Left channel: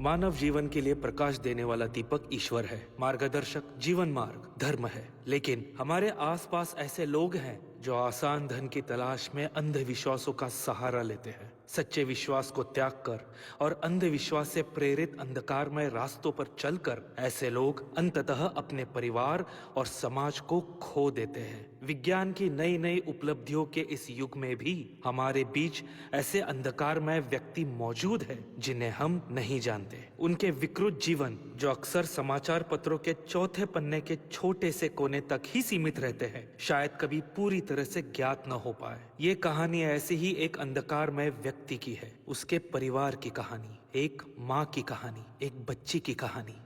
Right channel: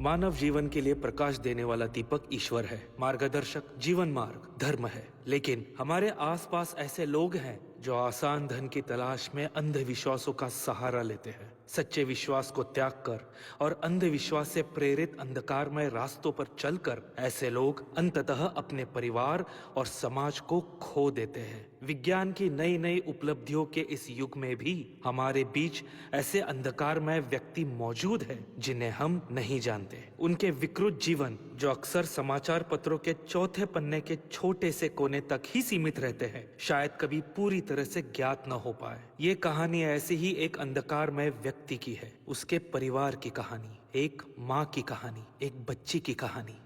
मानव जीवन के लिए प्रकाश देने वाला दीपक ईश्वर है, मार्गदर्शक जीवन मार्ग धर्म है। लेकिन हमारे आसपास ऐसे लोग हैं जो आसान धन की तलाश में अंधविश्वासों का सहारा लेते हैं। सच्चे विश्वास को त्याग कर और अंधविश्वास से प्रेरित अंधकारमय रास्तों पर चलकर ऐसे लोग अंततः अपने परिवार और समाज को खो देते हैं। विज्ञान की नई नई उपलब्धियों के इस युग में भी हमारे बीच ऐसे अंधकारमय व्यक्ति मौजूद हैं जिन्हें हम नहीं जानते। उनके विकृत जीवन जो अक्सर समाचार पत्रों के चौथे पन्ने के छोटे से कोने तक ही सीमित रहते हैं, शायद कभी पूरी तरह से ज्ञात न हो पाए। ये कहानी ऐसे ही एक अंधकारमय व्यक्ति की है, उसके परिवार की कहानी, एक माँ की कहानी, एक बच्ची की कहानी।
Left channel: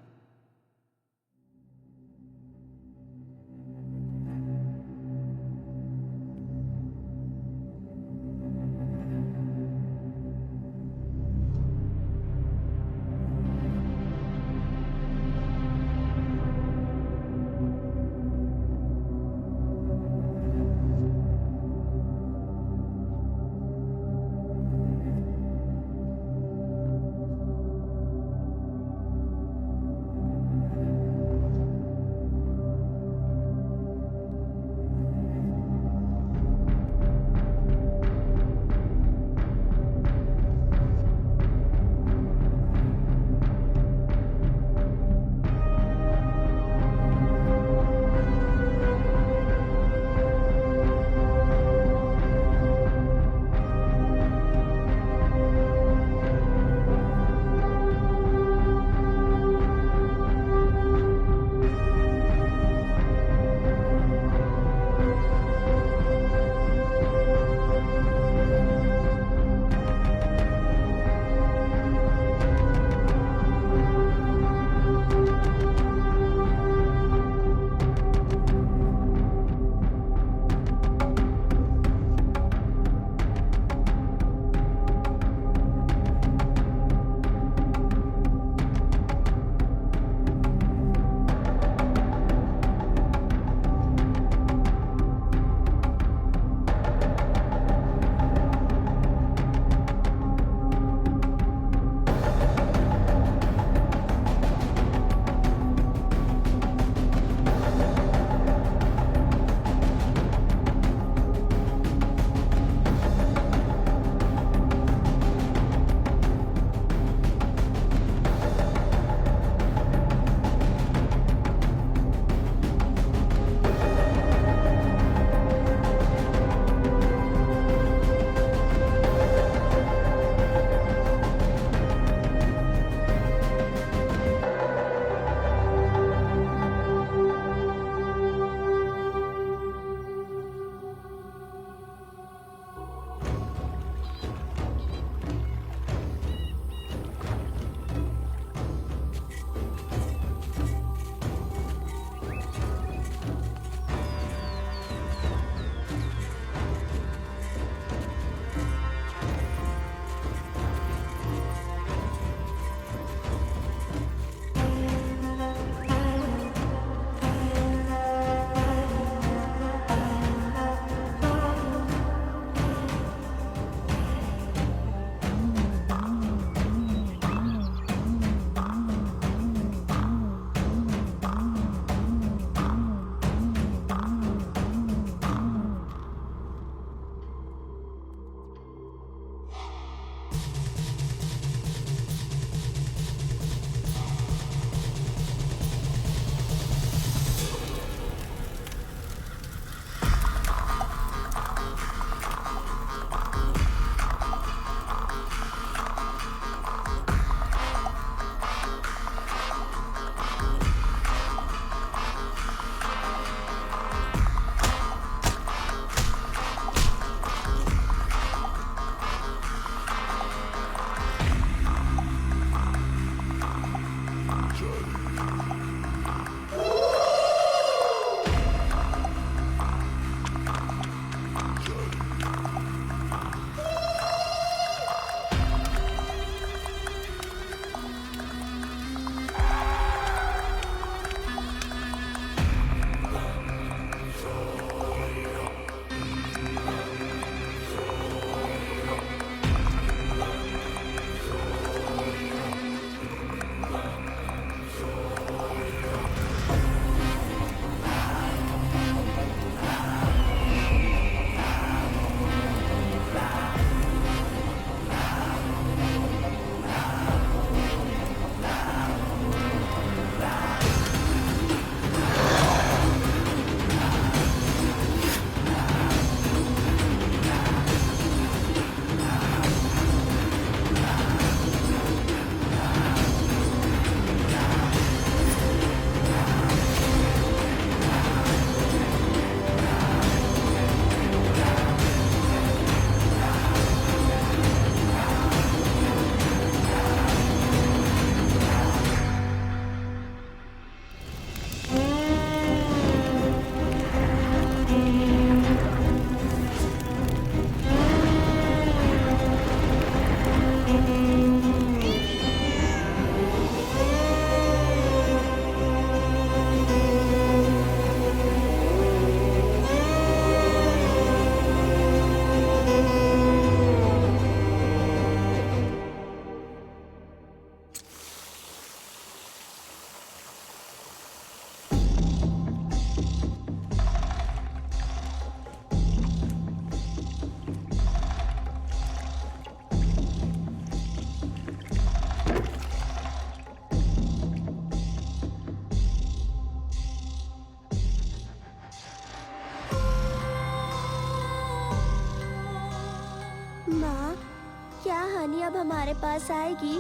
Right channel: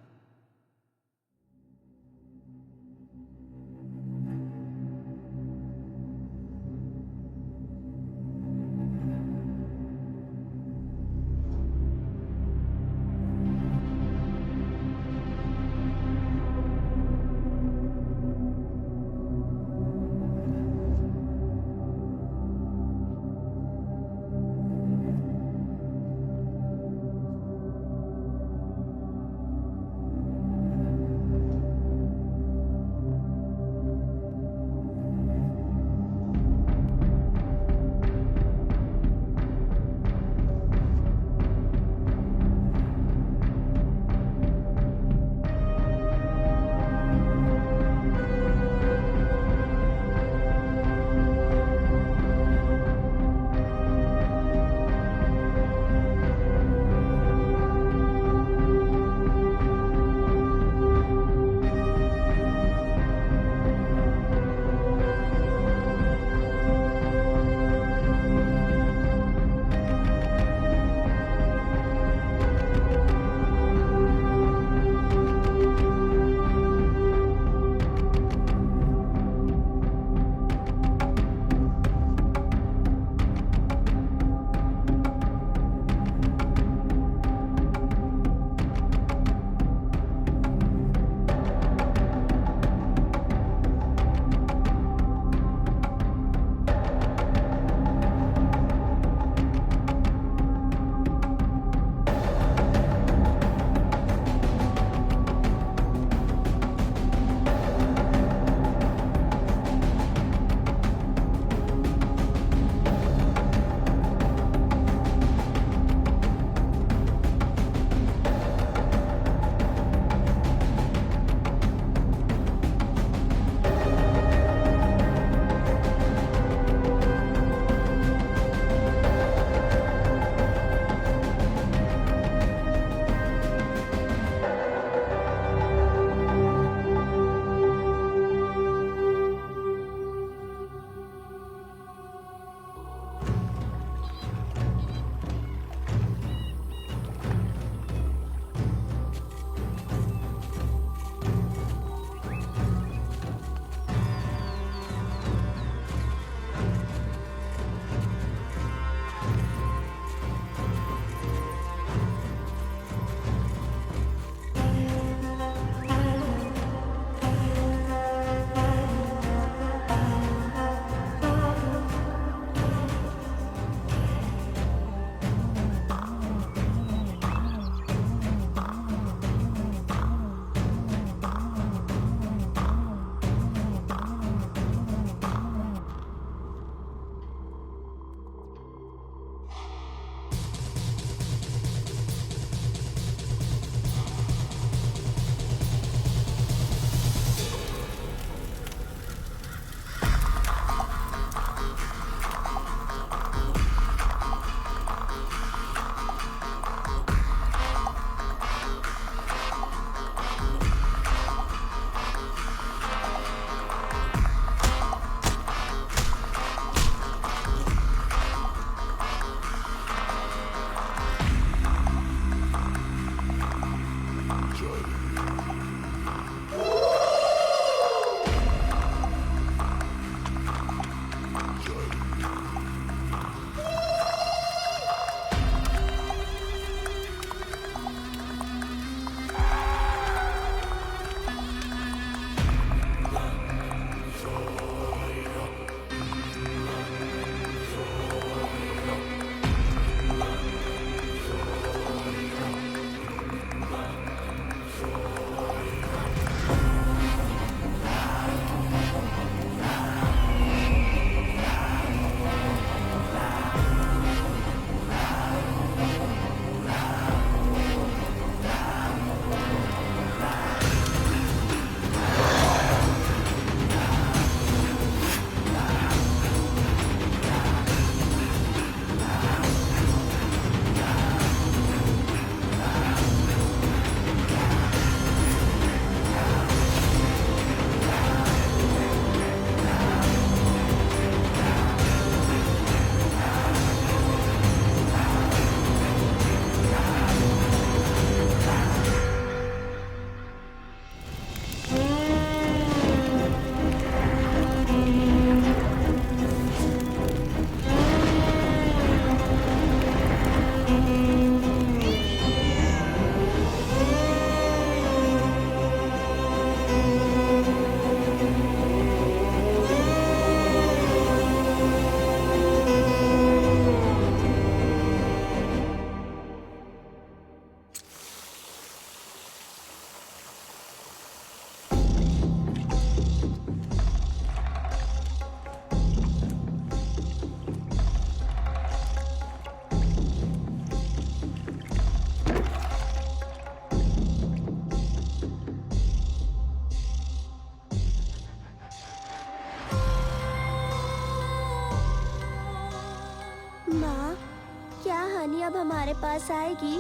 हानि अब हमारे पास आएगी?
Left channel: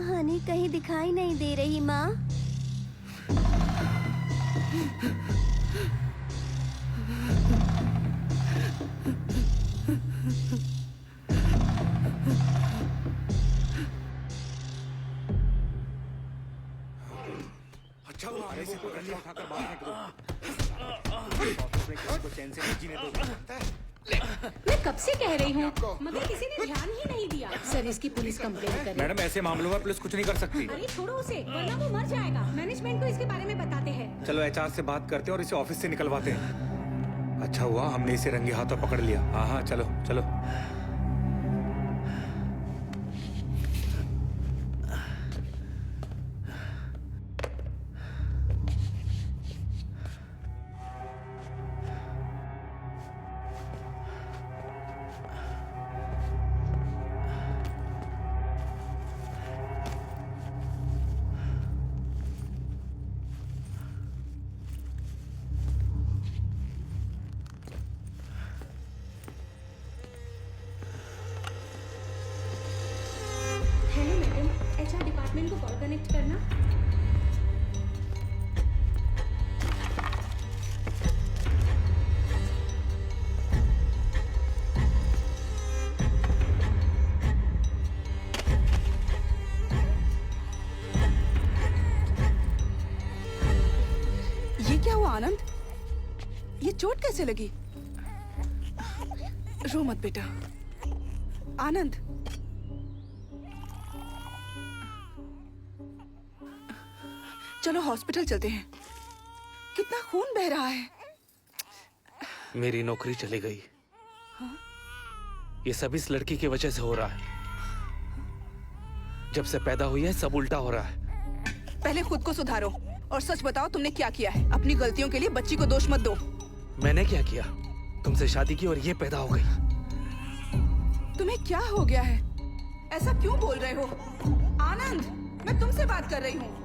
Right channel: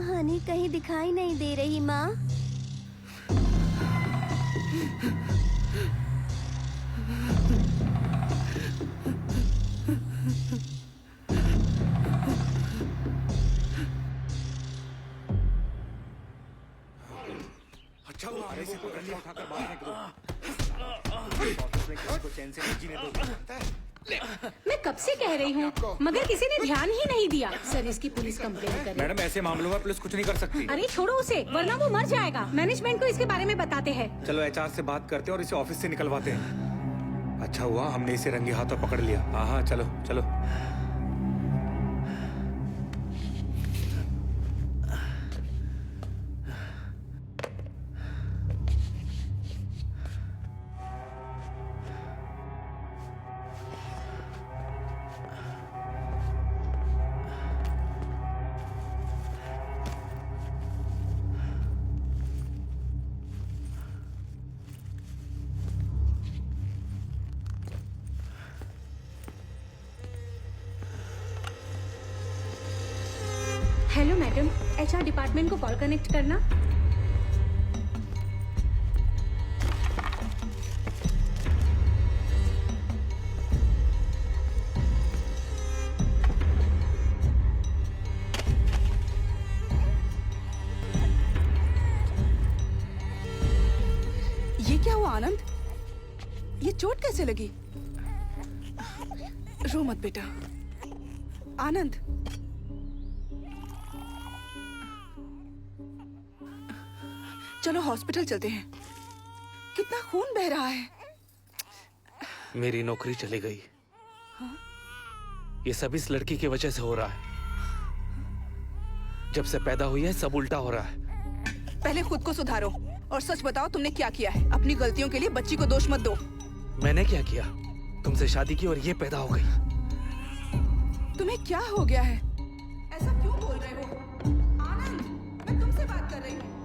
हानि कहीं दिखाई नहीं दे रही माँ। अच्छा हुआ आने से पकड़ लिया, उठाकर बाहर फेंक दो। ऑफिस में किसी को चैन से नहीं जीने दोगे, जानता है? मैं कब से कह रही हूँ, मगर किसी ने ध्यान ही नहीं दिया। सर इसकी पुलिस कंप्लेंट करे। मैडम ऐसे मामलों में पुलिस कुछ नहीं कर सकती। अरे छोड़ो उसे, वरना वो मर जाएगा। मैनेजमेंट को इसके बारे में बताते हैं। चलो एचआर से बात करते हैं और इसे ऑफिस से निकलवाते हैं। अच्छा हुआ हमने इसे रंगे हाथों पकड़ लिया। हाँ हाँ चलो चलो। हेलो मैडम, एचआर डिपार्टमेंट को कॉल कनेक्ट करना। ये क्या हुआ आनंद? ये चोट कैसे लगी? रो मत बेटा। आनंद, चलो हॉस्पिटल चलते हैं। कितना खून बह रहा है। मेरी नौकरी चली गई। ये सब इस लड़की की वजह से हो रहा है। जब से पैदा हुई है सब उल्टा हो रहा है। पहले खुद को सुधारो और सच बताओ तुमने क्या किया है। अपनी गलतियों के लिए बच्ची को दोष मत दो। मैंने क्या किया? तुमसे शादी की और ये पैदा हो गई। तुम्हें क्या हो गया है? ऐसा क्यों बोल रहे हो? आनंद, मैं तुमसे बात कर रही हूँ।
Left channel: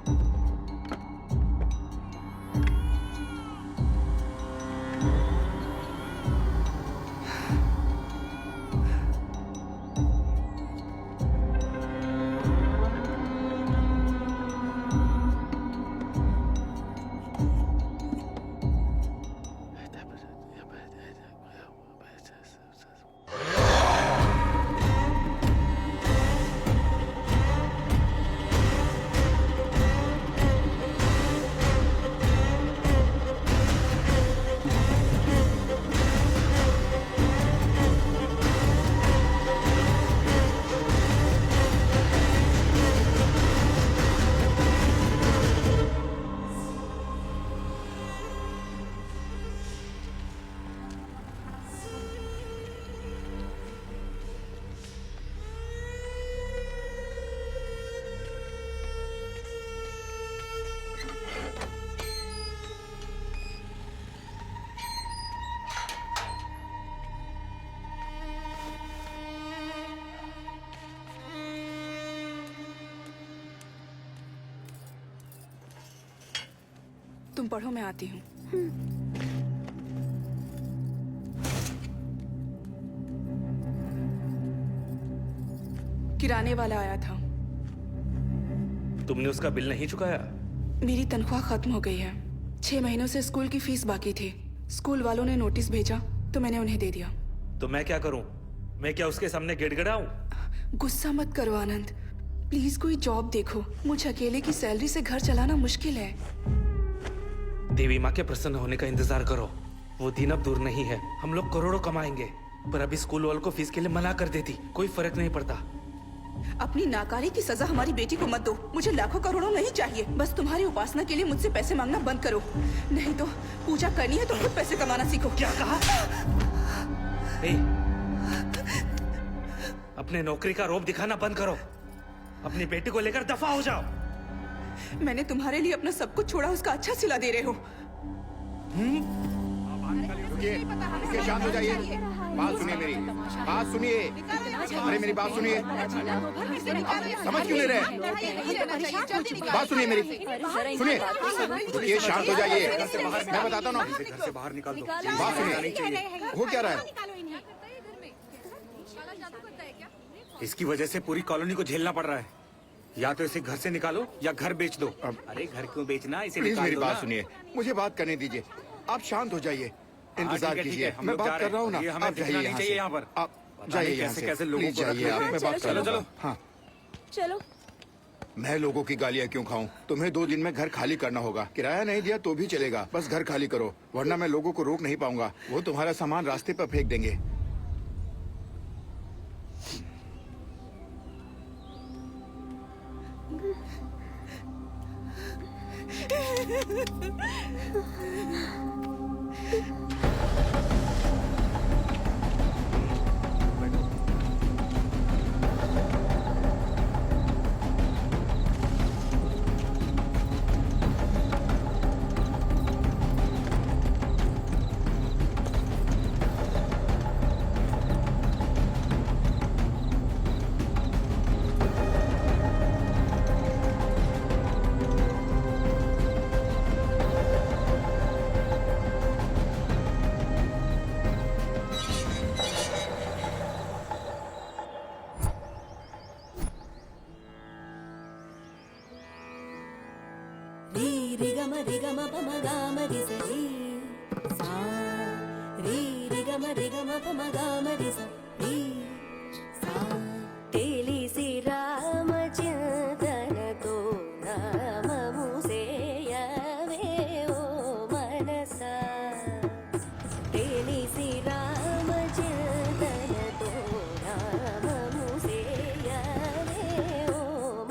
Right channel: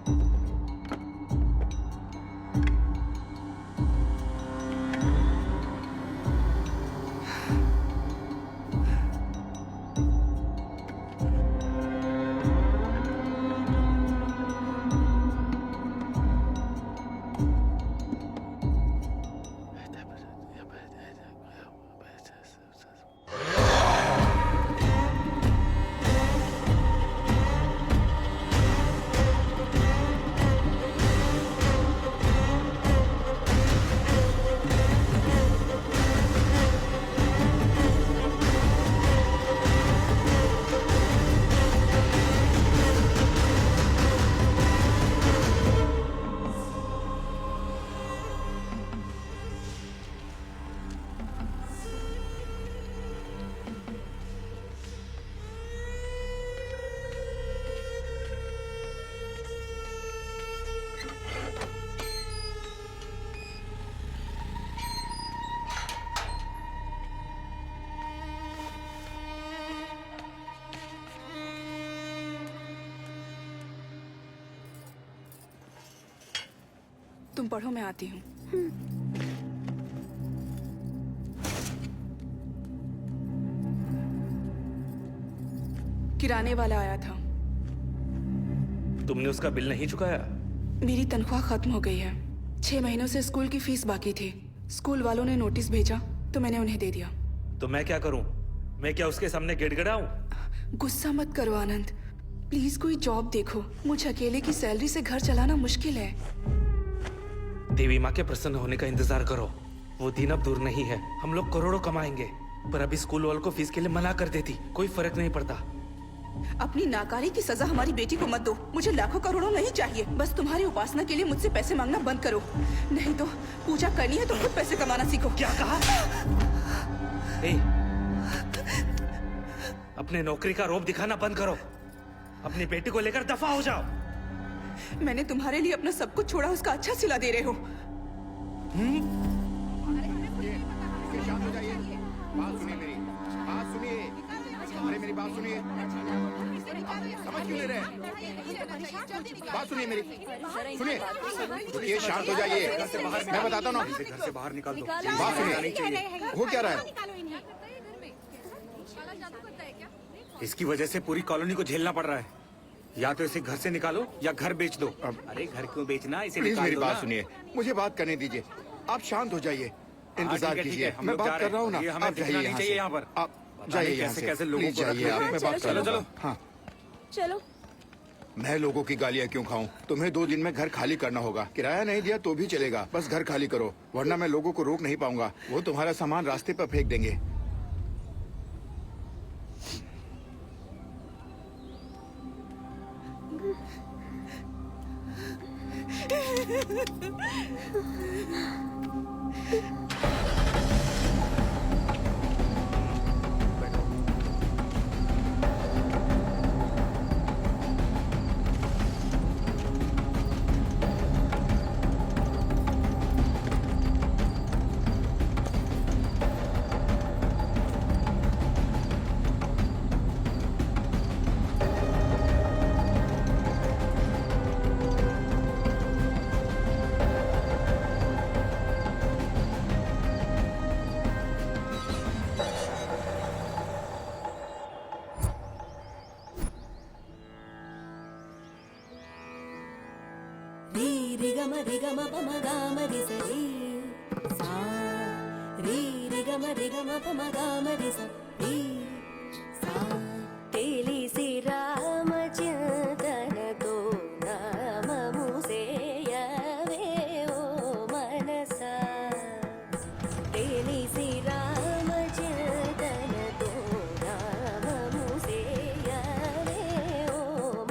तुम पढ़ो, मैं आती हूँ। किराने वाला आया था। तुमने उसका बिल नहीं चुकाया? मेरी तनख्वाह खत्म हो गई है। 6 महीनों से स्कूल की फीस बाकी थी। स्कूल वालों ने नोटिस भेजा तो मैंने उन्हें दे दिया। तो मैं क्या करूं? मैं क्या उसके सामने गिड़गिड़ाऊं? गुस्सा मत करो आनंद, प्लीज कोई जॉब देखो। मुझे अकेले की सैलरी से घर चलाना मुश्किल है। देवी माँ के प्रसन्न होने का इंतजार करो। वो दिन अब दूर नहीं है। हम लोग करोड़ों कमाएंगे। पर अभी स्कूल वालों को फीस के लिए मना कर देती, कोई फर्क नहीं पड़ता। अपनी नाकानी की सजा हमारी बेटी को मत दो। मुझे लाखों करोड़ों नहीं चाहिए। बस तुम्हारी उपासना के लिए मुझसे पैसे मांगना बंद करो। नहीं तो पूजा करनी है तो खुद पैसे कमाना सीखो। क्या कहा? अपने नौकरी का रौब दिखाना बंद करो। अपनी बेटी को लेकर दफा हो जाओ। मैंने तुम्हारे लिए अपना सब कुछ छोड़ा, उसका अच्छा सिला दे रहे हो। शांत हो जाइए। बात सुनिए मेरी, बात सुनिए। अरे मेरी बात सुनिए, समझ क्यों नहीं रहे? बात सुनिए मेरी, सुनिए, रुकिए, शांत हो जाइए, मैं बताता हूँ ना। घर से बाहर निकाल दो। बात सुनिए, हो क्या रहा है? इसकी वजह से पूरी कॉलोनी को झेलना पड़ रहा है। या तो इसे घर से निकालो या घर बेच दो। अरे घर क्यों बेचना, इसे प्लीज निकाल मेरी दो बात ना। सुनिए, मुझे बात करने दीजिए। आप शांत हो जाइए, इंतजार ठीक है, कीजिए, हम मैं लोग जा बात रहे कर रहा हूँ ना। हैं। ये हमें आप दिखना जाइए नहीं यहाँ चाहिए से। यहाँ पर। आप पता जाइए नहीं यहाँ कैसे से, कैसे लोगों प्लीज को रख जाइए, रहे आप हैं। मैं बात कर चलो, रहा हूँ। चलो। हाँ, चलो। मैं लोगों की गालियाँ क्यों खाऊं? तुम्हें 2 दिन में घर खाली करना होगा। किराया नहीं दिया तो भी चलेगा, बस घर खाली करो, वरना मैं लोगों को रोक नहीं पाऊंगा। वो तुम्हारा सामान रास्ते पर फेंक देंगे। री रि ग म रि ग म प म ग म रि स री सा री रि ग म रि ग म प म ग म रि स री सा తెలిసి రామచింతనతో నామము సేయవే ఓ మనసా తెలిసి రామచింతనతో నామము సేయవే ఓ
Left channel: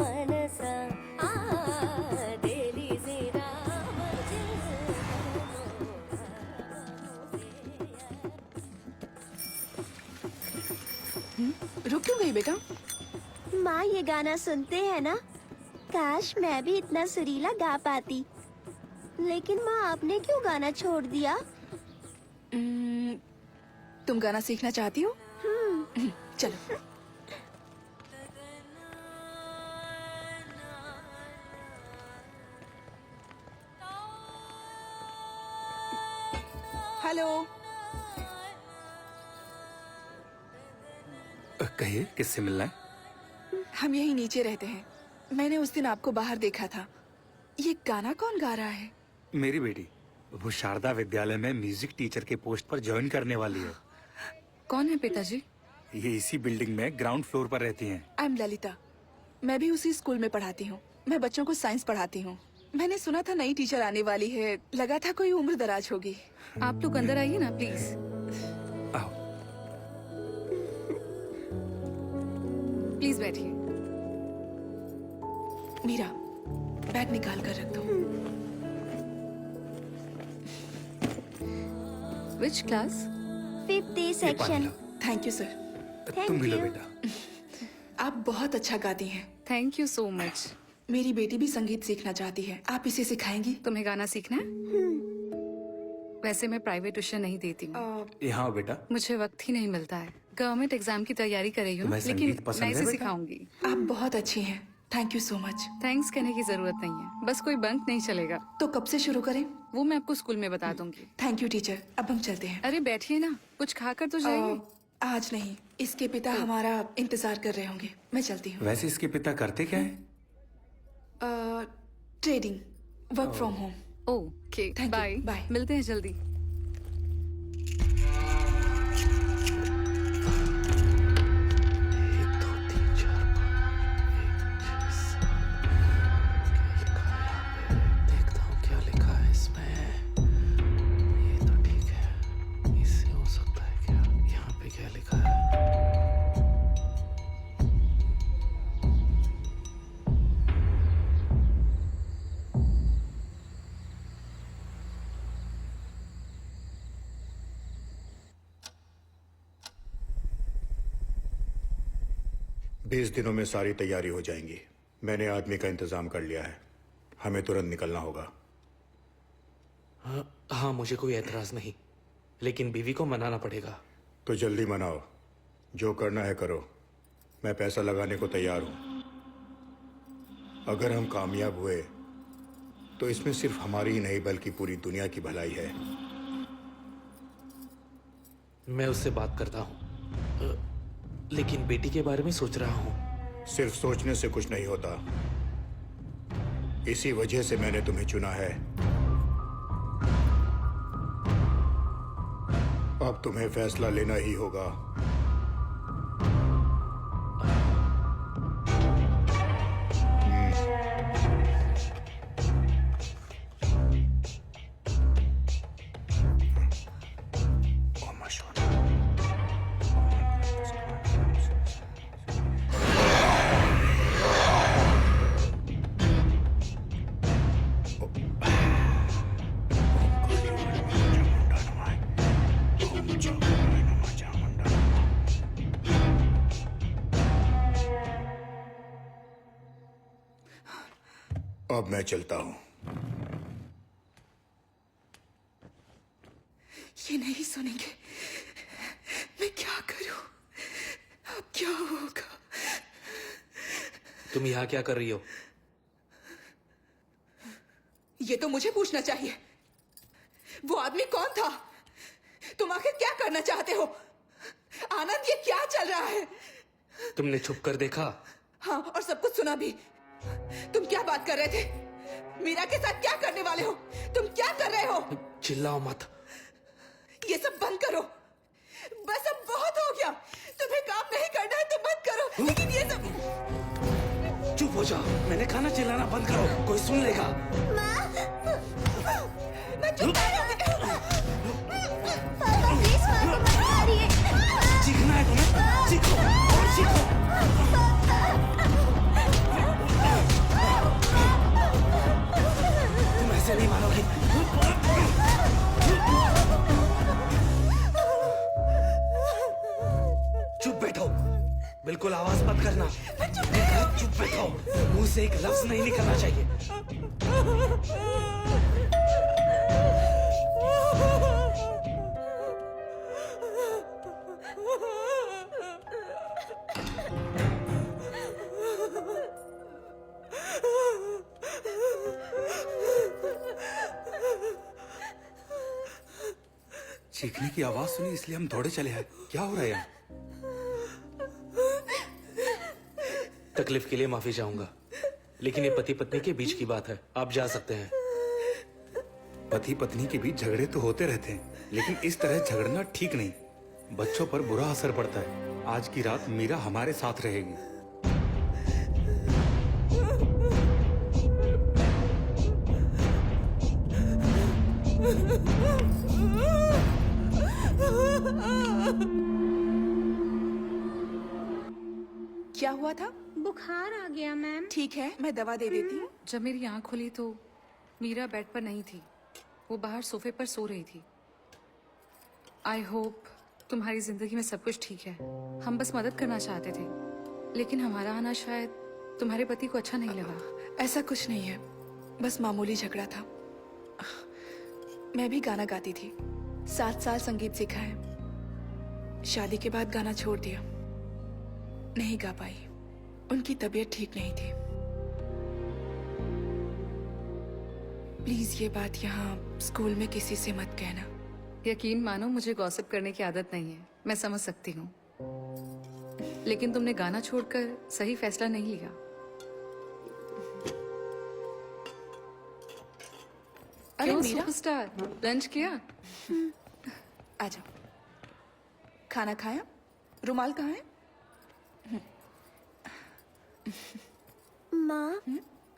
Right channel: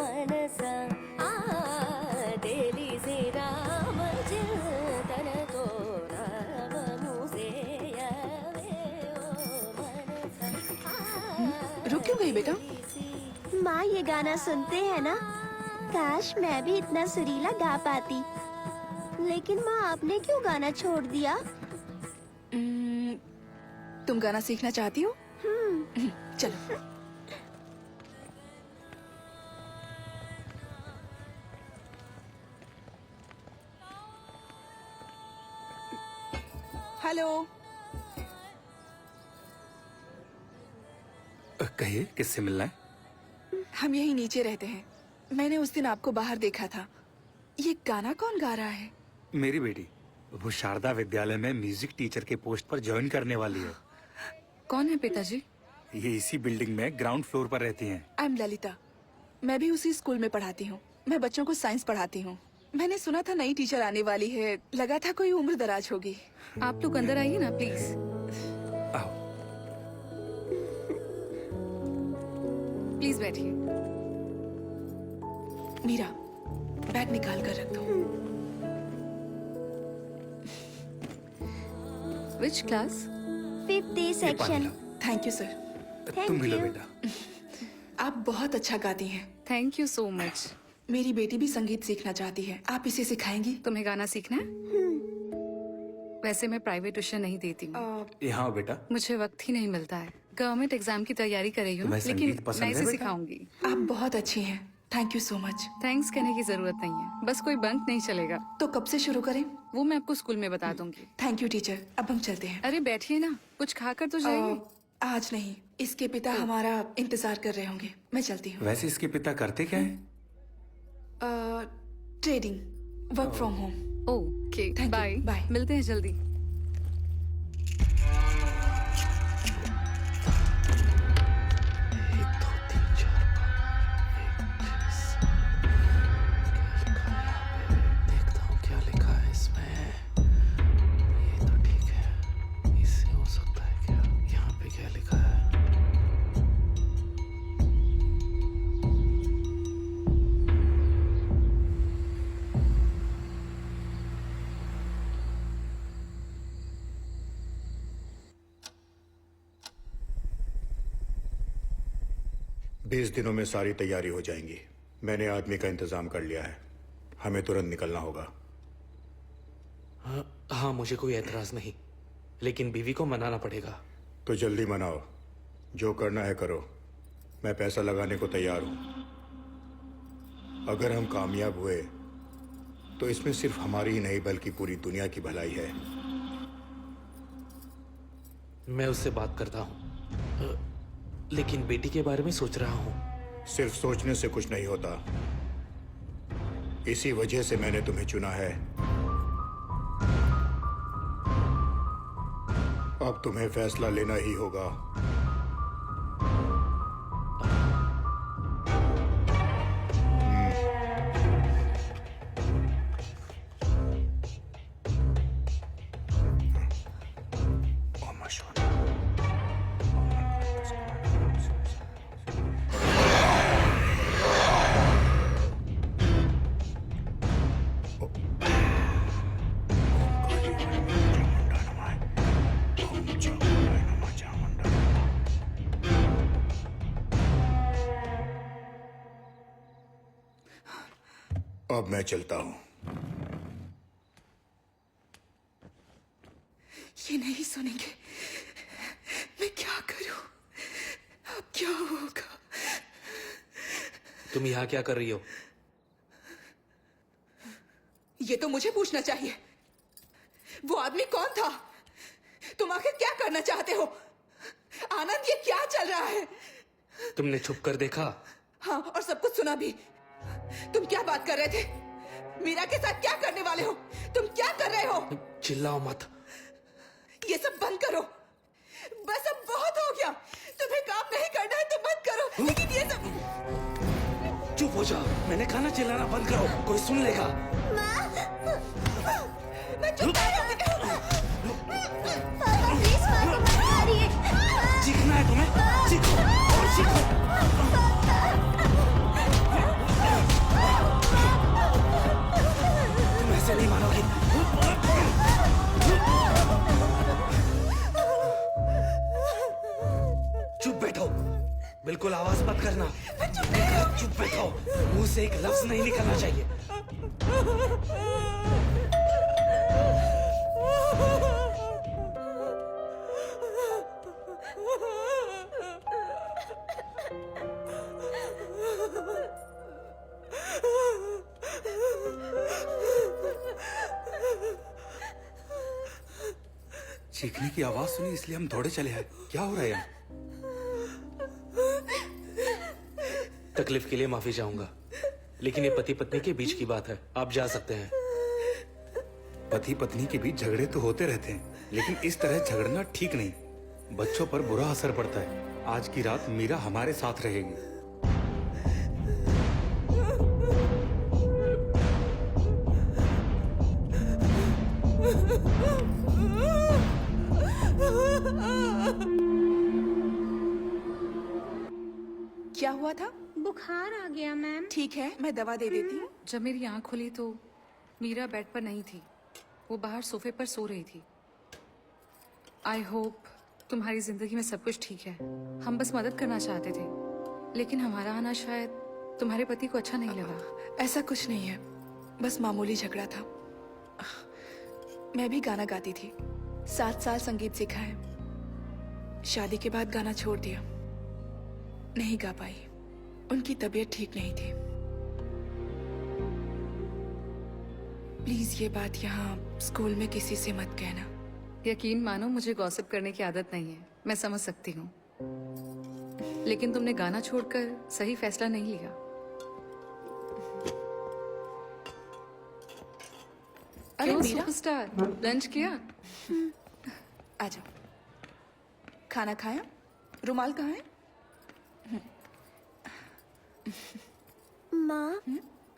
మనసా తెలిసి రామచింతనతో నామము సేయవే रुक क्यों गई बेटा? माँ ये गाना सुनते हैं ना? काश मैं भी इतना सुरीला गा पाती। लेकिन माँ आपने क्यों गाना छोड़ दिया? तुम गाना सीखना चाहती हो? चलो। हेलो। कहिए, किससे मिलना है? हम यहीं नीचे रहते हैं। मैंने उस दिन आपको बाहर देखा था। ये गाना कौन गा रहा है? मेरी बेटी, वो शारदा विद्यालय में म्यूजिक टीचर के पोस्ट पर ज्वाइन करने वाली है। कौन है पिताजी? ये इसी बिल्डिंग में ग्राउंड फ्लोर पर रहती हैं। I am Lalita. मैं भी उसी स्कूल में पढ़ाती हूँ। मैं बच्चों को साइंस पढ़ाती हूँ। मैंने सुना था नई टीचर आने वाली है। लगा था कोई उम्र दराज होगी। आप लोग अंदर आइए ना प्लीज। आओ। प्लीज बैठिए। मीरा, बैग निकाल कर रख दो। Which class? 50 ये पानी section. Low. Thank you sir. तुम भी लो you. बेटा। आप बहुत अच्छा गाती हैं। Thank you so much. मेरी बेटी भी संगीत सीखना चाहती है। आप इसे सिखाएंगी? तुम्हें गाना सीखना है? वैसे मैं प्राइवेट ट्यूशन नहीं देती हूँ। यहाँ आओ बेटा। मुझे वक्त ही नहीं मिलता है। गवर्नमेंट एग्जाम की तैयारी कर रही हूँ, तुम्हें लेकिन संगीत पसंद मैं है इसे बेटा? सिखाऊंगी। आप बहुत अच्छी हैं। Thank you so much. Thanks कहने की जरूरत नहीं है, बस कोई बंक नहीं चलेगा। तो कब से शुरू करें? वो मैं आपको स्कूल में बता दूंगी। Thank you teacher. अब हम चलते हैं। अरे बैठिए ना, कुछ खाकर तो जाइए। आज नहीं, इसके पिता हमारा इंतजार कर रहे होंगे। मैं चलती हूँ। वैसे इसके पिता करते क्या है? Trading, work from home. Okay, Thank you. Bye. Bye. मिलते हैं जल्दी। बीस दिनों में सारी तैयारी हो जाएंगी। मैंने आदमी का इंतजाम कर लिया है। हमें तुरंत निकलना होगा। हाँ, मुझे कोई एतराज नहीं, लेकिन बीवी को मनाना पड़ेगा। तो जल्दी मनाओ। जो करना है करो। मैं पैसा लगाने को तैयार हूं। अगर हम कामयाब हुए तो इसमें सिर्फ हमारी ही नहीं बल्कि पूरी दुनिया की भलाई है। मैं उससे बात करता हूँ, लेकिन बेटी के बारे में सोच रहा हूँ। सिर्फ सोचने से कुछ नहीं होता। इसी वजह से मैंने तुम्हें चुना है। अब तुम्हें फैसला लेना ही होगा। अब मैं चलता हूं। ये नहीं सुनेंगे। मैं क्या करूं? अब क्या होगा? तुम यहाँ क्या कर रही हो? ये तो मुझे पूछना चाहिए। वो आदमी कौन था? तुम आखिर क्या करना चाहते हो? आनंद, ये क्या चल रहा है? तुमने छुप कर देखा? हाँ, और सब कुछ सुना भी। तुम क्या बात कर रहे थे? मीरा के साथ क्या करने वाले हो? तुम क्या कर रहे हो? चिल्लाओ मत। ये सब बंद करो। बस अब बहुत हो गया। तुम्हें काम नहीं करना है तो मत करो, लेकिन ये सब। चुप हो जाओ। मैंने कहा ना चिल्लाना बंद करो, कोई सुन लेगा। मैं चुप पापा प्लीज माँ को मत मारिए। चीखना है तुम्हें? चीखो और चीखो। तुम ऐसे नहीं मानोगी। चुप बैठो, बिल्कुल आवाज मत करना। चुप बैठो, मुंह से एक लफ्ज नहीं निकलना चाहिए। चीखने की आवाज सुनी इसलिए हम दौड़े चले आए। क्या हो रहा है यहाँ? तकलीफ के लिए माफी चाहूंगा, लेकिन ये पति पत्नी के बीच की बात है। आप जा सकते हैं। पति पत्नी के बीच झगड़े तो होते रहते हैं, लेकिन इस तरह झगड़ना ठीक नहीं। बच्चों पर बुरा असर पड़ता है। आज की रात मीरा हमारे साथ रहेगी। क्या हुआ था? बुखार आ गया मैम। ठीक है, मैं दवा दे देती हूँ। जब मेरी आंख खुली तो मीरा बेड पर नहीं थी, वो बाहर सोफे पर सो रही थी। आई होप तुम्हारी जिंदगी में सब कुछ ठीक है। हम बस मदद करना चाहते थे, लेकिन हमारा आना शायद तुम्हारे पति को अच्छा नहीं लगा। ऐसा कुछ नहीं है, बस मामूली झगड़ा था। मैं भी गाना गाती थी, 7 साल संगीत सीखा है। शादी के बाद गाना छोड़ दिया, नहीं गा पाई। उनकी तबीयत ठीक नहीं थी। प्लीज ये बात यहाँ स्कूल में किसी से मत कहना। यकीन मानो, मुझे गॉसिप करने की आदत नहीं है। मैं समझ सकती हूँ, लेकिन तुमने गाना छोड़कर सही फैसला नहीं लिया। अरे क्यों मीरा, सुपरस्टार, लंच किया? आ जाओ। खाना खाया? रुमाल कहाँ है? माँ,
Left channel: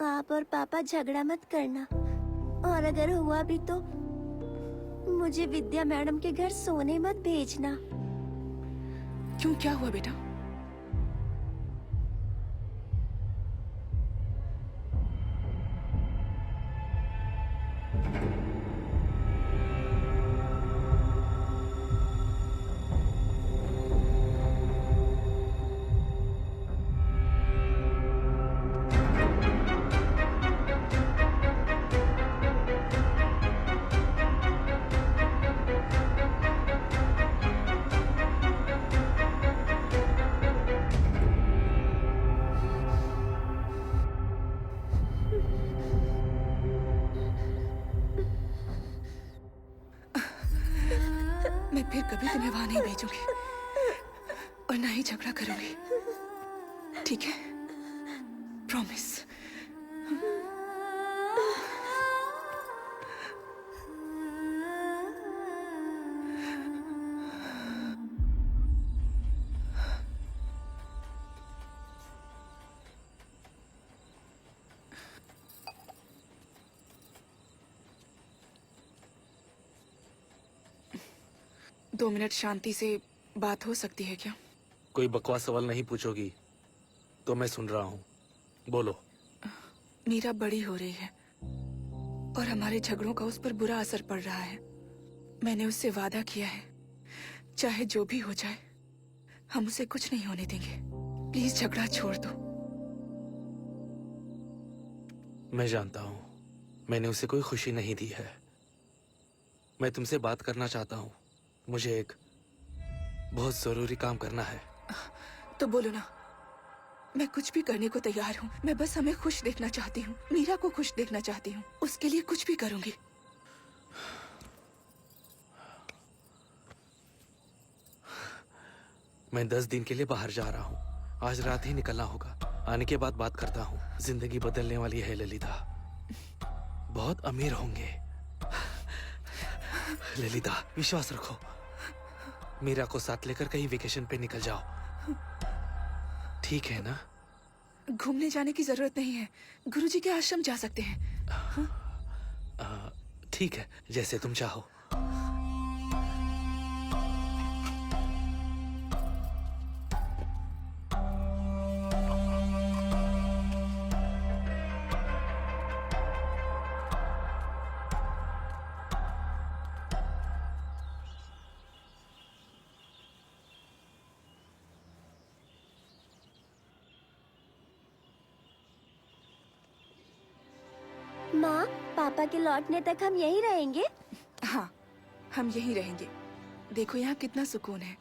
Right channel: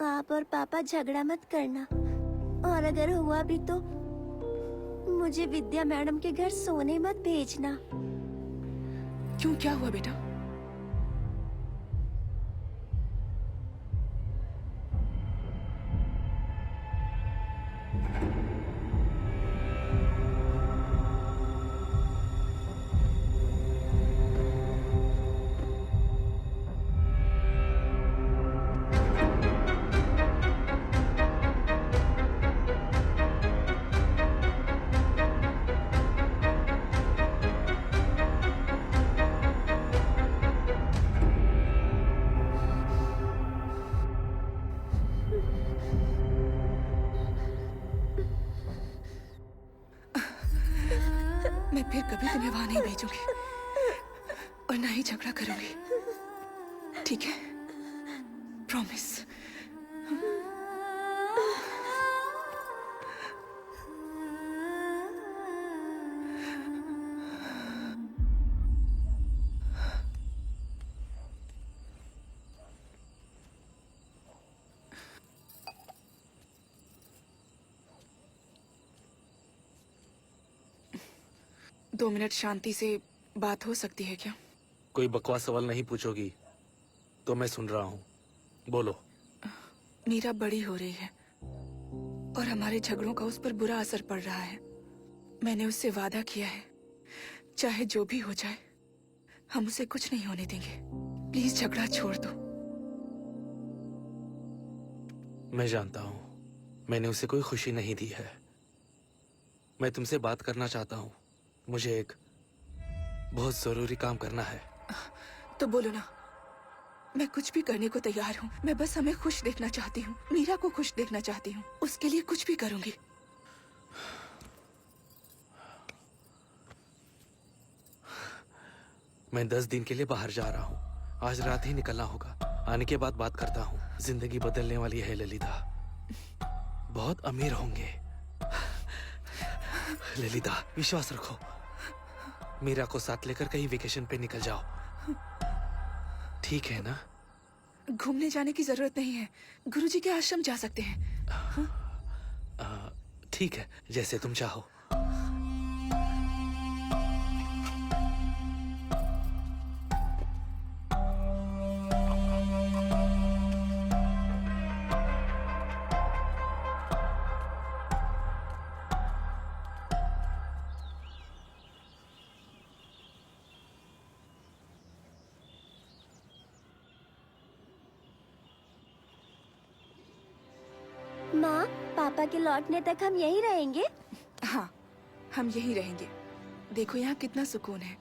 आप और पापा झगड़ा मत करना, और अगर हुआ भी तो मुझे विद्या मैडम के घर सोने मत भेजना। क्यों, क्या हुआ बेटा? मैं फिर कभी तुम्हें वहां नहीं भेजूंगी और ना ही झगड़ा करूंगी, ठीक है? प्रॉमिस। 2 मिनट शांति से बात हो सकती है क्या? कोई बकवास सवाल नहीं पूछोगी तो मैं सुन रहा हूँ, बोलो। मीरा बड़ी हो रही है और हमारे झगड़ों का उस पर बुरा असर पड़ रहा है। मैंने उससे वादा किया है, चाहे जो भी हो जाए हम उसे कुछ नहीं होने देंगे। प्लीज झगड़ा छोड़ दो। मैं जानता हूँ मैंने उसे कोई खुशी नहीं दी है। मैं तुमसे बात करना चाहता हूँ। मुझे एक बहुत जरूरी काम करना है। तो बोलो ना, मैं कुछ भी करने को तैयार हूँ। मैं बस हमें खुश देखना चाहती हूँ, मीरा को खुश देखना चाहती हूँ। उसके लिए कुछ भी करूंगी। मैं 10 दिन के लिए बाहर जा रहा हूँ। आज रात ही निकलना होगा। आने के बाद बात करता हूँ। जिंदगी बदलने वाली है ललिता। बहुत अमीर होंगे। ललिता विश्वास रखो। मीरा को साथ लेकर कहीं वेकेशन पे निकल जाओ, ठीक है ना? घूमने जाने की जरूरत नहीं है, गुरुजी के आश्रम जा सकते हैं। ठीक है, जैसे तुम चाहो। माँ, पापा के लौटने तक हम यहीं रहेंगे? हाँ, हम यहीं रहेंगे। देखो यहाँ कितना सुकून है।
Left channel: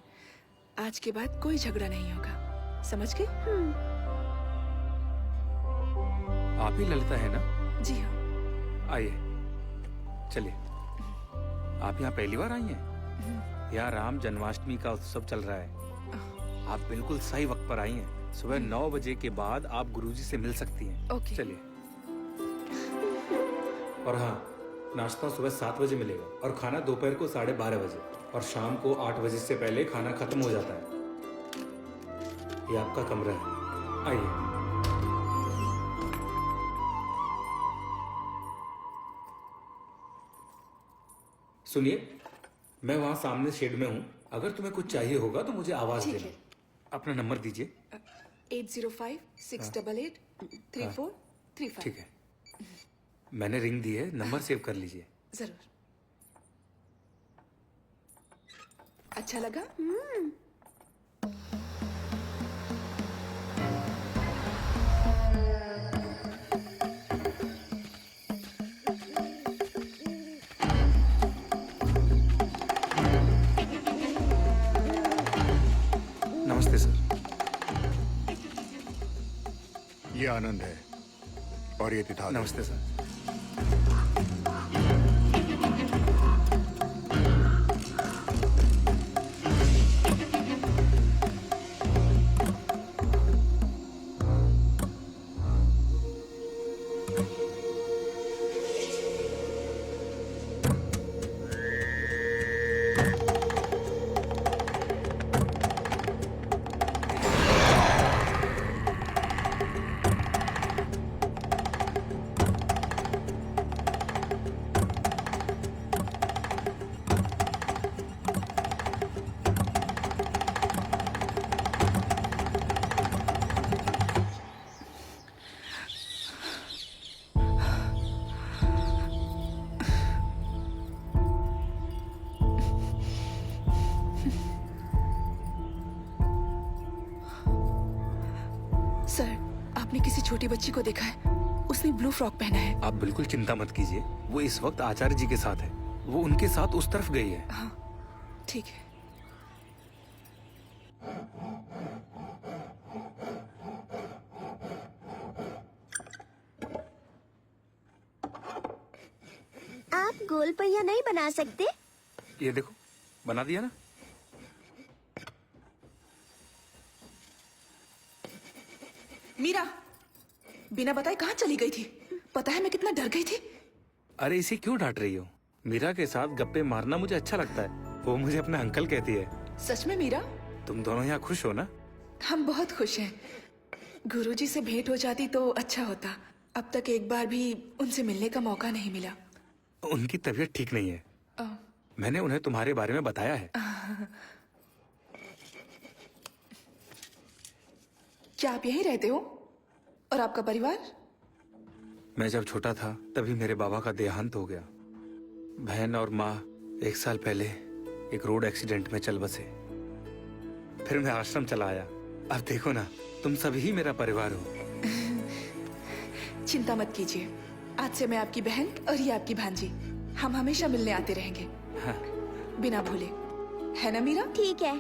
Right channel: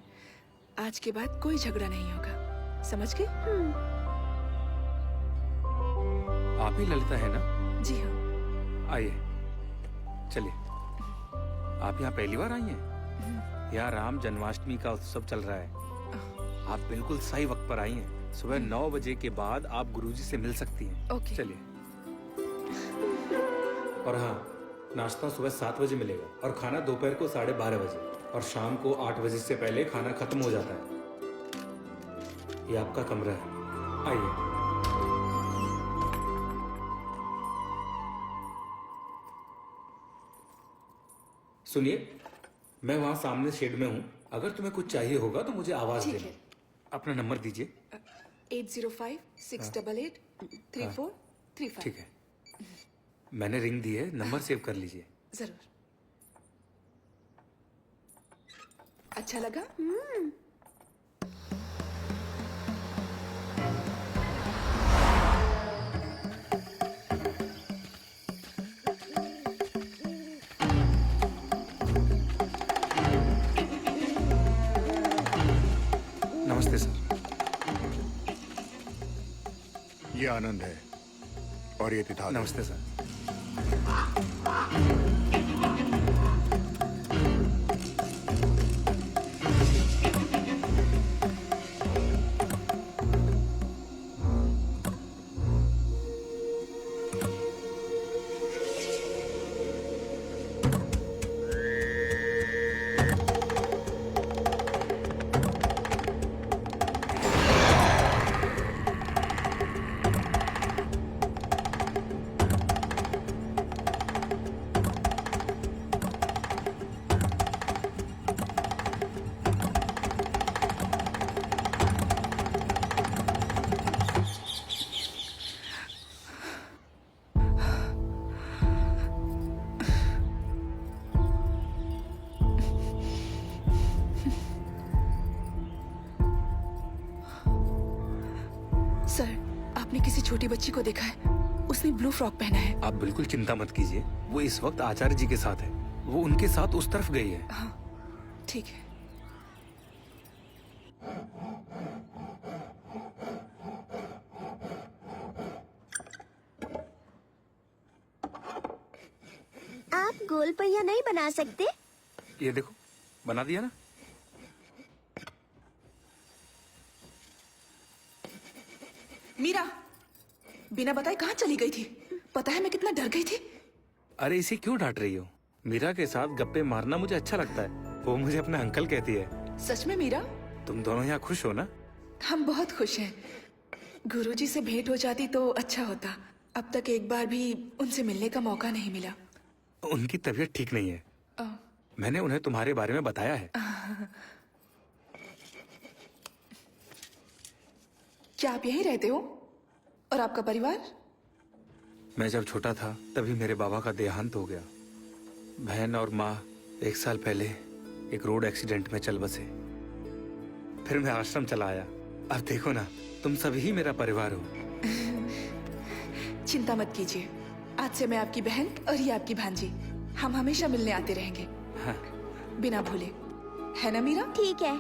आज के बाद कोई झगड़ा नहीं होगा, समझ गए? आप ही ललिता है ना? जी हाँ। आइए, चलिए। आप यहाँ पहली बार आई हैं? यहाँ राम जन्माष्टमी का उत्सव चल रहा है। आप बिल्कुल सही वक्त पर आई हैं। सुबह 9 बजे के बाद आप गुरुजी से मिल सकती हैं। ओके। चलिए। और हाँ, नाश्ता सुबह 7 बजे मिलेगा और खाना दोपहर को 12:30 बजे और शाम को 8 बजे से पहले खाना खत्म हो जाता है। ये आपका कमरा है, आइए। सुनिए, मैं वहाँ सामने शेड में हूँ। अगर तुम्हें कुछ चाहिए होगा तो मुझे आवाज ठीक देना। है। अपना नंबर दीजिए। 8056883435। ठीक है, मैंने रिंग दी है, नंबर सेव कर लीजिए। जरूर। अच्छा लगा? नमस्ते सर। ये आनंद है और ये तिथाल है। नमस्ते सर। सर, आपने किसी छोटी बच्ची को देखा है? उसने ब्लू फ्रॉक पहना है। आप बिल्कुल चिंता मत कीजिए, वो इस वक्त आचार्य जी के साथ है। वो उनके साथ उस तरफ गई है। हाँ, ठीक है। आप गोल पहिया नहीं बना सकते? ये देखो, बना दिया ना? मीरा बिना बताए कहाँ चली गई थी? पता है मैं कितना डर गई थी। अरे इसे क्यों डांट रही हो? मीरा के साथ गप्पे मारना मुझे अच्छा लगता है। वो मुझे अपना अंकल कहती है। सच में मीरा? तुम दोनों यहाँ खुश हो ना? हम बहुत खुश हैं। गुरुजी से भेंट हो जाती तो अच्छा होता। अब तक एक बार भी उनसे मिलने का मौका नहीं मिला। उनकी तबीयत ठीक नहीं है। अ, मैंने उन्हें तुम्हारे बारे में बताया है। क्या आप यहीं रहते हो? और आपका परिवार? मैं जब छोटा था तभी मेरे बाबा का देहांत हो गया। बहन और माँ 1 साल पहले एक रोड एक्सीडेंट में चल बसे। फिर मैं आश्रम चला आया। अब देखो ना, तुम सभी ही मेरा परिवार हो। चिंता मत कीजिए, आज से मैं आपकी बहन और ये आपकी भांजी। हम हमेशा मिलने आते रहेंगे। हाँ। बिना भूले, है ना मीरा? ठीक है।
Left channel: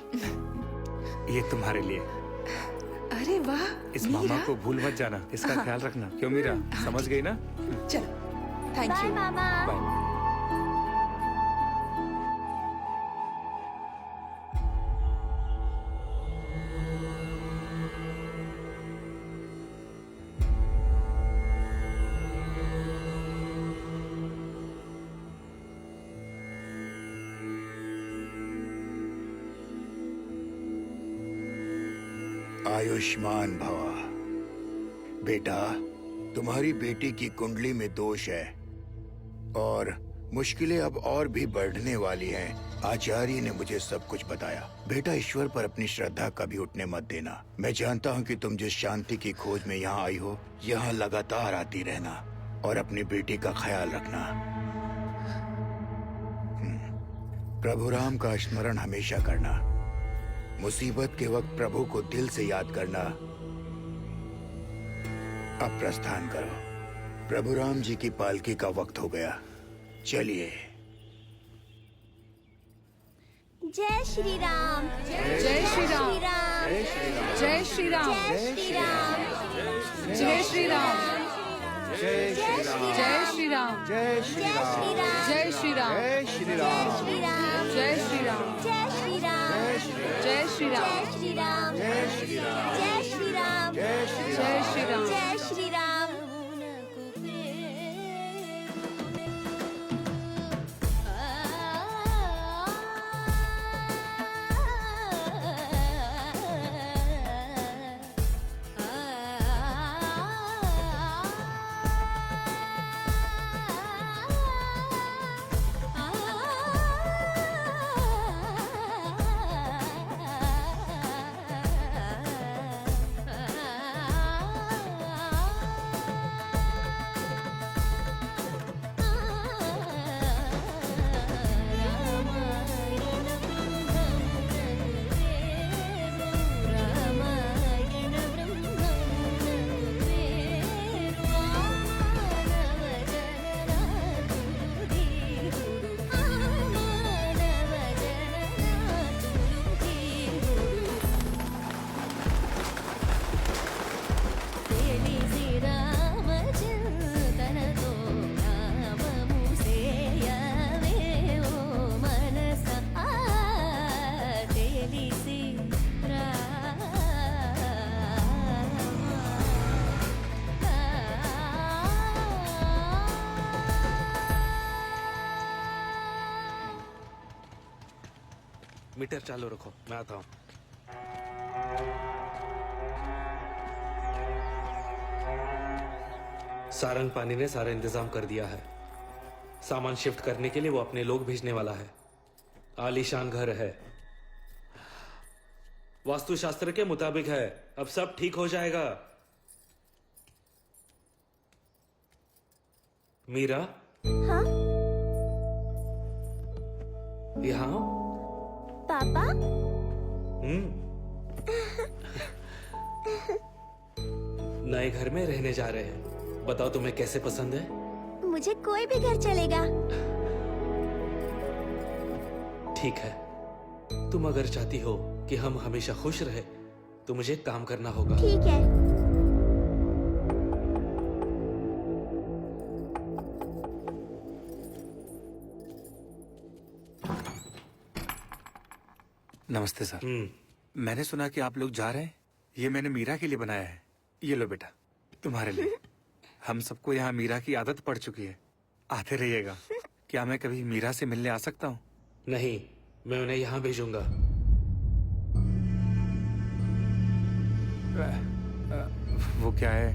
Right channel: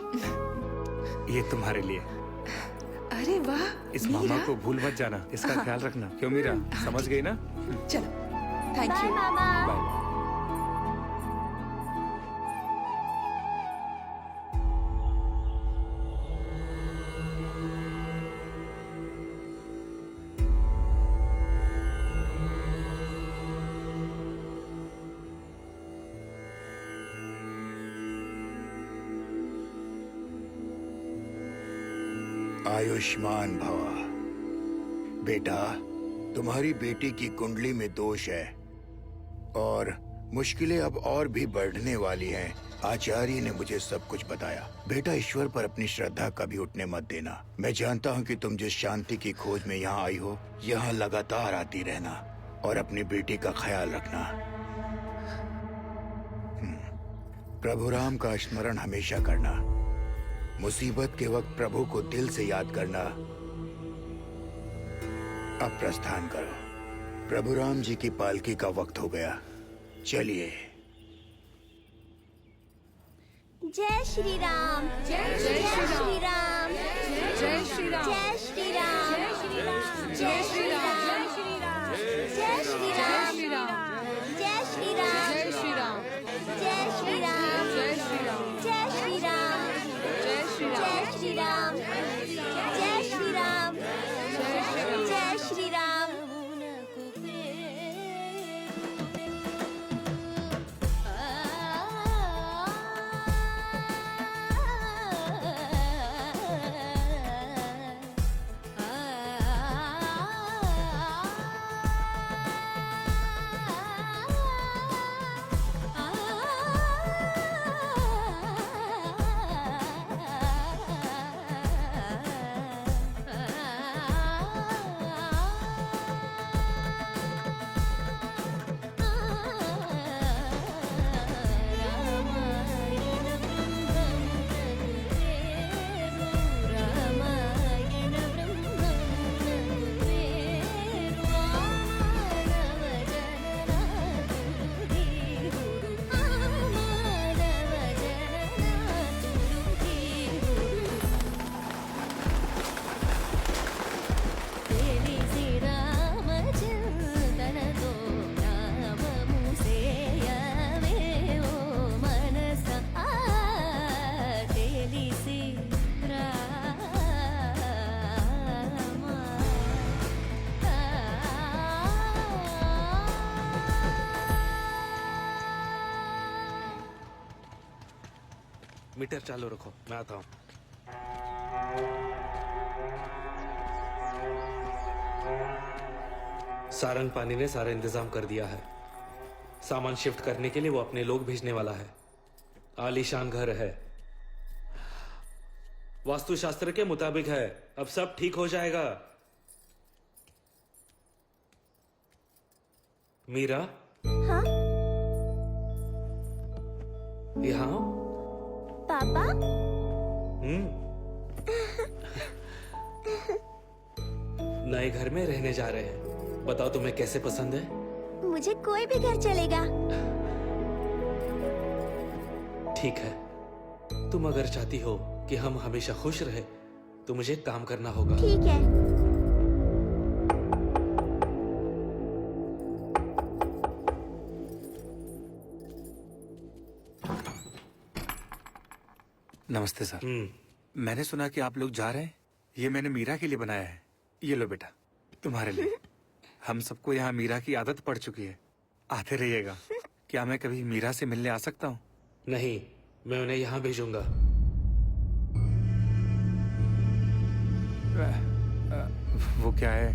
ये तुम्हारे लिए। अरे वाह इस मीरा। मामा को भूल मत जाना, इसका ख्याल रखना। क्यों मीरा, समझ गई ना? चलो, थैंक बाय यू। मामा। Bye bye. आयुष्मान भवा। बेटा, तुम्हारी बेटी की कुंडली में दोष है और मुश्किलें अब और भी बढ़ने वाली हैं। आचार्य ने मुझे सब कुछ बताया। बेटा, ईश्वर पर अपनी श्रद्धा कभी उठने मत देना। मैं जानता हूँ कि तुम जिस शांति की खोज में यहाँ आई हो, यहाँ लगातार आती रहना और अपनी बेटी का ख्याल रखना। प्रभु राम का स्मरण हमेशा करना। मुसीबत के वक्त प्रभु को दिल से याद करना। अब प्रस्थान करो। प्रभु राम जी की पालकी का वक्त हो गया। चलिए। जय श्री राम। जय श्री राम। श्री राम। जय श्री राम। जय श्री राम। जय श्री राम। जय श्री जय राम। श्री राम। जय श्री राम। जय श्री राम। जय श्री राम। जय श्री राम। जय श्री राम। जय श्री राम। जय श्री राम। जय श्री राम। जय श्री राम। जय श्री राम। मीटर चालू रखो, मैं आता हूँ। सारंग पानी ने सारा इंतजाम कर दिया है। सामान शिफ्ट करने के लिए वो अपने लोग भेजने वाला है। आलीशान घर है, वास्तुशास्त्र के मुताबिक है। अब सब ठीक हो जाएगा। मीरा, हाँ यहाँ आओ। पापा। नए घर में रहने जा रहे हैं। बताओ तुम्हें कैसे पसंद है? मुझे कोई भी घर चलेगा। ठीक है, तुम अगर चाहती हो कि हम हमेशा खुश रहे तो मुझे काम करना होगा। ठीक है। नमस्ते सर। मैंने सुना कि आप लोग जा रहे हैं। ये मैंने मीरा के लिए बनाया है। ये लो बेटा, तुम्हारे लिए। हम सबको यहाँ मीरा की आदत पड़ चुकी है। आते रहिएगा। क्या मैं कभी मीरा से मिलने आ सकता हूँ? नहीं, मैं उन्हें यहाँ भेजूंगा। वो क्या है,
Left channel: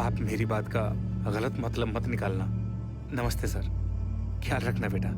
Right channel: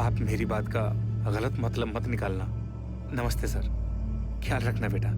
आप मेरी बात का गलत मतलब मत निकालना। नमस्ते सर, ख्याल रखना बेटा।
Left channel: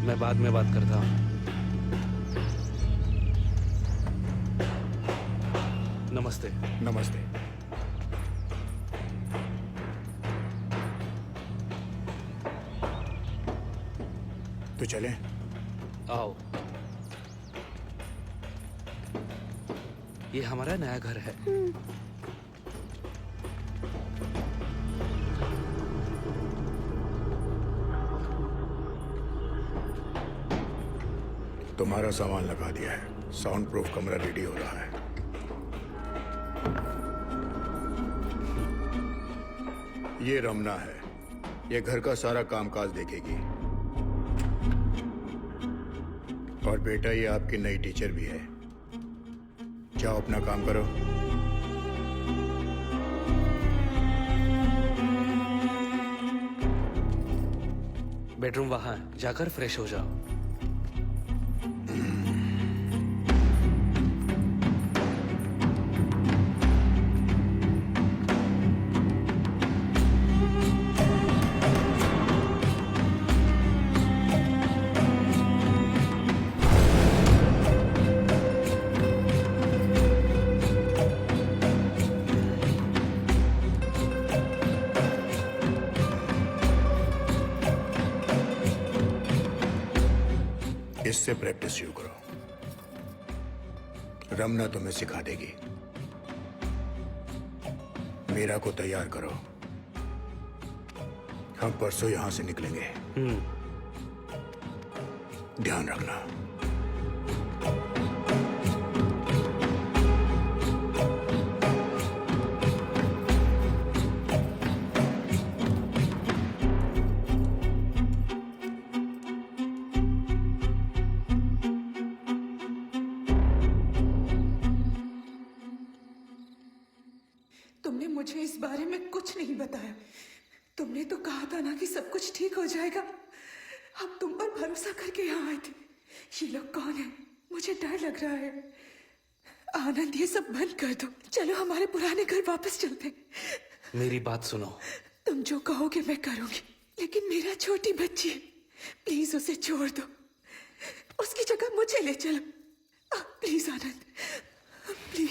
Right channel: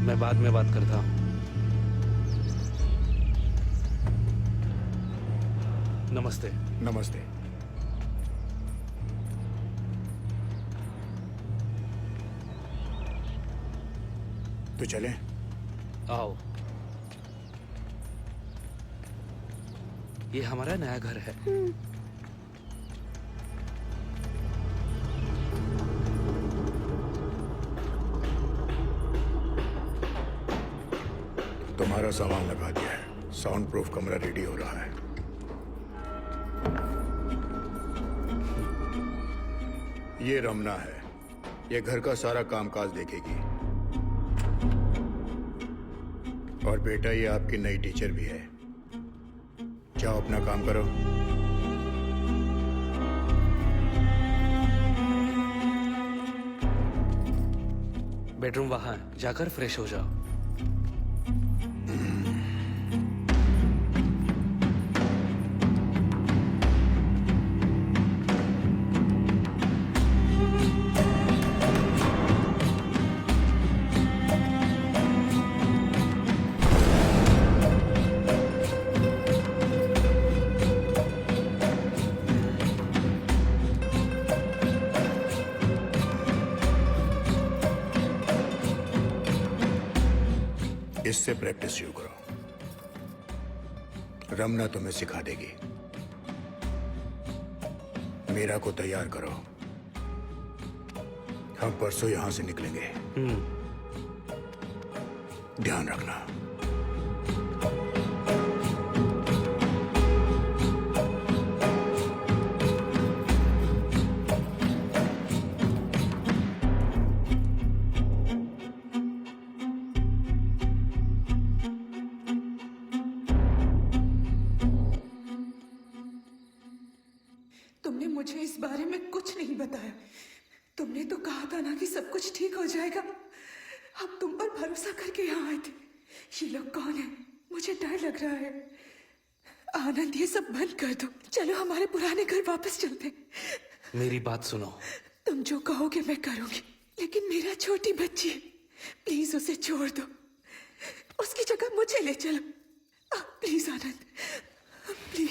मैं बाद में बात करता हूँ। नमस्ते। नमस्ते। तो चलें? आओ। ये हमारा नया घर है। तुम्हारा सामान लगा दिया है। साउंड प्रूफ कमरा रेडी हो रहा है। ये रमना है। ये घर का सारा कामकाज देखेगी। और बेटा, ये आपकी नई टीचर भी है। जाओ अपना काम करो। बेडरूम वहां है, जाकर फ्रेश हो जाओ। इससे प्रैक्टिस शुरू करो। रमना तुम्हें सिखा देगी। मीरा को तैयार करो। हम परसों यहां से निकलेंगे। ध्यान रखना। तुमने मुझे इस बारे में कुछ नहीं बताया। तुमने तो कहा था ना कि सब कुछ ठीक हो जाएगा। हम तुम पर भरोसा करके यहाँ आए थे। ये लोग कौन है? मुझे डर लग रहा है। आनंद, ये सब बंद कर दो। चलो हमारे पुराने घर वापस चलते। मेरी बात सुनो। तुम जो कहोगे मैं करूंगी, लेकिन मेरा छोटी बच्ची है। प्लीज उसे छोड़ दो। उसकी जगह मुझे ले चलो। Please Anand, please.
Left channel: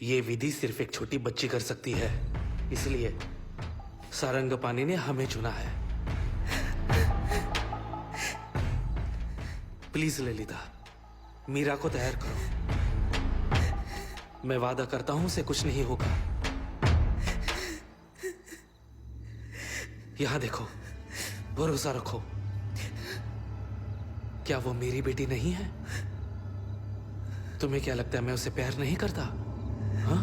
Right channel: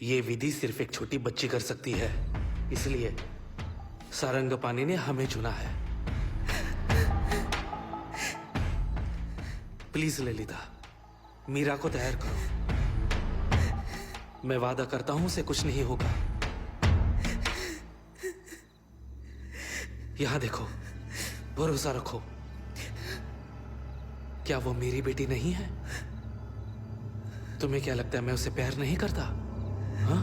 ये विधि सिर्फ एक छोटी बच्ची कर सकती है, इसलिए सारंगपानी ने हमें चुना है। प्लीज ललिता, मीरा को तैयार करो। मैं वादा करता हूं उसे कुछ नहीं होगा। यहां देखो, भरोसा रखो। क्या वो मेरी बेटी नहीं है? तुम्हें क्या लगता है मैं उसे प्यार नहीं करता? हाँ?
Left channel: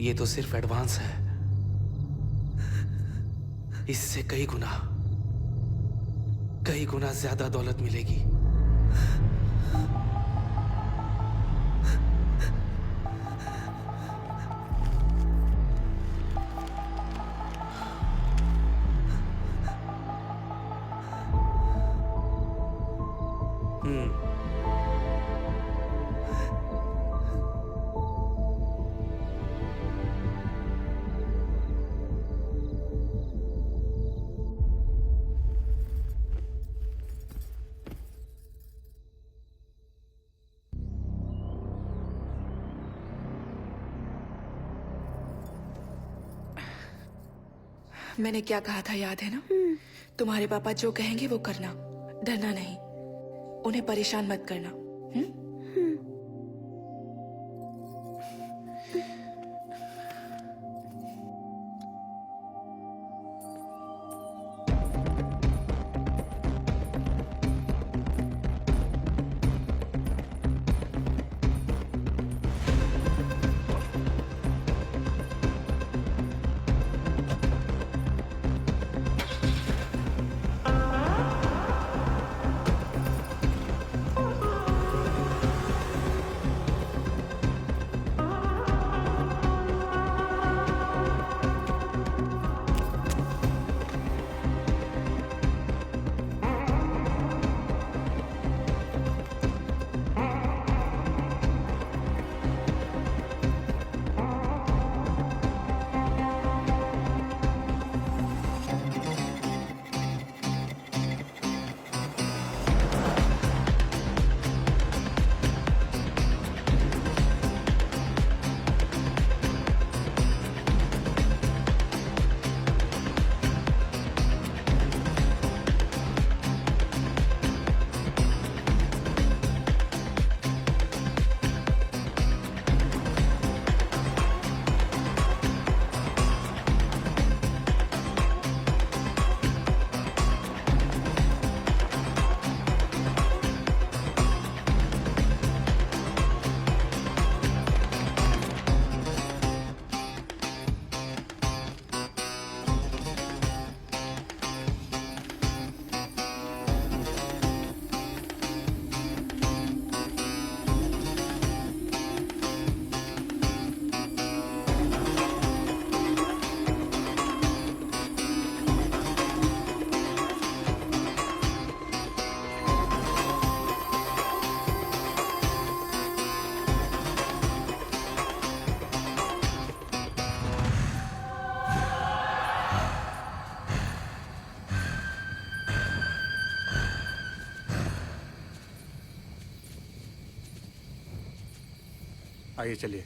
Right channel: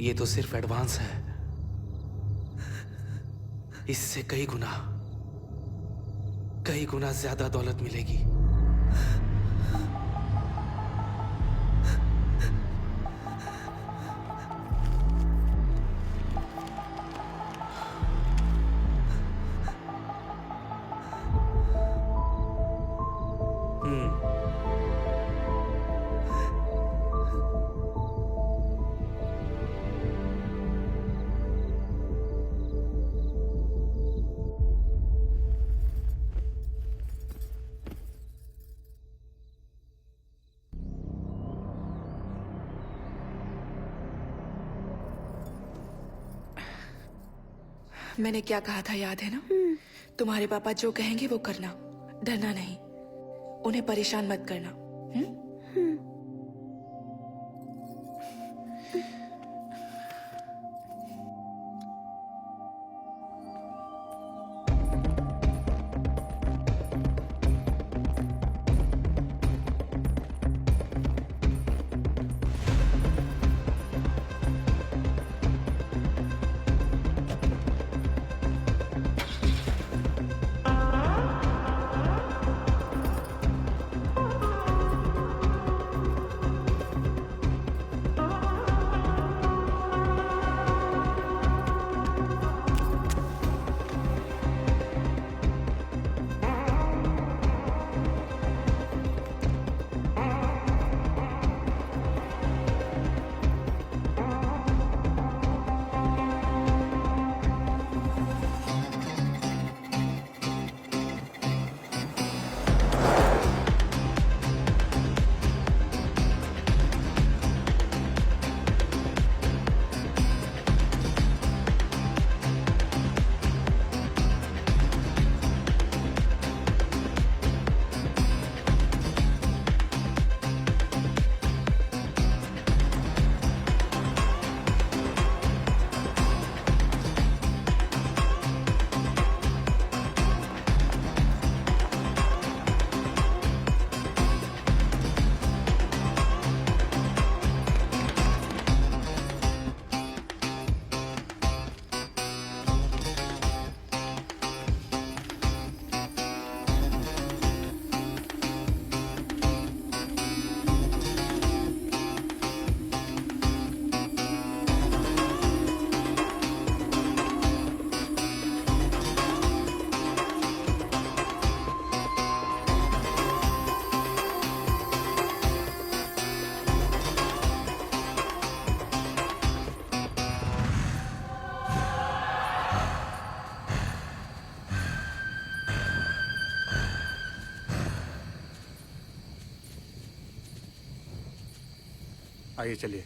ये तो सिर्फ एडवांस है। इससे कई गुना ज्यादा दौलत मिलेगी। मैंने क्या कहा था याद है ना? तुम्हारे पापा जो कहेंगे वो करना, डरना नहीं, उन्हें परेशान मत करना। आइए चलिए।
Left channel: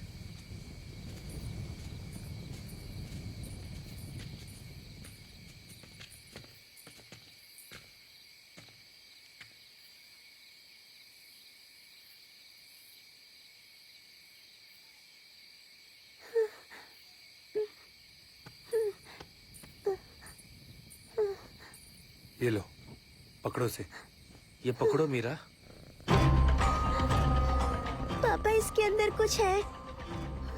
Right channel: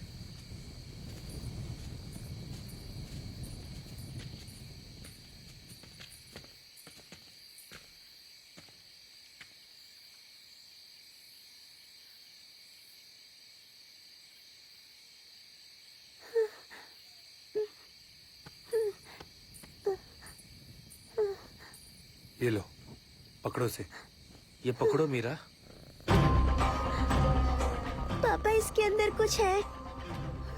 ये लो, पकड़ो से। ये पकड़ो मीरा। पापा इसके अंदर कुछ है।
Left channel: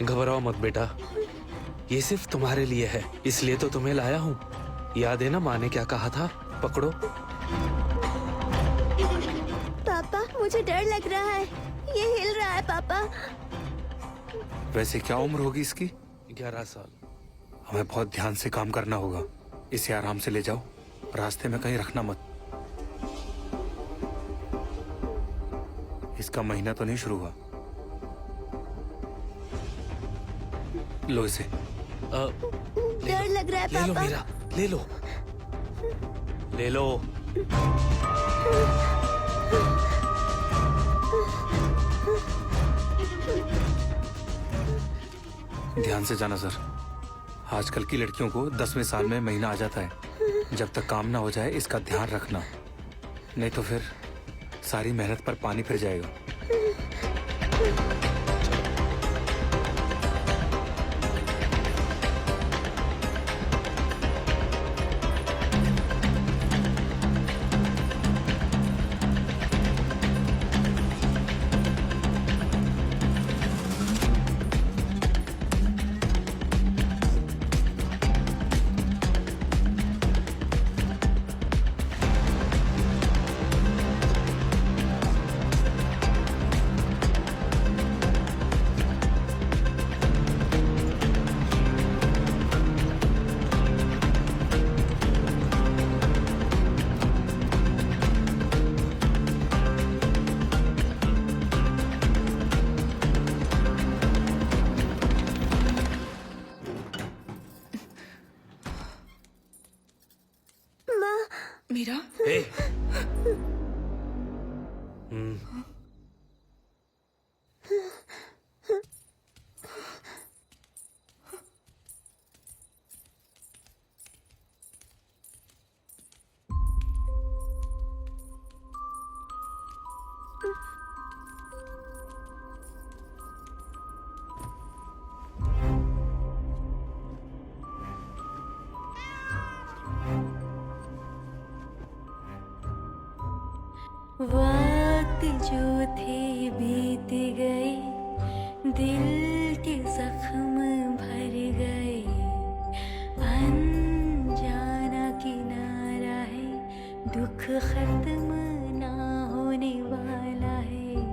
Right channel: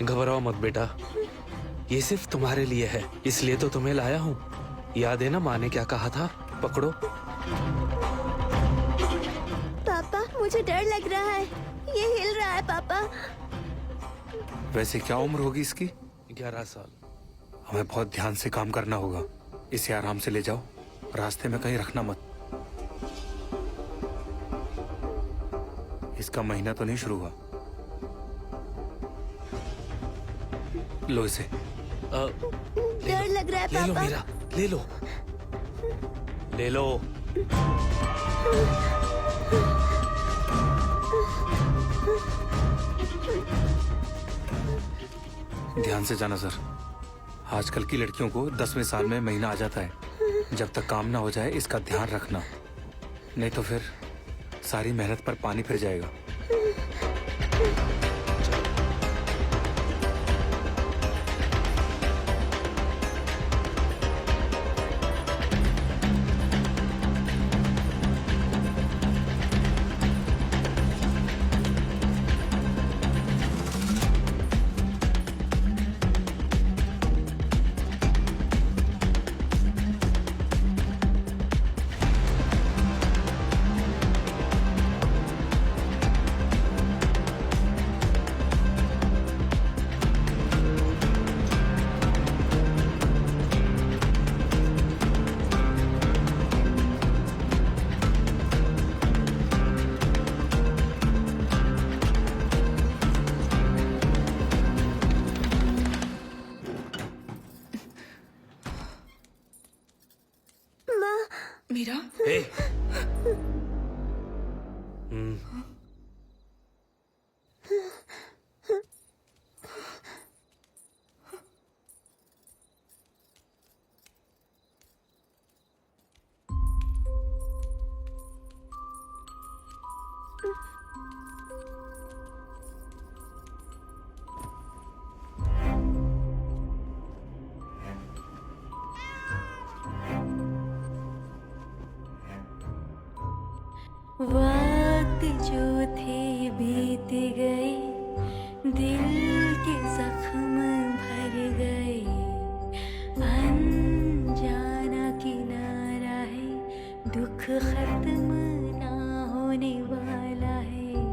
घबराओ मत बेटा, ये सिर्फ तुम्हारे लिए है, इसलिए तो तुम्हें लाया हूँ। याद है ना माँ ने क्या कहा था? पकड़ो। पापा मुझे डर लग रहा है, ये हिल रहा है पापा। वैसे क्या उम्र होगी इसकी? 11 साल। हमें बहुत ध्यान से काम करना होगा। इसे आराम से ले जाओ, रास्ते में कहीं रखना मत। इसका महीना तो नहीं शुरू हुआ। लो इसे। डर लग रहा है ले लो पापा। मीरा, ले लो, ले लो। ध्यान से जाना सर। आजकल की लड़कियों को 10वें साल में महीना आ जाता है। जब तक काम ना हो जाए इसका ध्यान रखना, नहीं तो फिर सारी मेहनत पर पानी फिर जाएगा। मीरा, ए, वक्त जो थे बीत गए, दिल के जख्म भर गए, अनजाना किनारा है, दुख खत्म ना होने वाला है,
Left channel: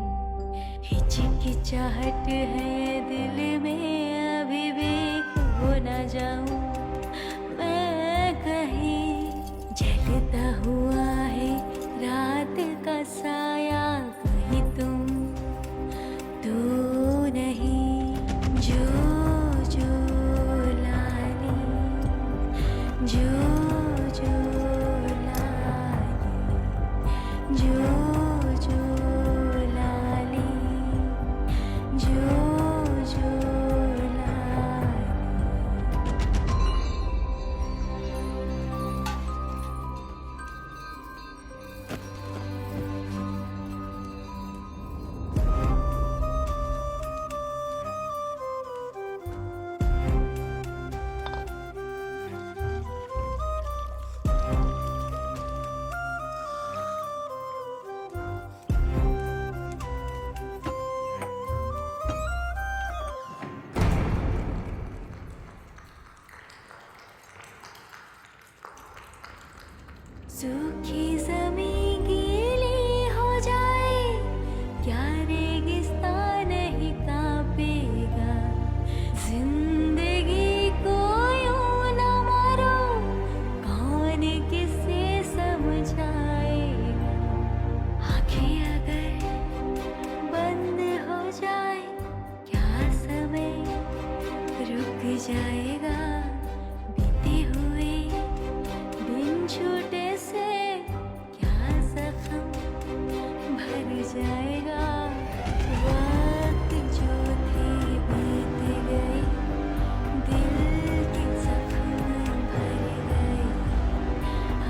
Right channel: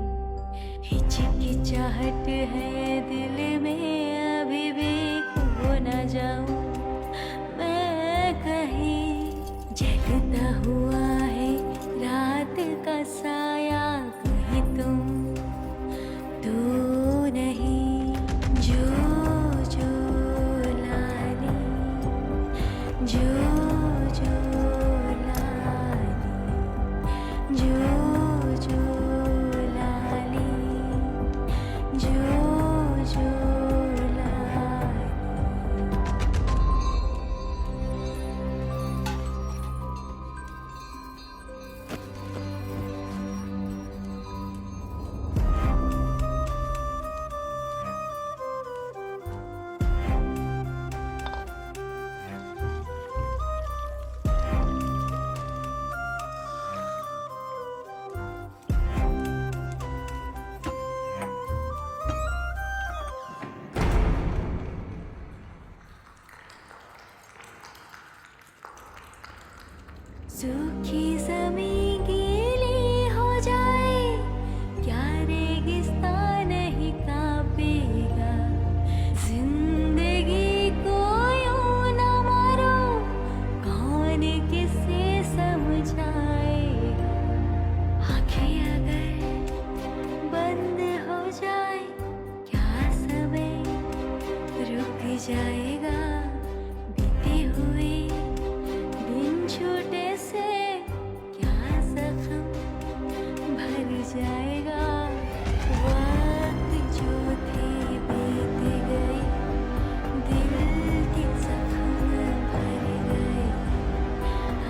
हिचकिचाहट है दिल में, अभी भी खो ना जाऊं मैं कहीं, जलता हुआ है रात का साया, कहीं तुम तो नहीं, जो जो लाली, जो जो लाली, जो जो लाली, जो जो लाली। सूखी ज़मीं गीली हो जाए, क्या रेगिस्तान नहीं कांपेगा, जिंदगी को यूं न मारो, कौन किसे समझाएगा, आँखें अगर बंद हो जाए, क्या समय रुक जाएगा, बीते हुए दिन छूटे से क्या जख्म भर जाएगा, वक्त जो थे बीत गए, दिल के जख्म भर गए,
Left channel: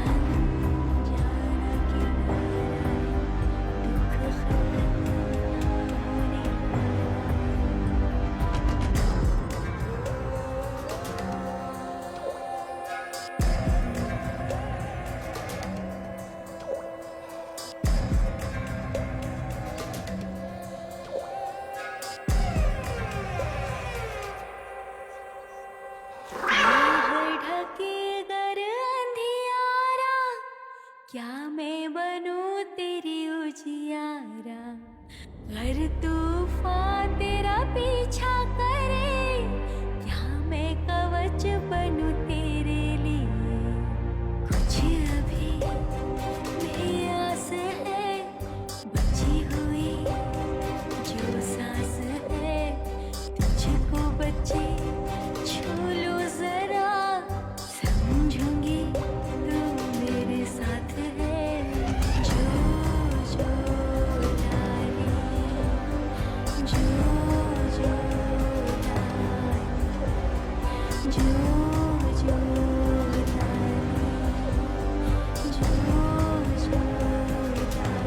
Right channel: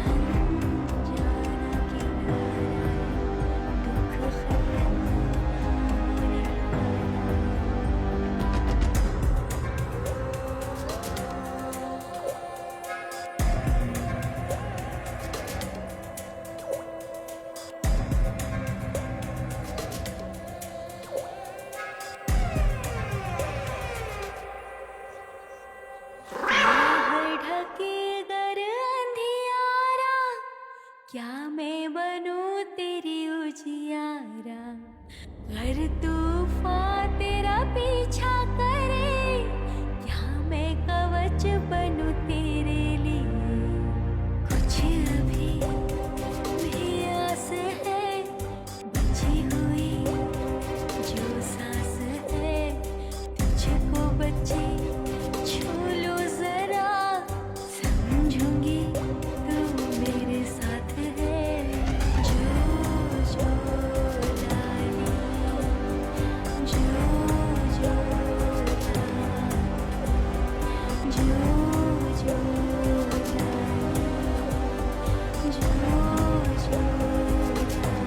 अनजाना किनारा है, दुख खत्म ना होने वाला है। क्या मैं बनूं तेरी उजियारा, घर तूफान तेरा पीछा करे, क्या मैं कवच बनूं तेरे लिए, कुछ अभी भी आस है बची हुई, जो सांस है तुझको बची, छू लो जरा, समझूंगी तू मेरे साथ है, जो जो लाली, जो जो लाली, जो जो लाली, जो जो लाली।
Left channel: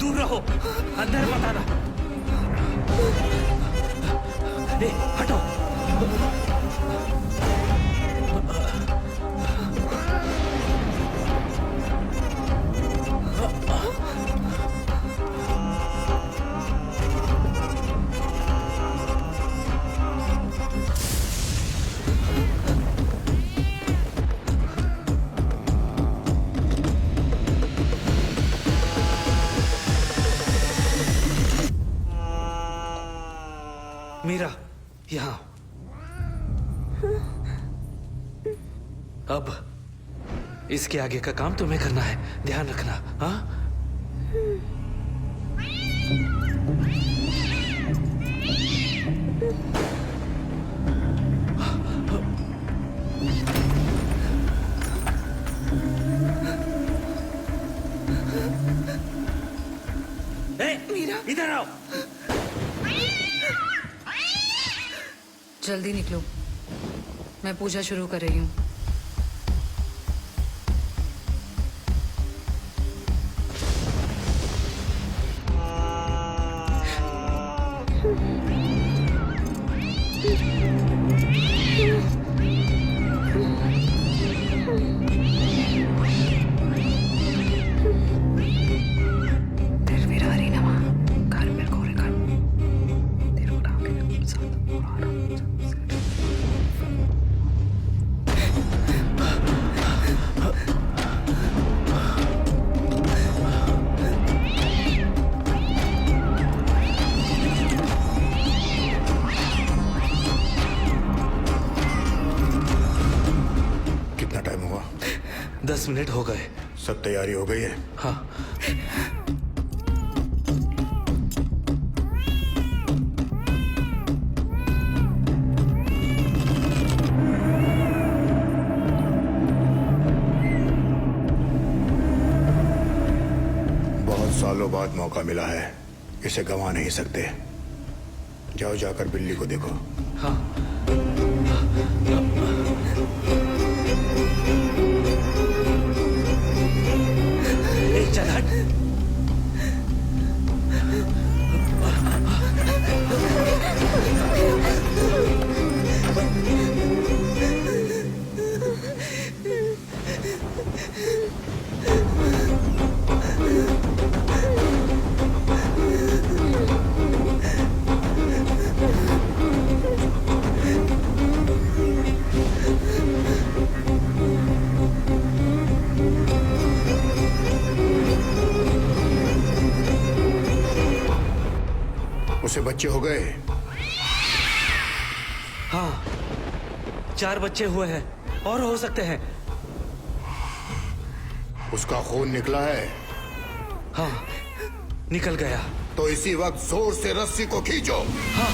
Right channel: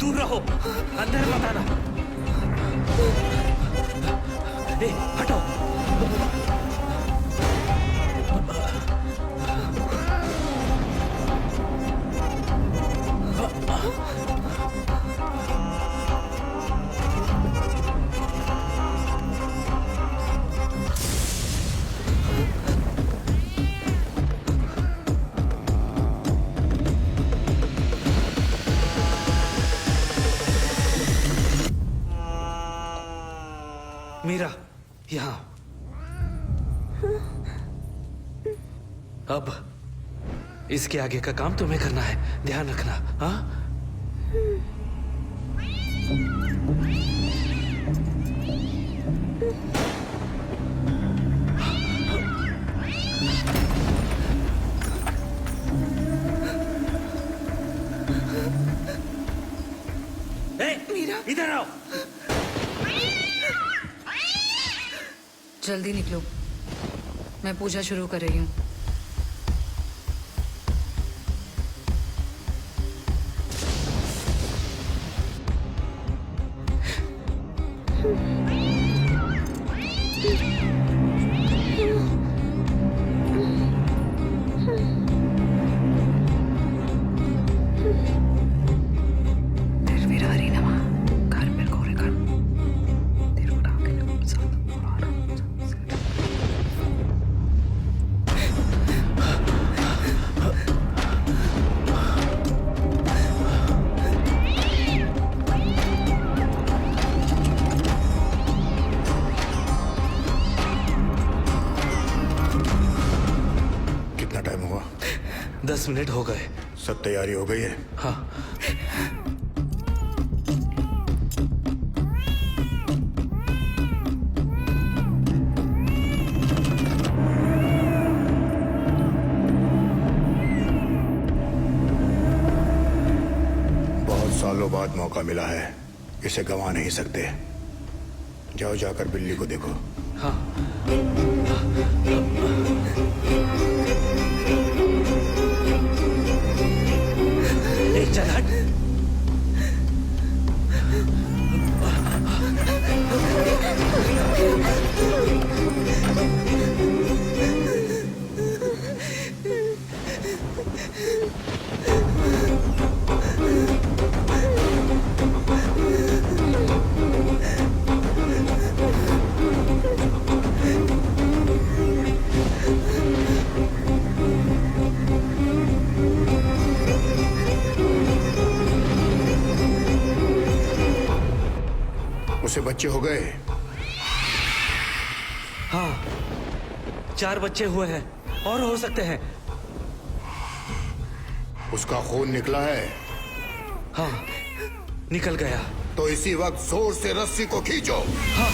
दूर रहो, अंदर मत आना। ए, हटो। मीरा, यहाँ। अब इसके आगे का काम तुम्हें करना है, ध्यान रखना। हाँ? मीरा, इधर आओ। जल्दी निकलो, मैं पूजा शुरू कर रही हूँ। कितना टाइम हुआ? 10 मिनट हो गए। सब तैयारी हो गई है? हाँ। बहुत सालों बाद मौका मिला है, इसे गंवा नहीं सकते। जाओ, जाकर बिल्ली को देखो। हाँ। चल हट। उसे बच्चे हो गए? हाँ, 4 बच्चे हुए हैं और हो सकते हैं। उसका खून निकला है? हाँ, निकल गया। तो इसी वक्त जोर से रस्सी को खींचो। हाँ।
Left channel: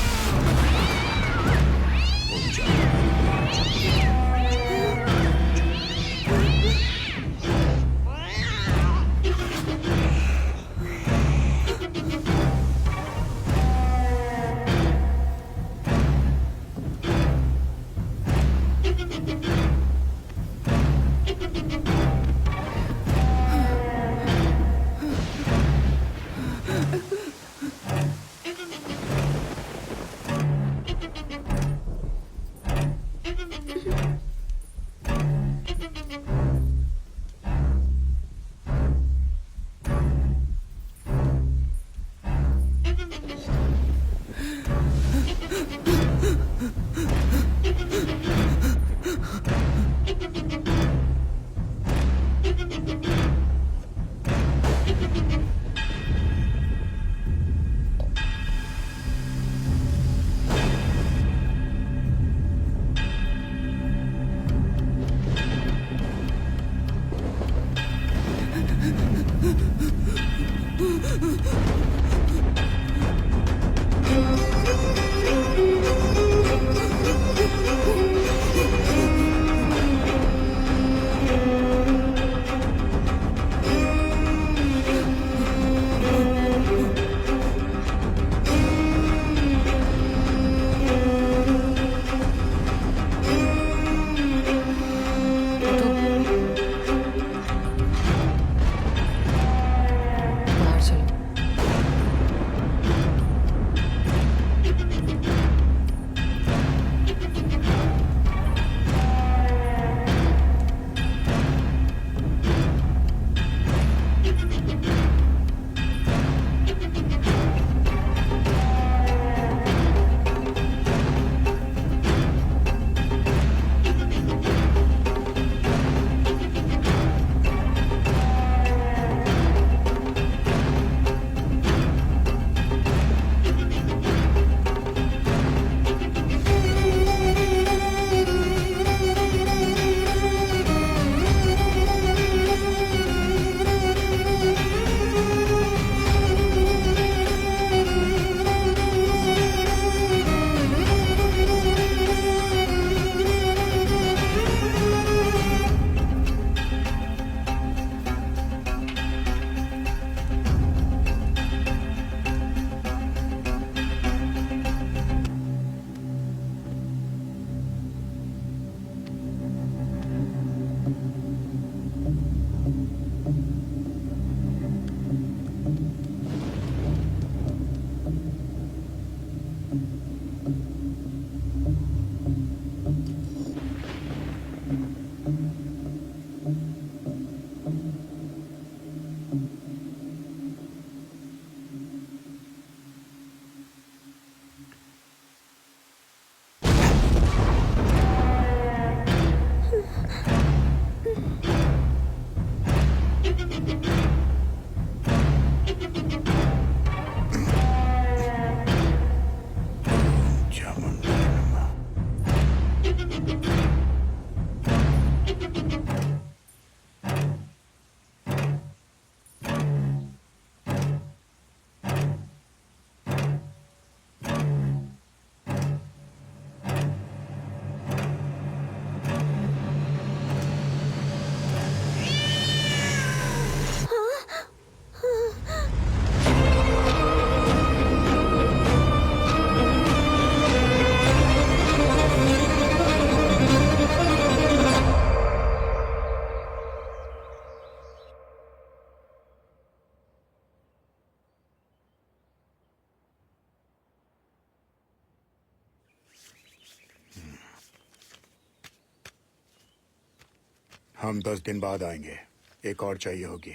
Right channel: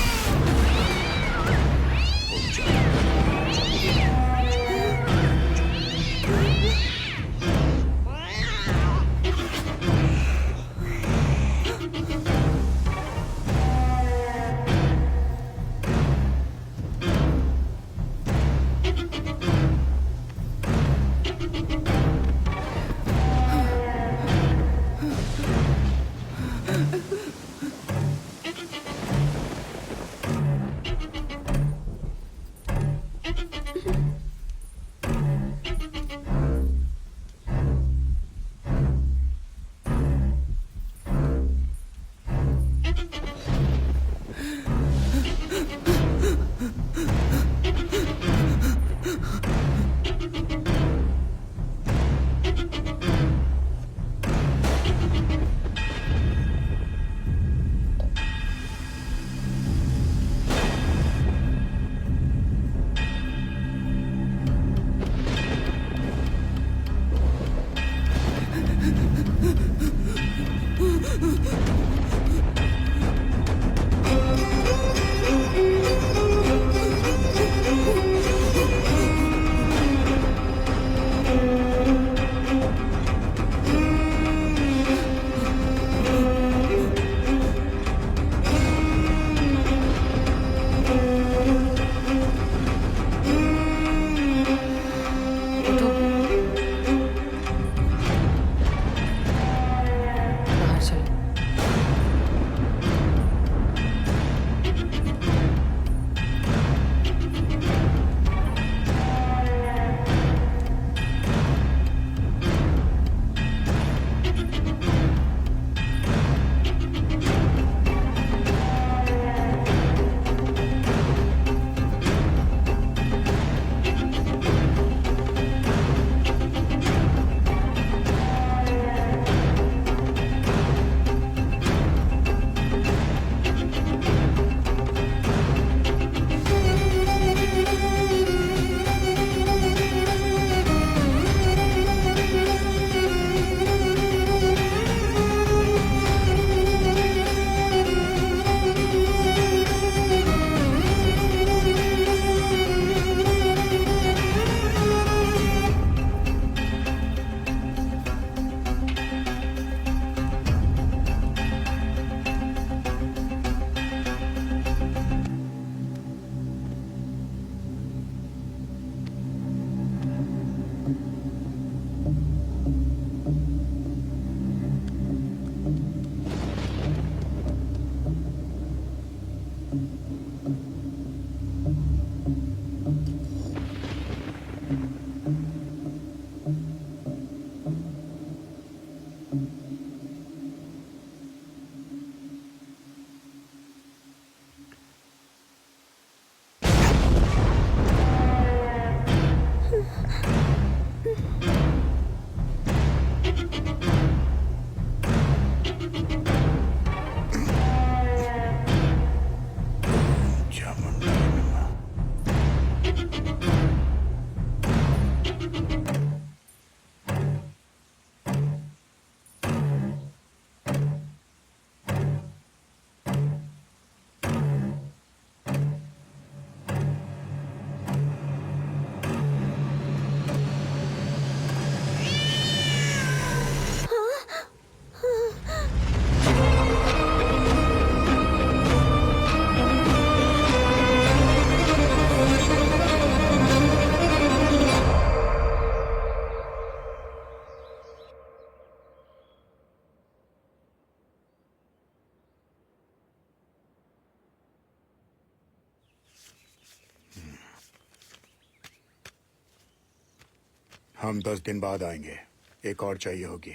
हम 10 दिन बाद आएंगे। एक और चाहिए होगी।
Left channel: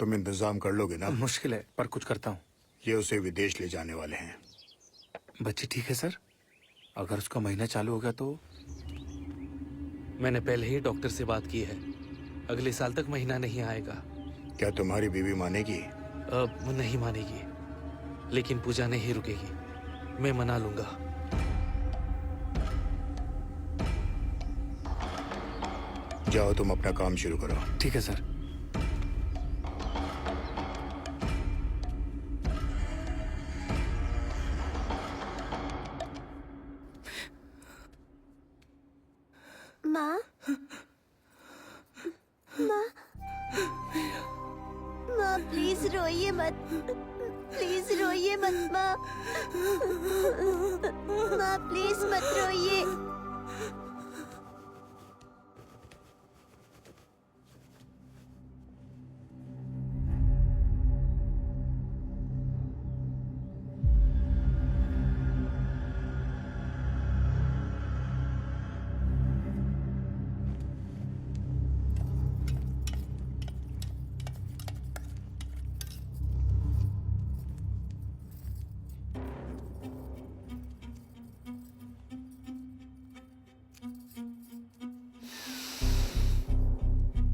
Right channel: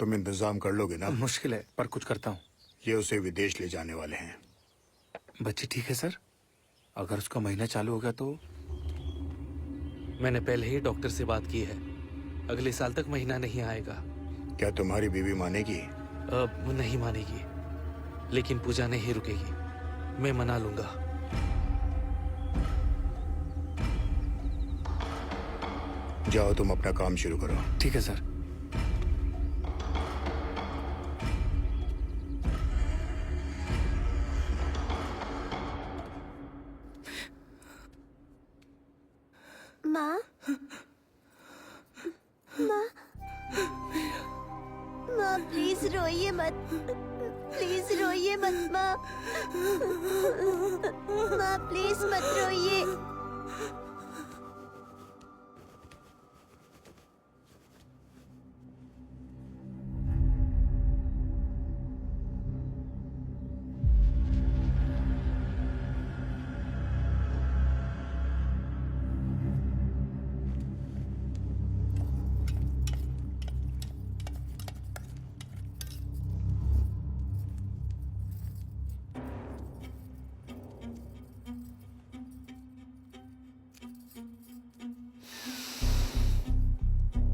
तुम इंतजाम कर लोगे ना? मुश्किल है पर कुछ करता हूँ। ये उसे विदेश ले जाने वाले हैं। बच्ची ठीक है सर? अगर उसका महीना चालू हो गया तो? मैंने पहले ही डॉक्टर से बात की है, अगले साल तक महीना नहीं आएगा। क्या तुम्हारी बीवी मानेगी? अब नहीं मानेगी, लेकिन पूजा नहीं रुकेगी। मैं मना लूंगा। जाओ तुम अपना काम शुरू करो। ठीक है सर। माँ, माँ, माँ प्लीज रोइए मत, प्लीज रोइए मत माँ, माँ प्लीज मत रोइए।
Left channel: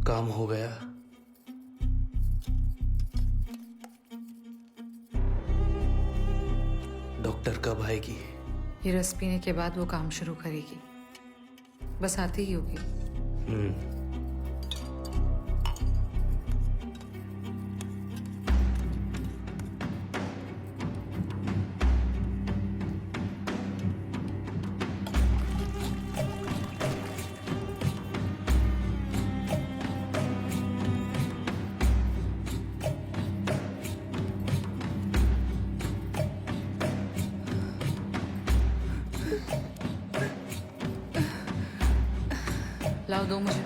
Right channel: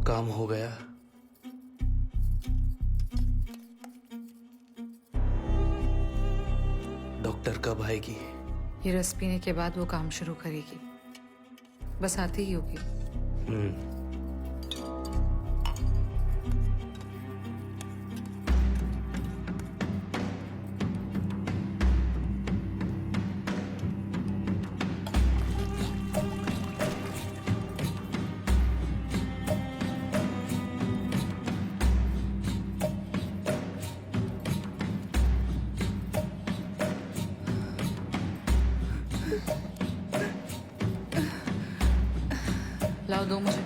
काम हो गया। डॉक्टर कब आएगी? ये रस पीने के बाद वो काम शुरू करेगी, बस आती ही होगी। लाओ दो मुझे।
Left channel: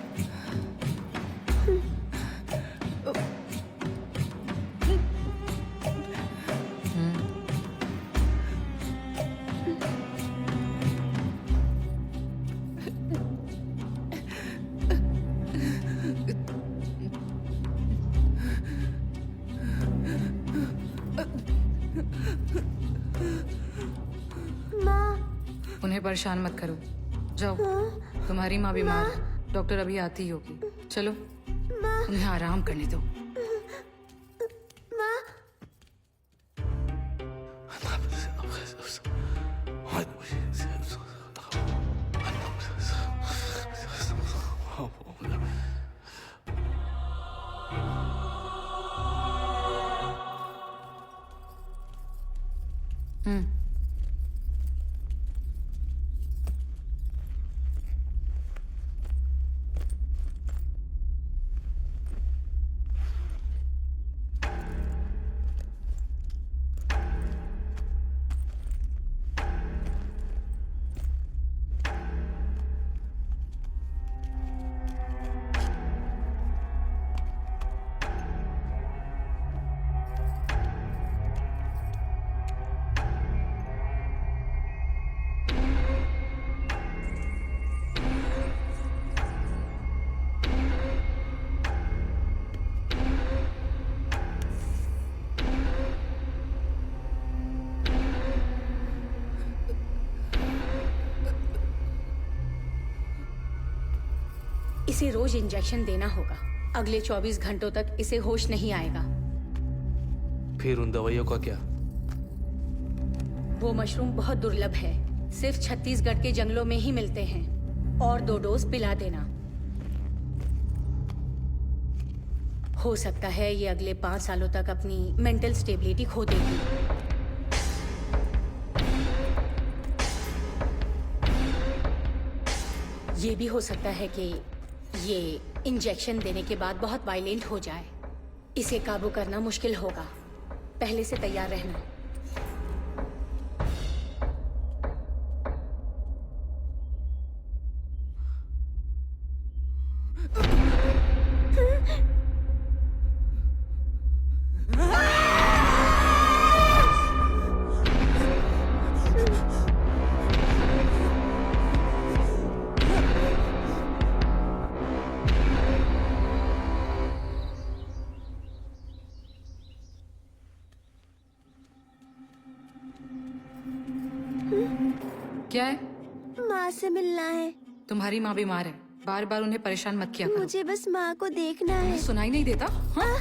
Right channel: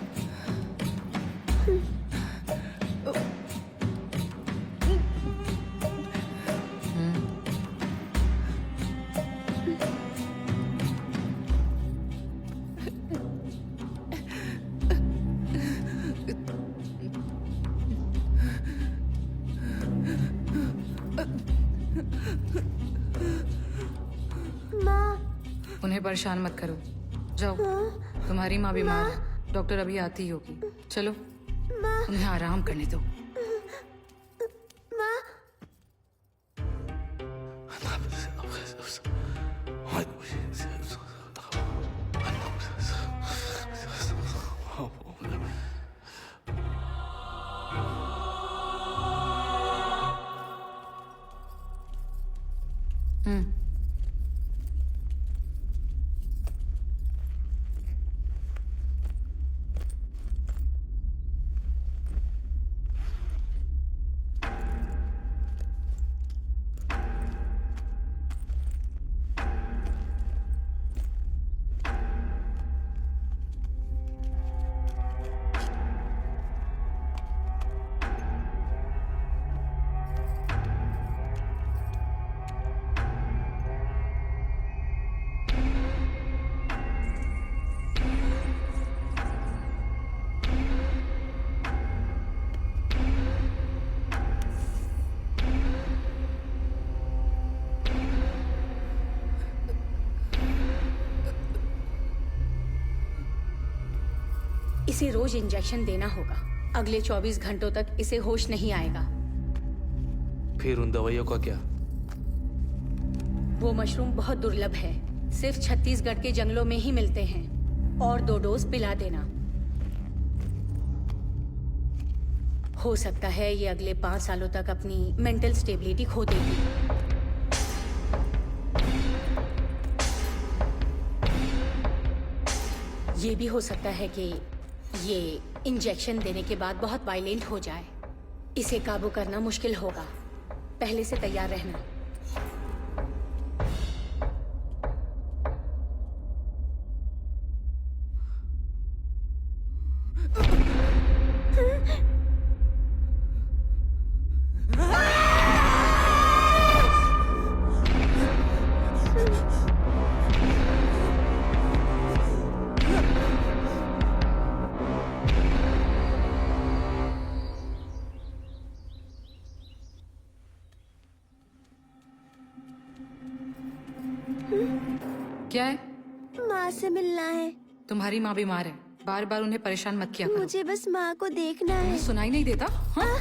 उन्हें परेशान मत करो, जाओ। तुम्हारी माँ बीमार है, डॉक्टर अभी आती ही होगी। चलो उन्हें आराम करने दो। इसे रोज इंजेक्शन देना होगा। अगले 24 घंटों तक इसे होश नहीं आएगा। फिर उन दवाइयों का क्या? वो मशरूम बहुत दुर्लभ है, सिर्फ छत्तीसगढ़ के जंगलों में ही मिलते हैं। और 2 डोज पिला देना। हो सकता है ये अगले 5 सालों तक अपनी मेंटल स्टेबिलिटी खो देगी। ये भी हो सकता है कि ये इंजेक्शन देने के बाद बहुत वायलेंट हो जाए। इसे काबू करना मुश्किल होगा, पहले से तैयार रहना। क्या है? माँ से मिलना है। तुम्हारी माँ बीमार है, बार बार उन्हें परेशान मत किया करो। मुझे बस माँ को देखना है। तुम्हें सुनाई नहीं देता? हाँ?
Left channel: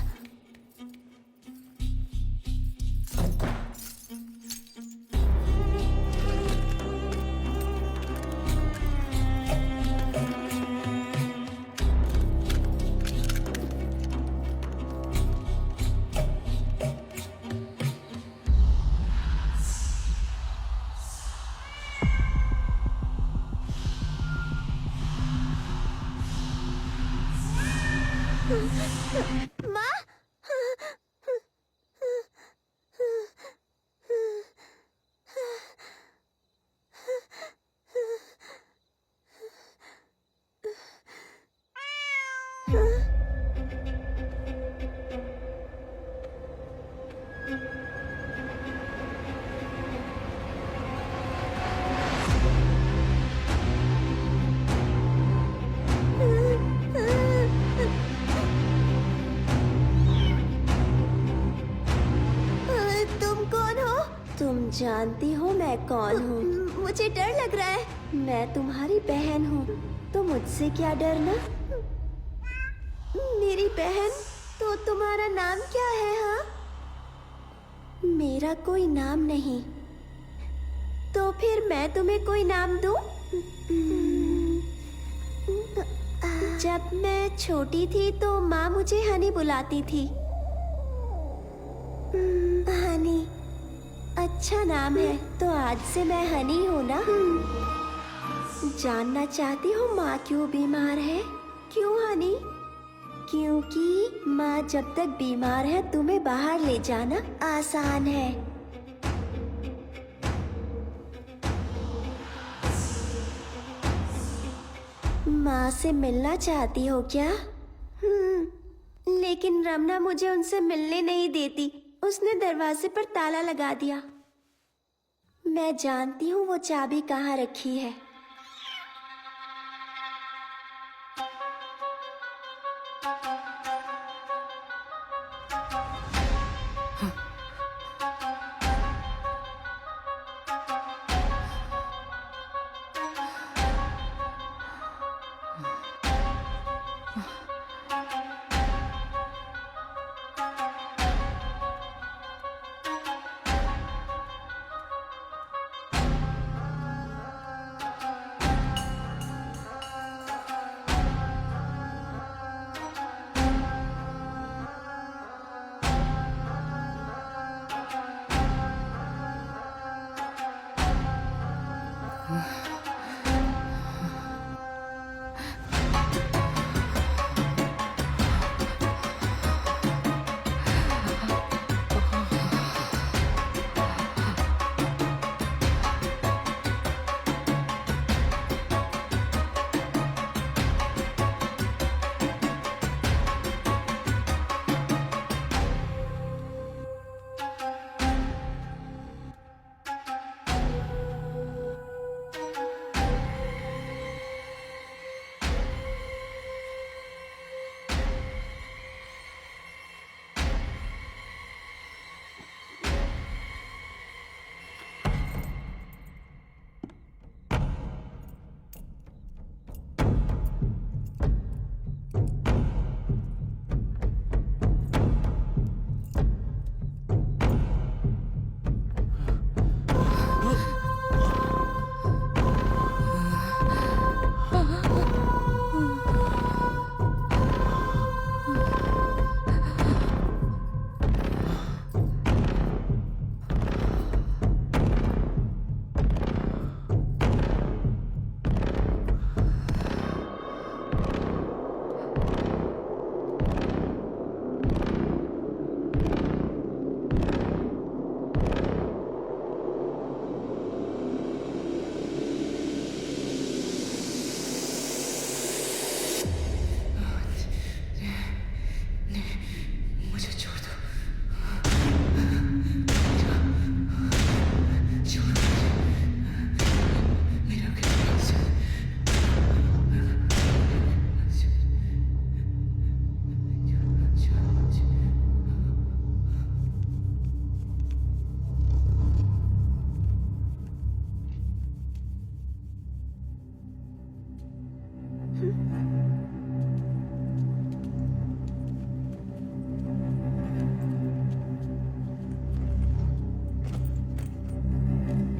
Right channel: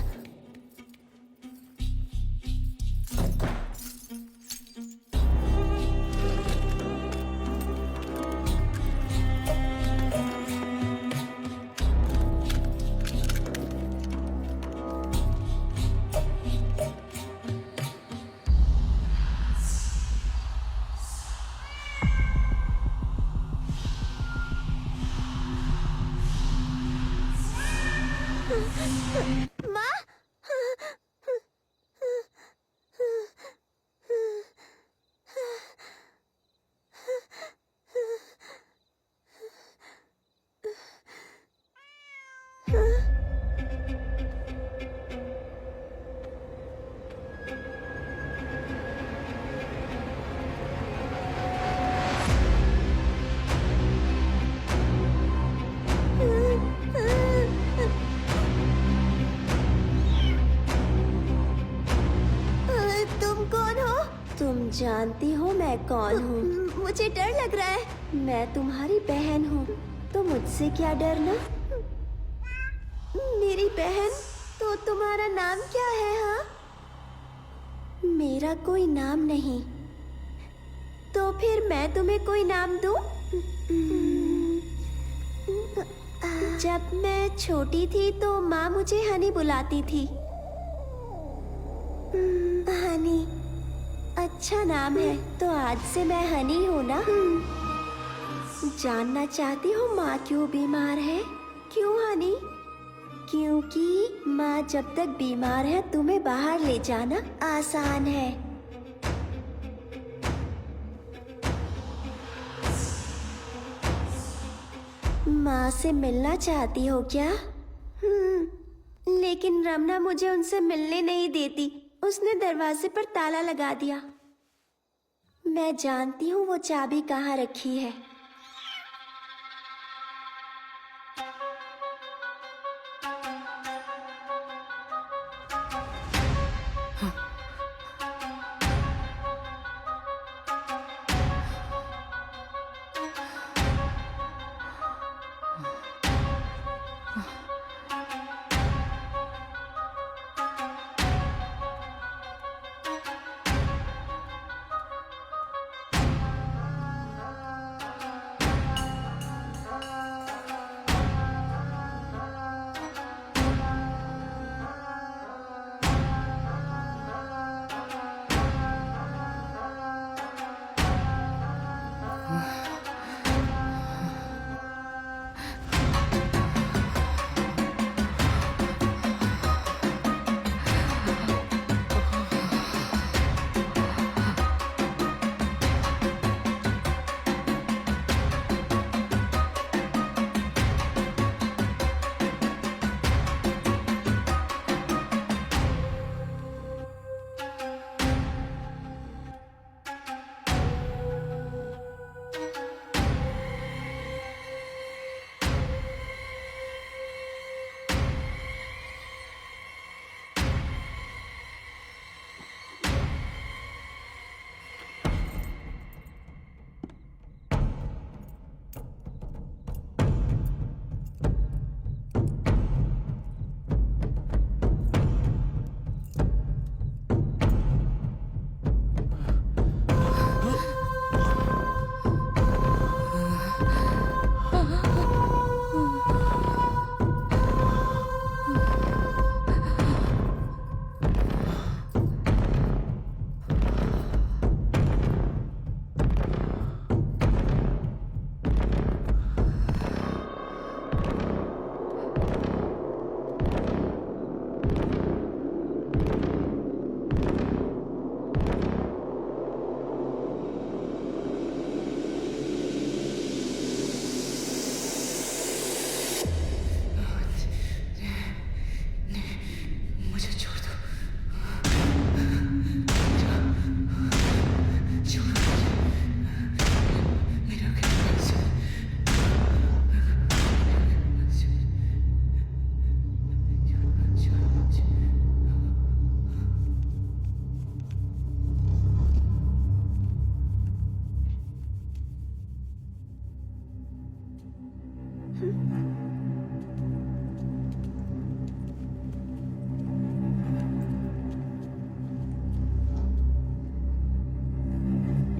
माँ, तुम कौन हो? तुम जानती हो मैं कौन हूँ? मुझे डर लग रहा है। मैं तुम्हारी बहन हूँ, तो मुझसे क्या डरना? मेरी बहन? तो तुम्हारा नाम क्या है? हाँ, मेरा कोई नाम नहीं। तो फिर मैं तुम्हें कोई नाम दूं? जब मैं छोटी थी तो माँ मुझे हनी बुलाती थी। हनी, अच्छा नाम है। तो आज से मैं हनी हूँ ना? जानना चाहती हो माँ क्यों बीमार है? क्यों हनी? क्योंकि माँ जब तक बीमार है तुम्हें बाहर ले जाना आसान है। माँ से मिलना चाहती हो क्या? लेकिन रमना मुझे उनसे मिलने नहीं देती। उसने दरवाजे पर ताला लगा दिया। मैं जानती हूँ वो चाबी कहाँ रखी है।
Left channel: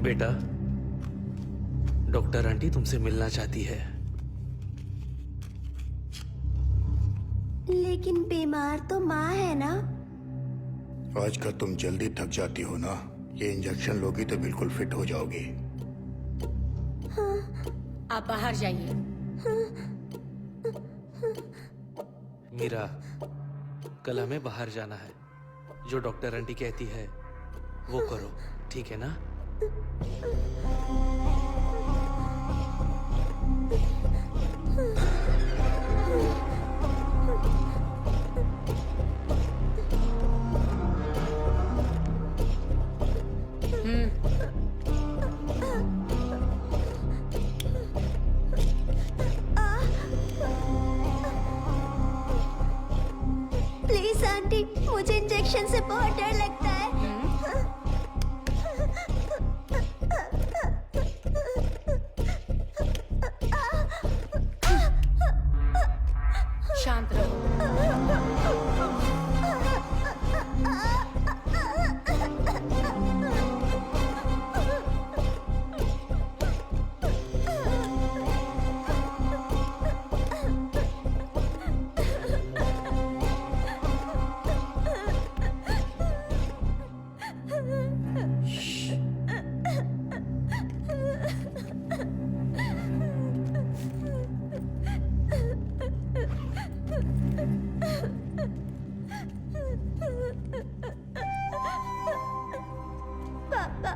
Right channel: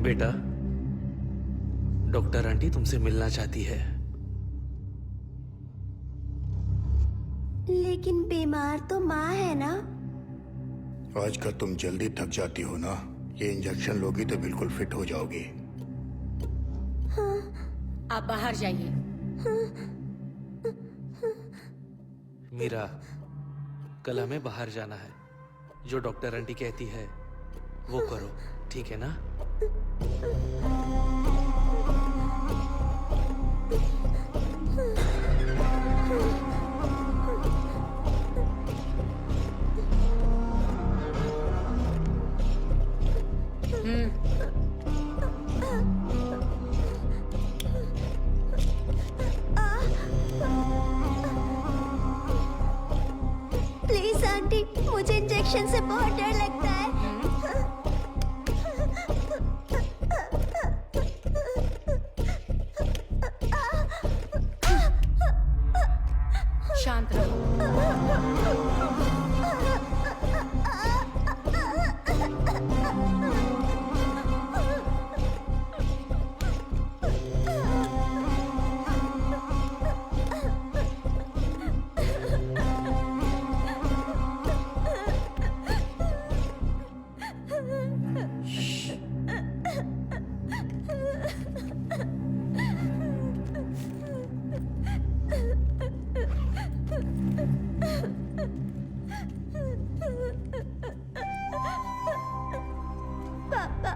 बेटा, डॉक्टर आंटी तुमसे मिलना चाहती है। लेकिन बीमार तो माँ है ना। आजकल तुम जल्दी थक जाती हो ना। ये इंजेक्शन लोगी तो बिल्कुल फिट हो जाओगी। आप बाहर जाइए। मीरा, कल हमें बाहर जाना है। जो डॉक्टर आंटी कहती है वो करो, ठीक है ना? प्लीज आंटी, मुझे इंजेक्शन से बहुत डर लगता है। शांत रहो। पापा,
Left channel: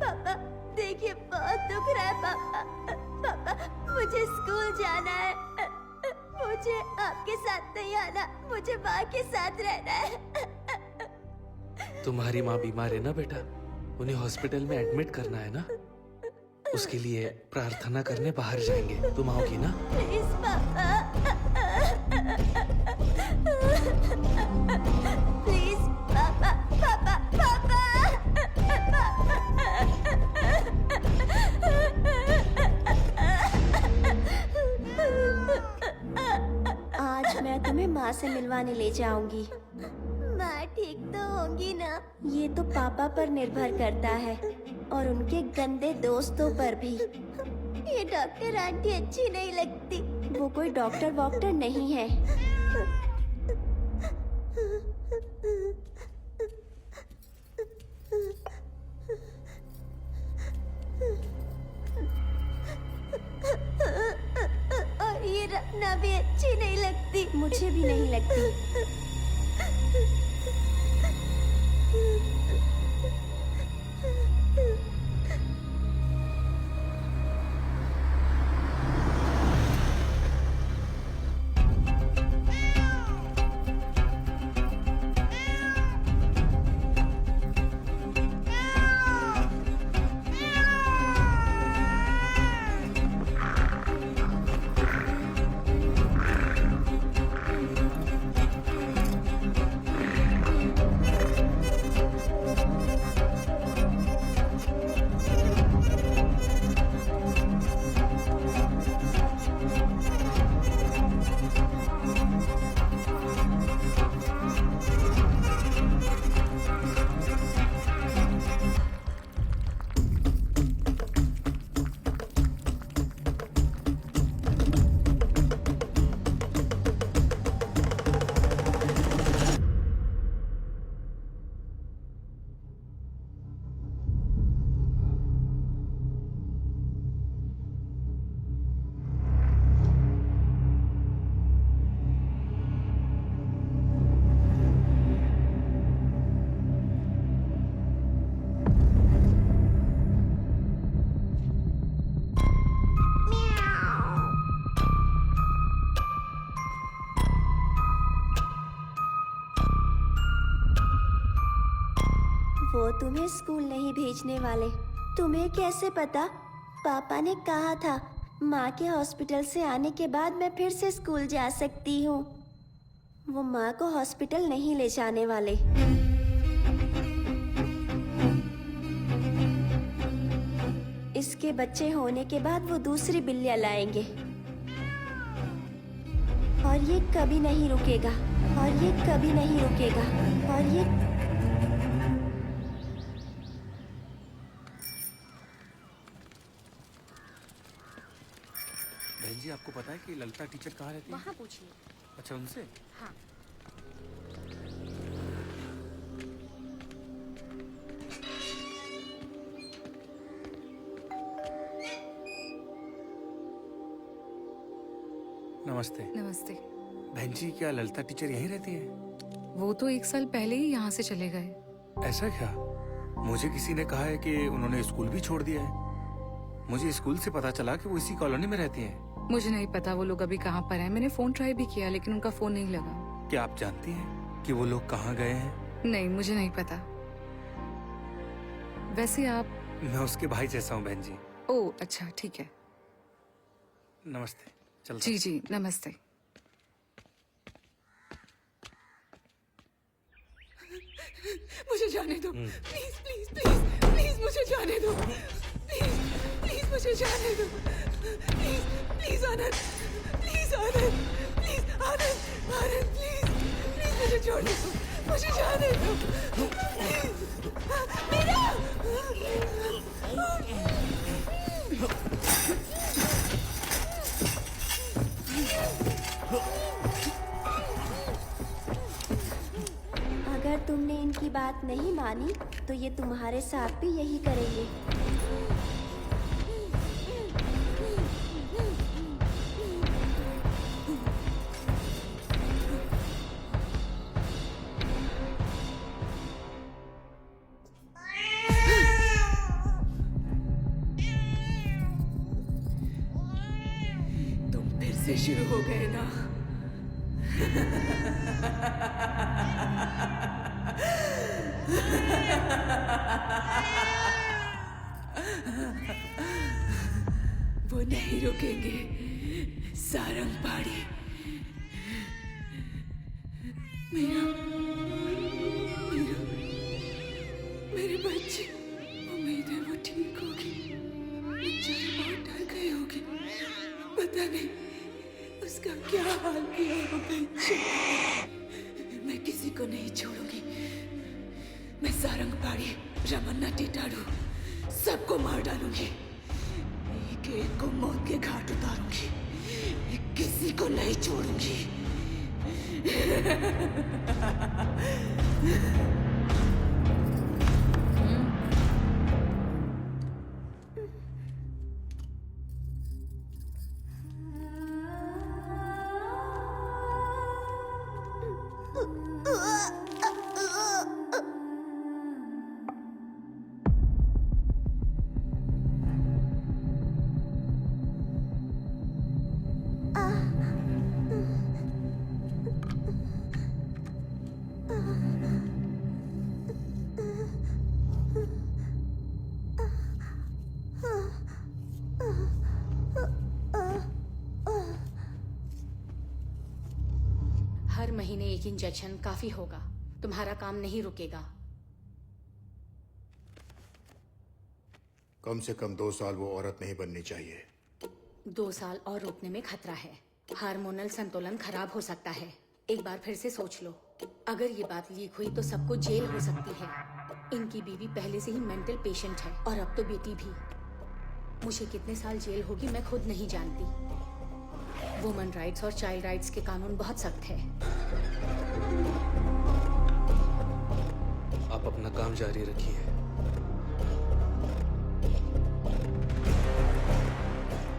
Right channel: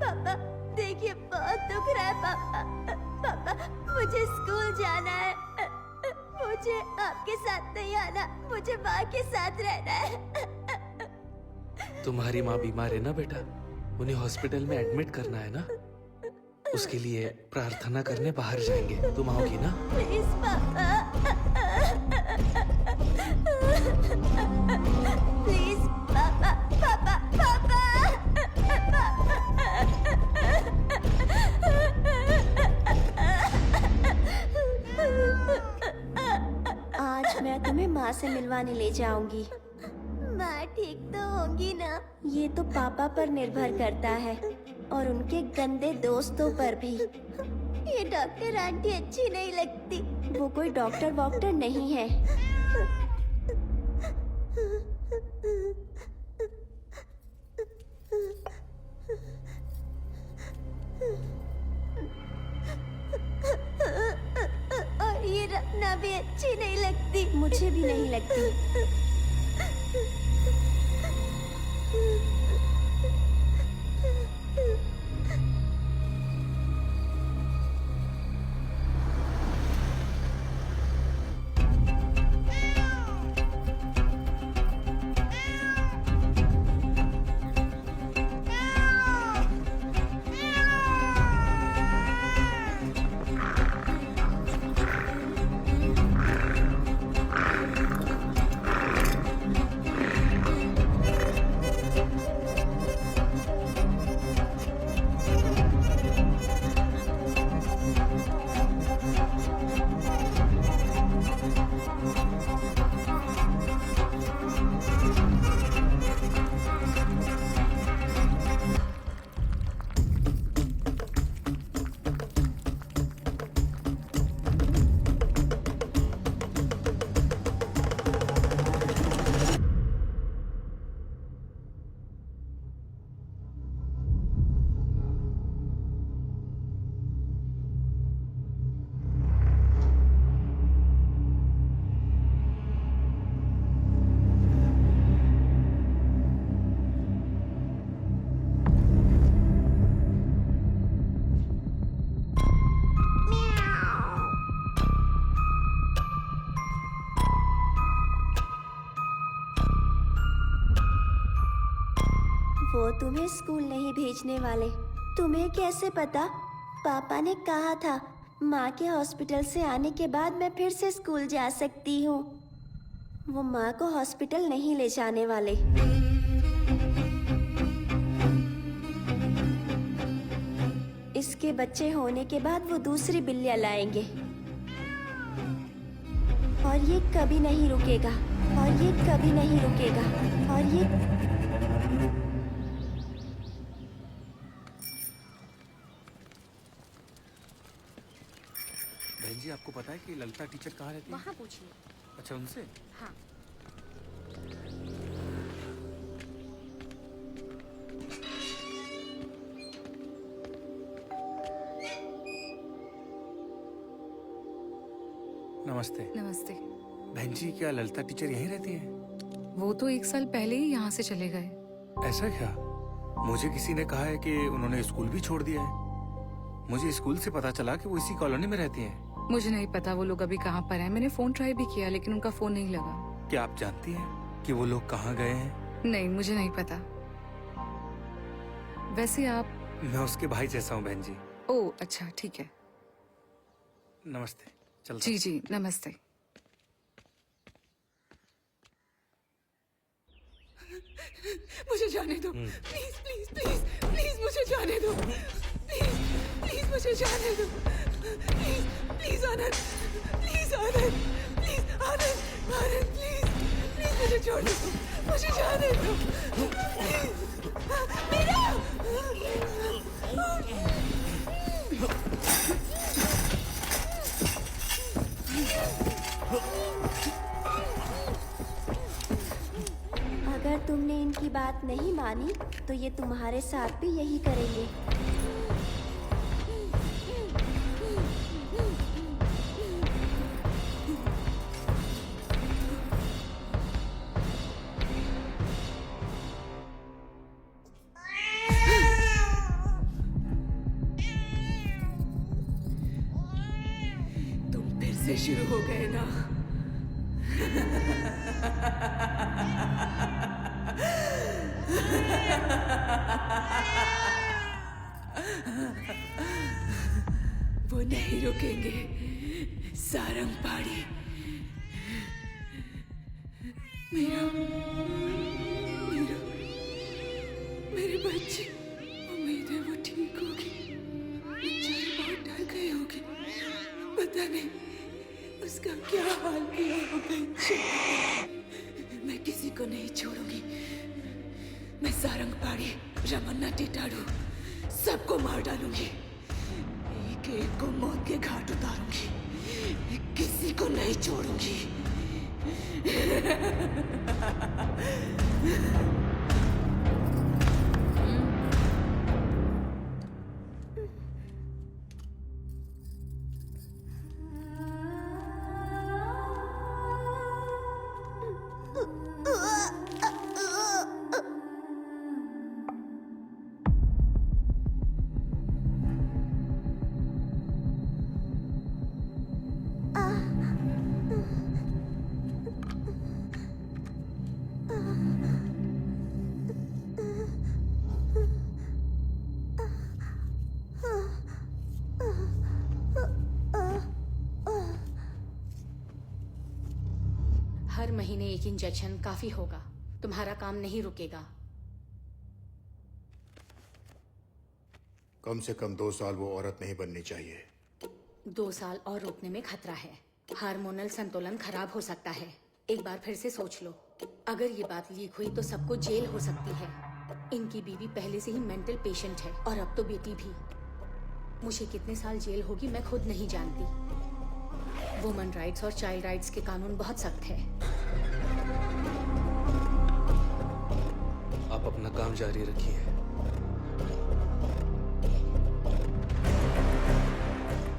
पापा, देखिए बहुत दुख रहा है पापा। पापा, मुझे स्कूल जाना है। मुझे आपके साथ नहीं आना, मुझे माँ के साथ रहना है। तुम्हारी माँ बीमार है ना बेटा, उन्हें हॉस्पिटल में एडमिट करना है ना। उसके लिए प्रार्थना करने बाहर जाएंगे। तुम आओगी ना? प्लीज पापा, प्लीज पापा, पापा, पापा। आज मैं तुम्हें माँ से मिलवाने ले जाऊंगी। माँ ठीक तो होंगी ना? ये तो पापा पर निर्भर करता है और उनके गंदे दोस्तों पर भी। ये डॉक्टर आंटी अच्छी नहीं लगती। वो कोई डॉक्टर वॉक्टर नहीं है। और ये रखना भी अच्छी नहीं लगती। मुझे भी नहीं लगती। वो तुम्हें स्कूल नहीं भेजने वाले। तुम्हें कैसे पता? पापा ने कहा था माँ के हॉस्पिटल से आने के बाद मैं फिर से स्कूल जा सकती हूँ। वो माँ को हॉस्पिटल नहीं ले जाने वाले। इसके बच्चे होने के बाद वो दूसरी बिल्लियाँ लाएंगे और ये कभी नहीं रुकेगा, और ये कभी नहीं रुकेगा, और ये जी आपको पता है कि ललिता टीचर कहाँ रहती है? वहाँ पूछिए। अच्छा, उनसे? हाँ। नमस्ते। नमस्ते। बहन जी, क्या ललिता टीचर यहीं रहती है? वो तो 1 साल पहले ही यहाँ से चले गए। ऐसा क्या? मुझे किसी ने कहा है कि उन्होंने स्कूल भी छोड़ दिया है। मुझे स्कूल से पता चला कि वो इसी कॉलोनी में रहती हैं। मुझे नहीं पता वो लोग अभी कहाँ पर हैं। मैंने फोन ट्राई भी किया लेकिन उनका फोन नहीं लगा। क्या आप जानती हैं कि वो लोग कहाँ गए हैं? नहीं, मुझे नहीं पता। वैसे आप? मैं उसके भाई जैसा हूँ बहन जी। ओह अच्छा, ठीक है। नमस्ते। चलता जी जी, नमस्ते। मुझे जाने दो, प्लीज प्लीज प्लीज प्लीज मुझे जाने दो, प्लीज प्लीज मुझे जाने दो, please please Anand, please Anand, please Anand, Anand please please मुझे छोड़ दो, मुझे जाने दो, प्लीज मेरा। अगर तुमने इनकी बात नहीं मानी तो ये तुम्हारे साथ भी यही करेंगे। तुम फिर से शुरू हो गए ना? वो नहीं रुकेंगे, सारंग पाड़ी। मेरा मेरा मेरे बच्चे, उम्मीद है वो ठीक होगी। बेचारे बहुत डर गए होंगे, पता नहीं उसका क्या हाल किया होगा। मैं किसी को नहीं छोड़ूंगी। मैं सारंग पाड़ी, रमन्ना टिटाड़ू सबको मार डालूंगी। एक एक को मौत के घाट उतारूंगी, किसी को नहीं छोड़ूंगी। हर महीने एक इंजेक्शन काफी होगा। तुम्हारा काम नहीं रुकेगा। कम से कम 2 साल वो औरत नहीं बननी चाहिए। 2 साल और रुकने में खतरा है। हार्मोनल संतुलन खराब हो सकता है। एक बार फिर से सोच लो। अगर ये बात लीक हुई तो सबको जेल हो सकती है। इनकी बीवी पहले से ही मेंटल पेशेंट है और अब तो बेटी भी। मुझे कितने साल जेल होगी मैं खुद नहीं जानती। वुमन राइट्स और चाइल्ड राइट्स के कानून बहुत सख्त है। आप अपना काम जारी रखिए।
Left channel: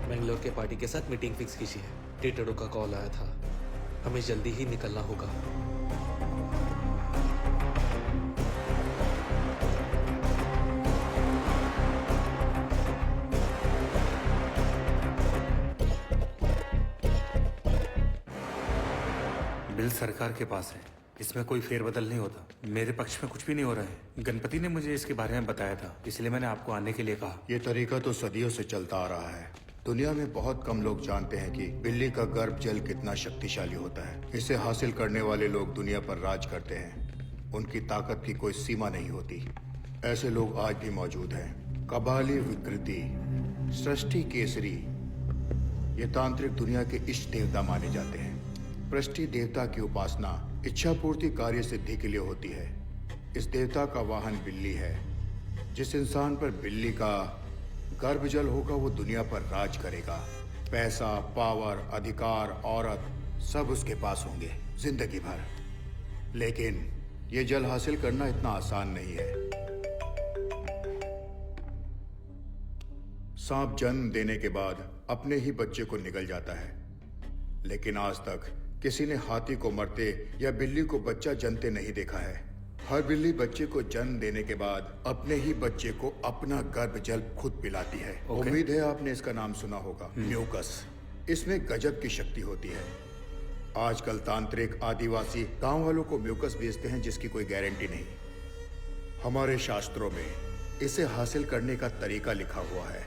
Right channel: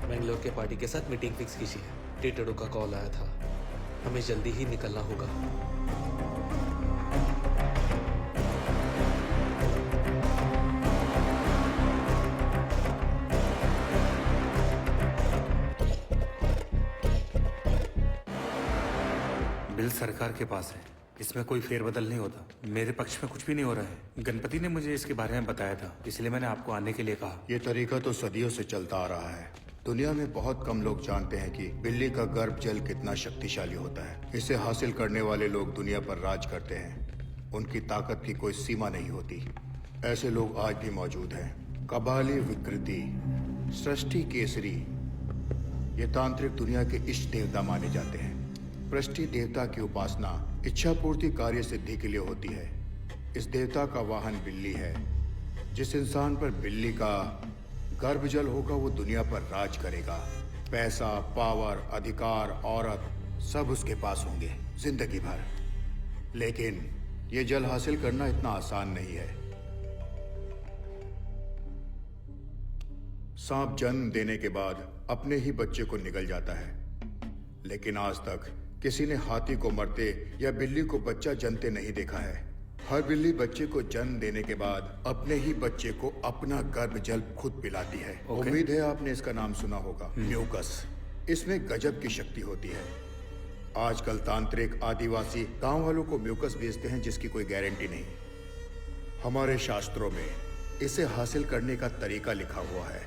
बेंगलोर के पार्टी के साथ मीटिंग फिक्स कीजिए। टिटड़ो का कॉल आया था, हमें जल्दी ही निकलना होगा। बिल सरकार के पास है, इसमें कोई फेरबदल नहीं होता। मेरे पक्ष में कुछ भी नहीं हो रहा है। गणपति ने मुझे इसके बारे में बताया था, इसलिए मैंने आपको आने के लिए कहा। ये तरीका तो सदियों से चलता आ रहा है। दुनिया में बहुत कम लोग जानते हैं कि बिल्ली का गर्भ जल कितना शक्तिशाली होता है। इसे हासिल करने वाले लोग दुनिया पर राज करते हैं। उनकी ताकत की कोई सीमा नहीं होती। ऐसे लोग आज भी मौजूद हैं। कबाली विकृति, सृष्टि केसरी, ये तांत्रिक दुनिया के इष्ट देवता माने जाते हैं। पृष्टि देवता की उपासना इच्छा पूर्ति कार्य सिद्धि के लिए होती है। इस देवता का वाहन बिल्ली है। जिस इंसान पर बिल्ली का गर्भजल होगा वो दुनिया पर राज करेगा। पैसा, पावर, अधिकार, औरत सब उसके पास होंगे जिंदगी भर। लेकिन ये जल हासिल करना इतना आसान नहीं है। सांप जन्म देने के बाद अपने ही बच्चे को निगल जाता है, लेकिन आज तक किसी ने हाथी को मरते या बिल्ली को बच्चा जनते नहीं देखा है। हर बिल्ली बच्चे को जन्म देने के बाद अपने ही बच्चे को अपना गर्भ जल खुद पिलाती है। उम्मीद है आपने इसका नाम सुना होगा, म्यूकस। इसमें गजब की शक्ति होती है। आजकल तांत्रिक आदिवासी गांव वालों को म्यूकस बेचते हैं जिसकी कोई गारंटी नहीं। हमारे शास्त्रों में इसे हासिल करने का तरीका लिखा हुआ है।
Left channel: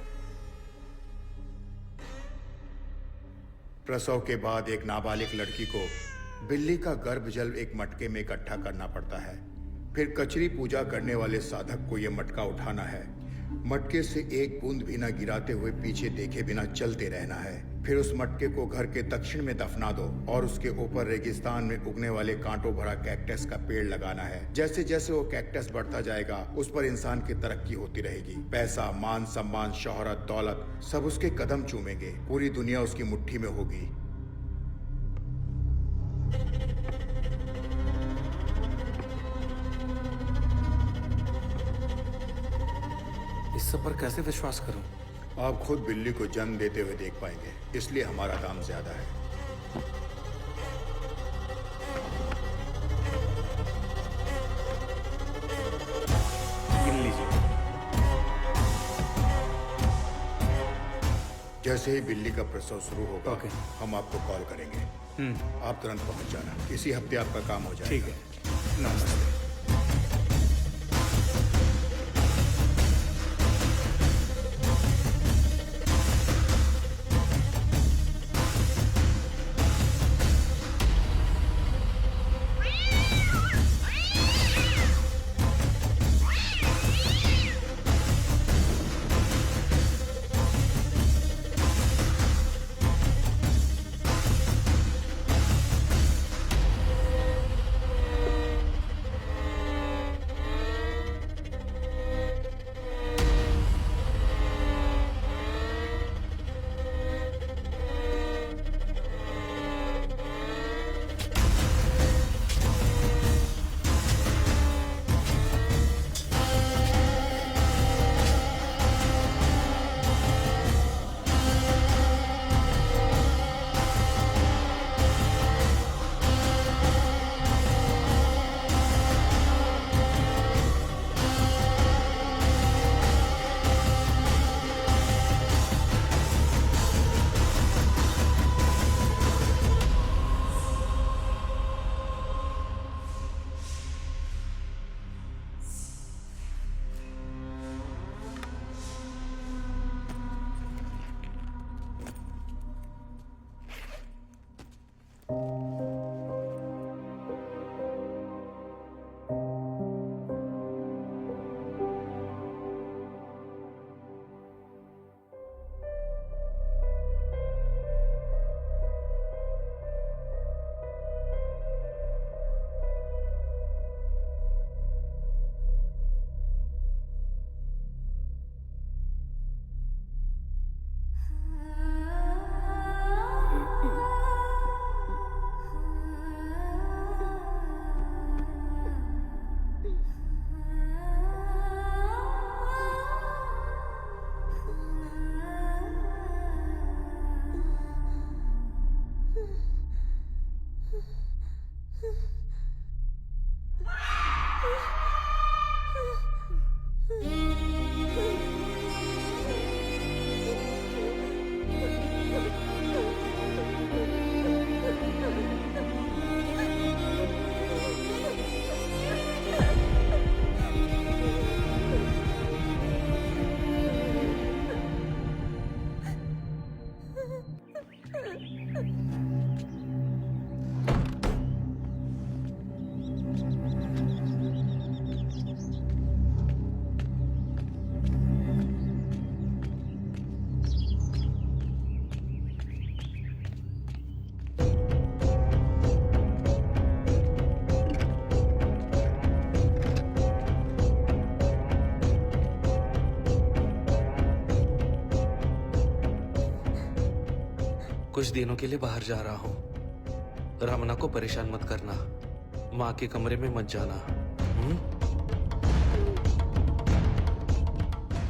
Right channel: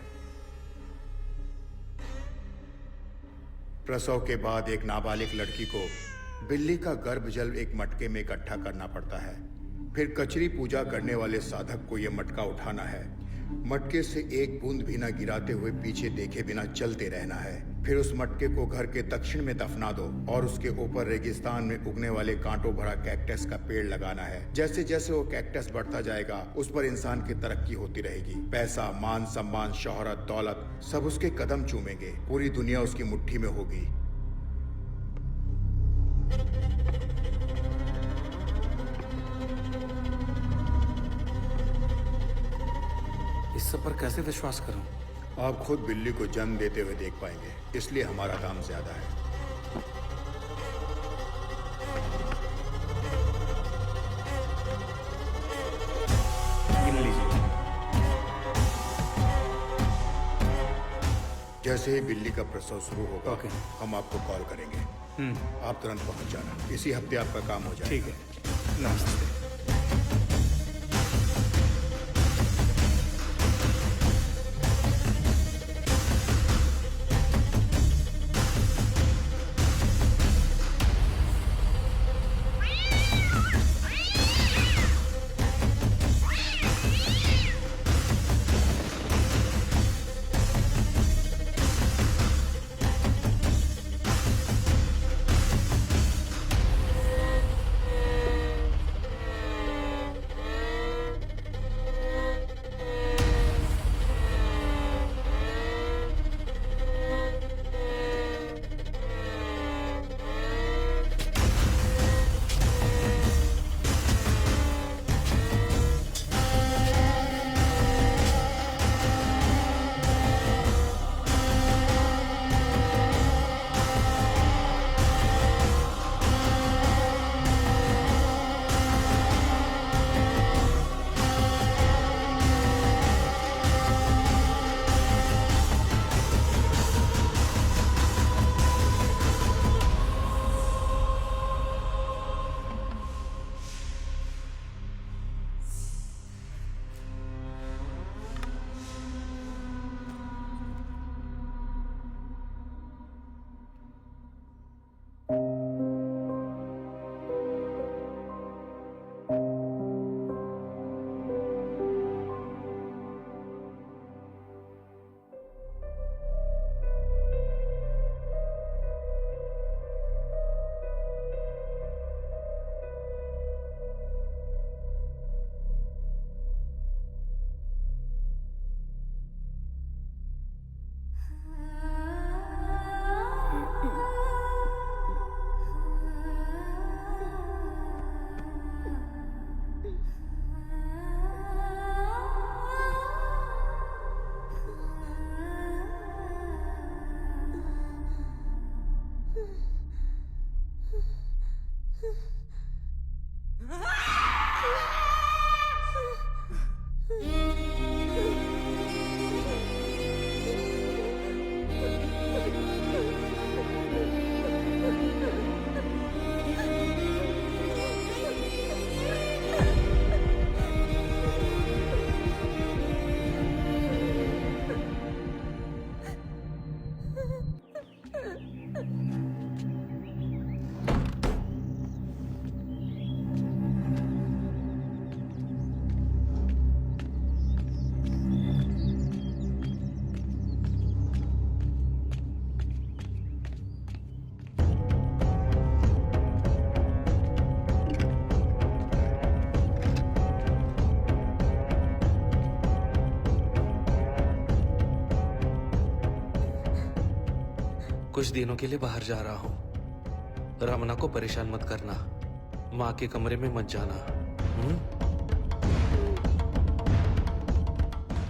प्रसव के बाद एक नाबालिग लड़की को बिल्ली का गर्भ जल एक मटके में इकट्ठा करना पड़ता है। फिर कचरी पूजा करने वाले साधक को यह मटका उठाना है। मटके से एक बूंद भी ना गिराते हुए पीछे देखे बिना चलते रहना है। फिर उस मटके को घर के दक्षिण में दफना दो और उसके ऊपर रेगिस्तान में उगने वाले कांटों भरा कैक्टस का पेड़ लगाना है। जैसे जैसे वो कैक्टस बढ़ता जाएगा उस पर इंसान की तरक्की होती रहेगी। पैसा, मान सम्मान, शोहरत, दौलत सब उसके कदम चूमेंगे। पूरी दुनिया उसकी मुट्ठी में होगी। इस सब पर कैसे विश्वास करूं? आप खुद बिल्ली को जन्म देते हुए देख पाएंगे, इसलिए हमारा दाम ज्यादा है। गिन लीजिए। जैसे ही बिल्ली का प्रसव शुरू होगा ओके। हम आपको कॉल करेंगे। आप तुरंत पहुंच जाना। इसी हफ्ते आपका काम हो जाएगा। ठीक है। नमस्ते। कुछ दिनों के लिए बाहर जा रहा हूँ। रमना को परेशान मत करना। माँ के कमरे में मत जाना।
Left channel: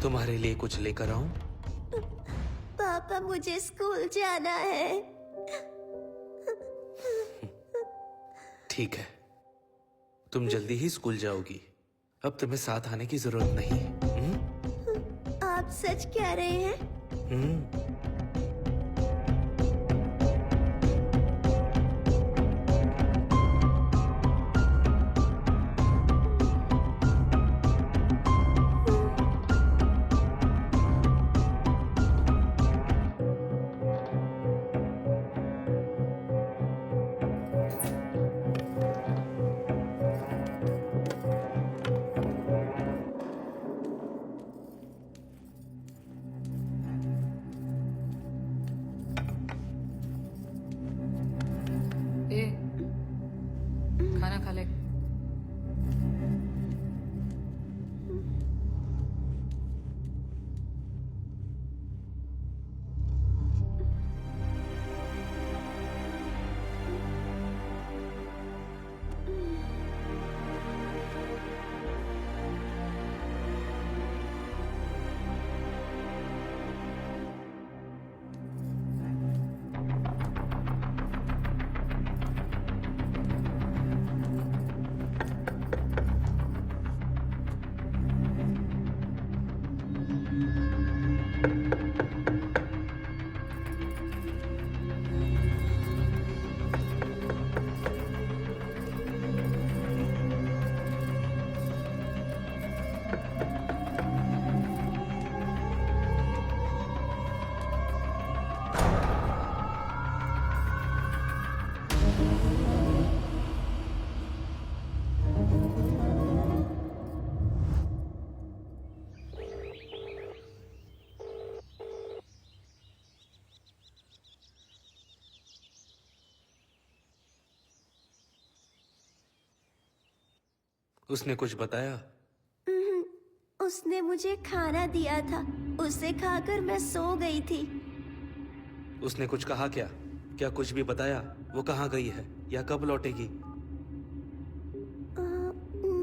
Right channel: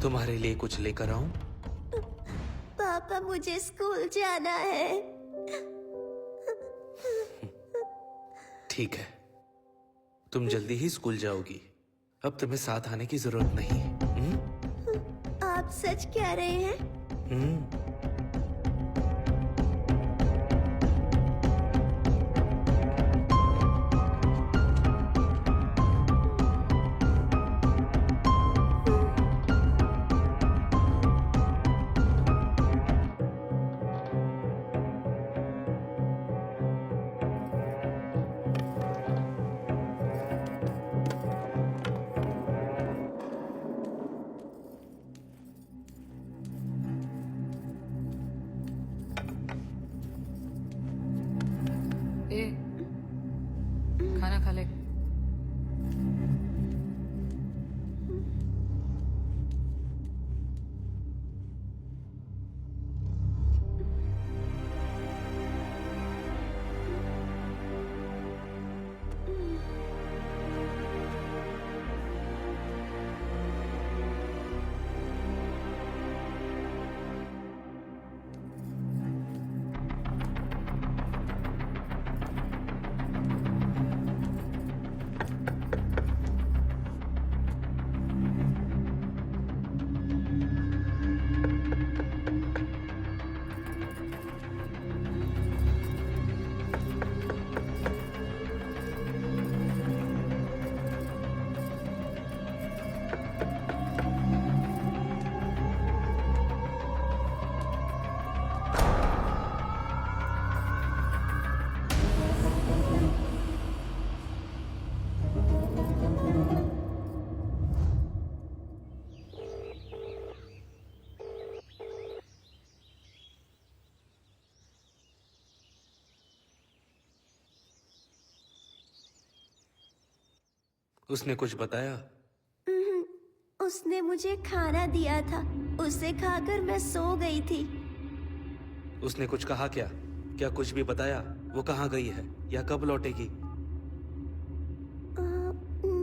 तुम्हारे लिए कुछ लेकर आऊं? पापा मुझे स्कूल जाना है। ठीक है, तुम जल्दी ही स्कूल जाओगी। अब तुम्हें साथ आने की जरूरत नहीं। आप सच कह रहे हैं? ए, खाना खा ले। उसने कुछ बताया? उसने मुझे खाना दिया था, उसे खाकर मैं सो गई थी। उसने कुछ कहा क्या? क्या कुछ भी बताया? वो कहाँ गई है या कब लौटेगी?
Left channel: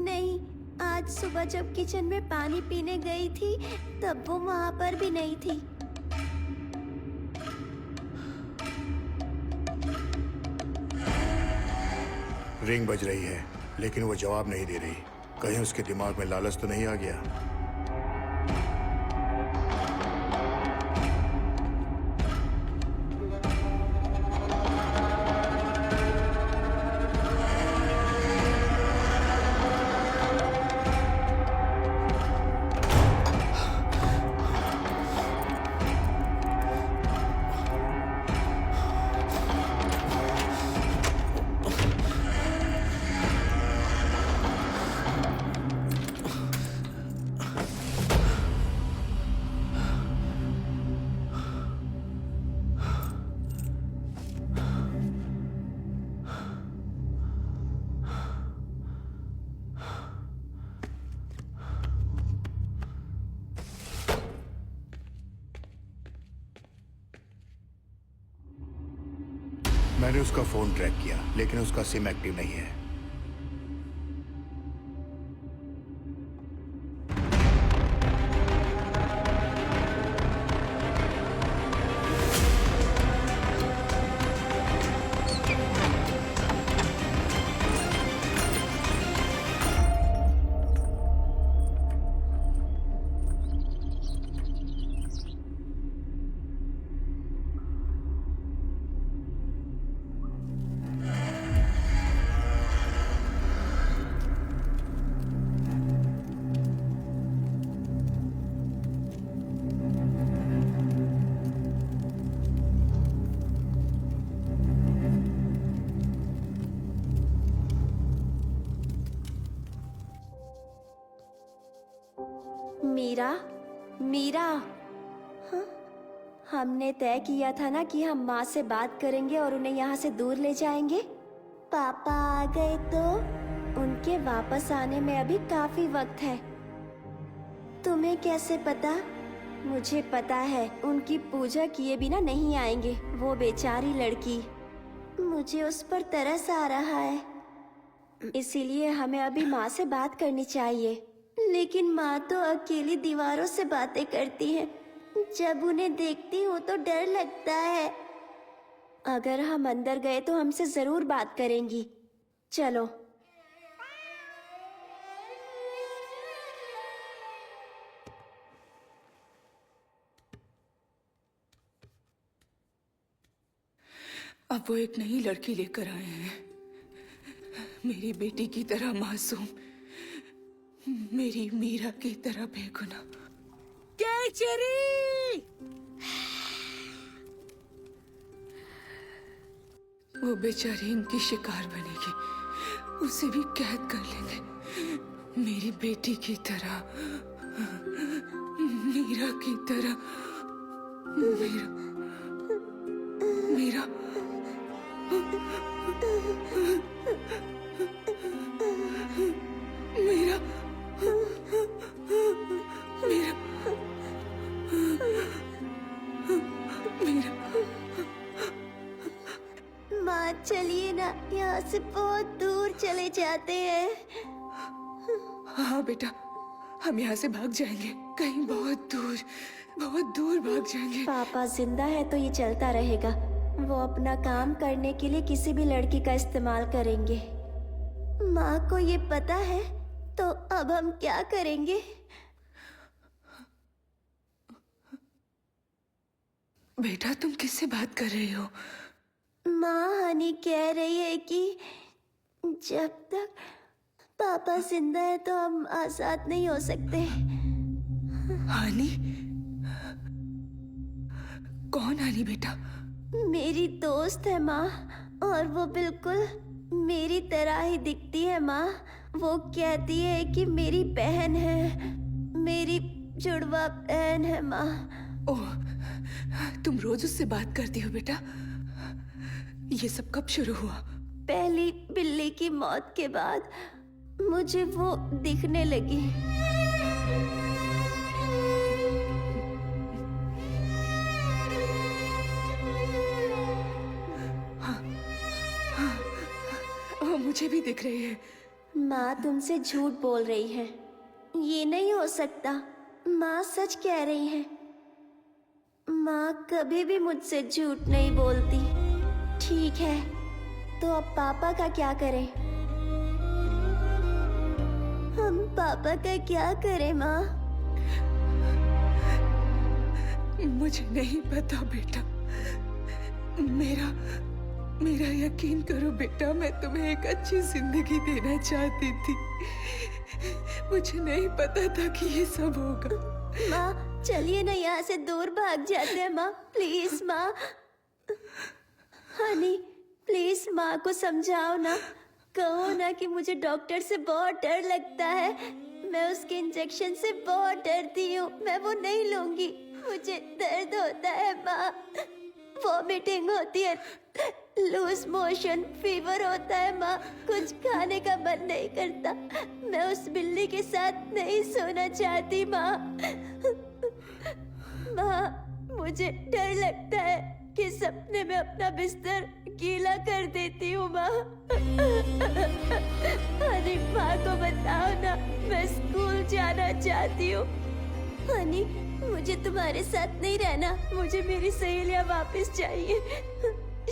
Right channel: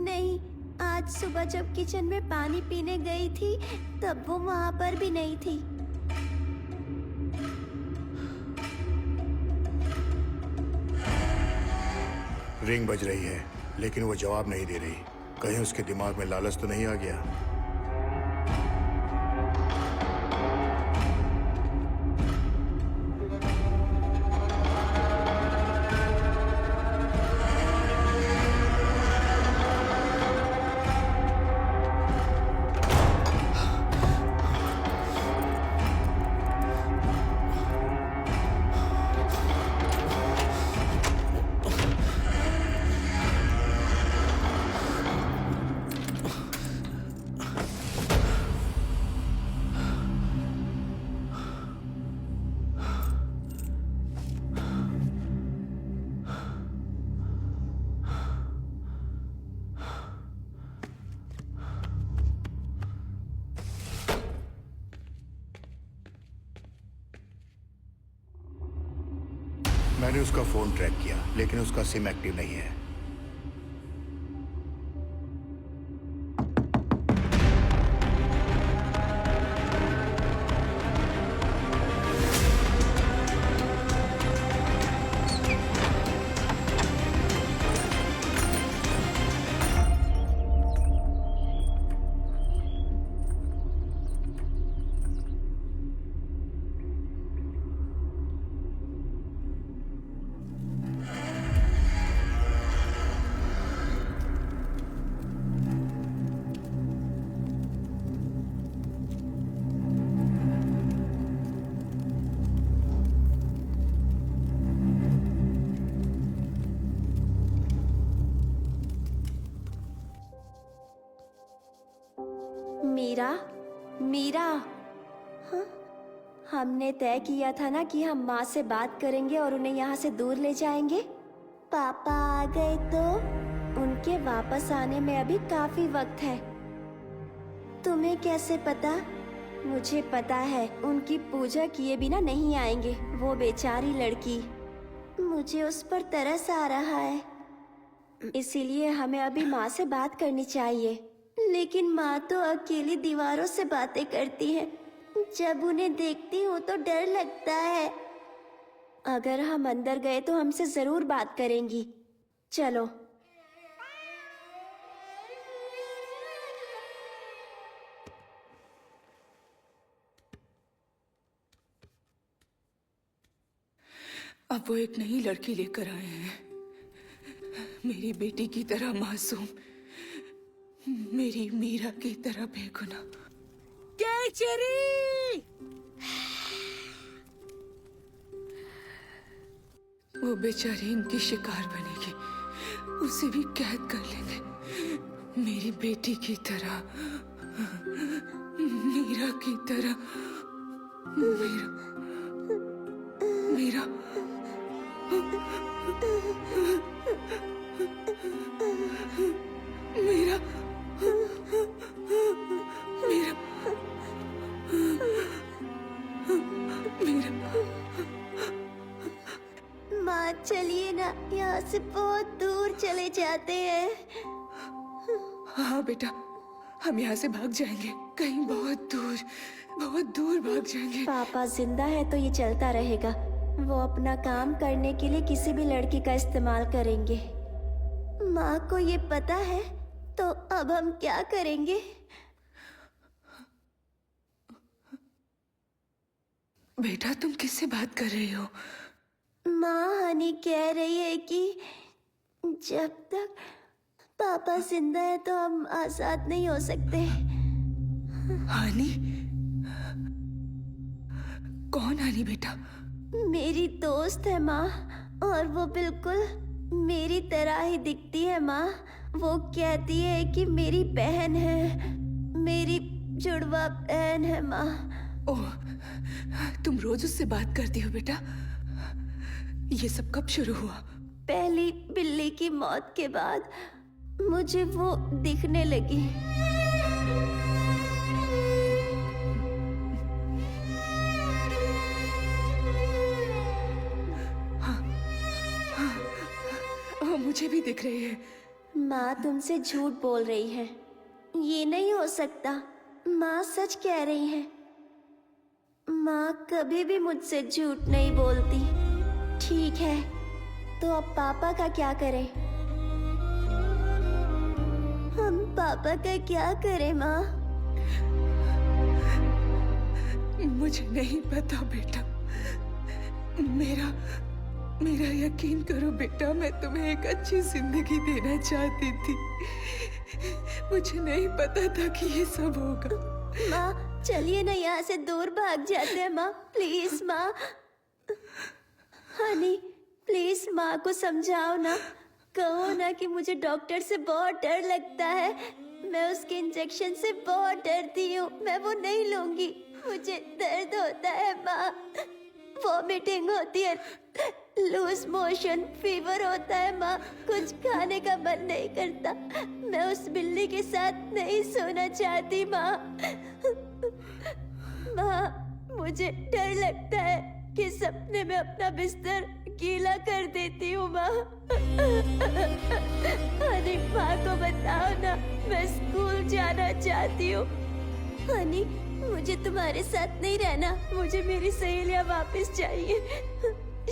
नहीं, आज सुबह जब किचन में पानी पीने गई थी तब वो वहाँ पर भी नहीं थी। रिंग बज रही है लेकिन वो जवाब नहीं दे रही। कहीं उसके दिमाग में लालच तो नहीं आ गया? मैंने उसका फोन ट्रैक किया लेकिन उसका सिम एक्टिव नहीं है। मीरा, मीरा, हाँ? हमने तय किया था ना कि हम माँ से बात करेंगे और उन्हें यहाँ से दूर ले जाएंगे। पापा आ गए तो उनके वापस आने में अभी काफी वक्त है। तुम्हें कैसे पता? मुझे पता है उनकी पूजा किए बिना नहीं आएंगे। वो बेचारी लड़की, मुझे उस पर तरस आ रहा है। इसीलिए हमें अभी माँ से बात करनी चाहिए। लेकिन माँ तो अकेली दीवारों से बातें करती है। जब उन्हें देखती हूँ तो डर लगता है। अगर हम अंदर गए तो हमसे जरूर बात करेंगी। चलो। अब वो एक नई लड़की लेकर आए हैं, मेरी बेटी की तरह मासूम, मेरी मीरा की तरह बेगुनाह। केचरी! वो बेचारी इनकी शिकार बनेगी, उसे भी कैद कर लेंगे मेरी बेटी की तरह, मीरा की तरह। मीरा, मीरा, मीरा, मीरा, मीरा। माँ चलिए ना, यहाँ से बहुत दूर चले जाते हैं। हाँ बेटा, हम यहाँ से भाग जाएंगे, कहीं बहुत दूर भाग जाएंगे। पापा जिंदा है तो ये चलता रहेगा। वो अपना काम करने के लिए किसी भी लड़की का इस्तेमाल करेंगे। माँ को ये पता है तो अब हम क्या करेंगे? बेटा तुम किससे बात कर रही हो? माँ हनी कह रही है कि जब तक पापा जिंदा है तो हम आजाद नहीं हो सकते। हानी? कौन हानी बेटा? मेरी दोस्त है माँ, और वो बिल्कुल मेरी तरह ही दिखती है माँ। वो कहती है कि मेरी बहन है, मेरी जुड़वा बहन है माँ। ओह, तुम रोज उससे बात करती हो बेटा? ये सब कब शुरू हुआ? पहली बिल्ली की मौत के बाद मुझे वो दिखने लगी। वो मुझे भी दिख रही है। माँ तुमसे झूठ बोल रही है, ये नहीं हो सकता। माँ सच कह रही है। माँ कभी भी मुझसे झूठ नहीं बोलती। ठीक है, तो अब पापा का क्या करें? हम पापा का क्या करें माँ? मुझे नहीं पता बेटा। मेरा यकीन करो बेटा, मैं तुम्हें एक अच्छी जिंदगी देना चाहती थी। मुझे नहीं पता था कि ये सब होगा। माँ चलिए ना, यहाँ से दूर भाग जाते हैं माँ। प्लीज माँ। हनी प्लीज माँ को समझाओ ना। कहो ना कि मुझे डॉक्टर से बहुत डर लगता है। मैं उसके इंजेक्शन से बहुत डरती हूँ। मैं वो नहीं लूंगी। मुझे दर्द होता है माँ, वॉमिटिंग होती है, लूज मोशन, फीवर होता है माँ। कुछ खाने का मन नहीं करता। मैं उस बिल्ली के साथ नहीं सोना चाहती माँ। माँ मुझे डर लगता है कि सपने में अपना बिस्तर गीला कर देती हूँ माँ। हनी माँ को बताओ ना, मैं स्कूल जाना चाहती हूँ। हनी मुझे तुम्हारे साथ नहीं रहना। मुझे मेरी सहेलियाँ वापस चाहिए।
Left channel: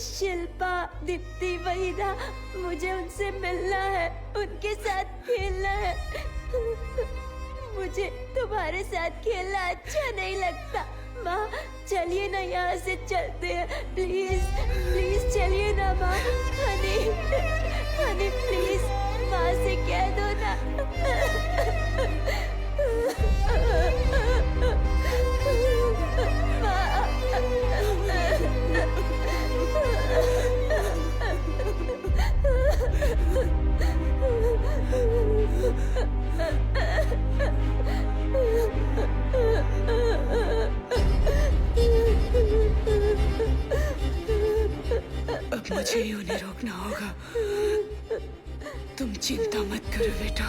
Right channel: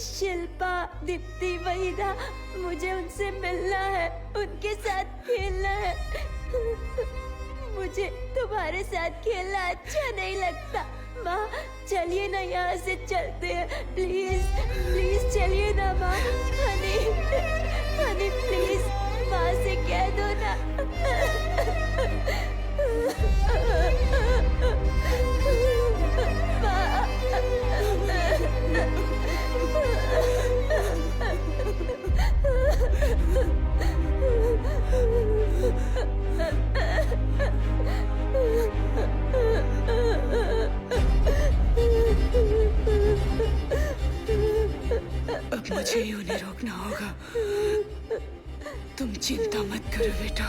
शिल्पा, दीप्ति, वहीदा, मुझे उनसे मिलना है, उनके साथ खेलना है। मुझे तुम्हारे साथ खेलना अच्छा नहीं लगता। माँ चलिए ना, यहाँ से चलते हैं। प्लीज प्लीज चलिए ना माँ। हनी हनी प्लीज माँ से कह दो ना। अब मुझे ही उन्हें रोकना होगा। तुम चिंता मत करो बेटा।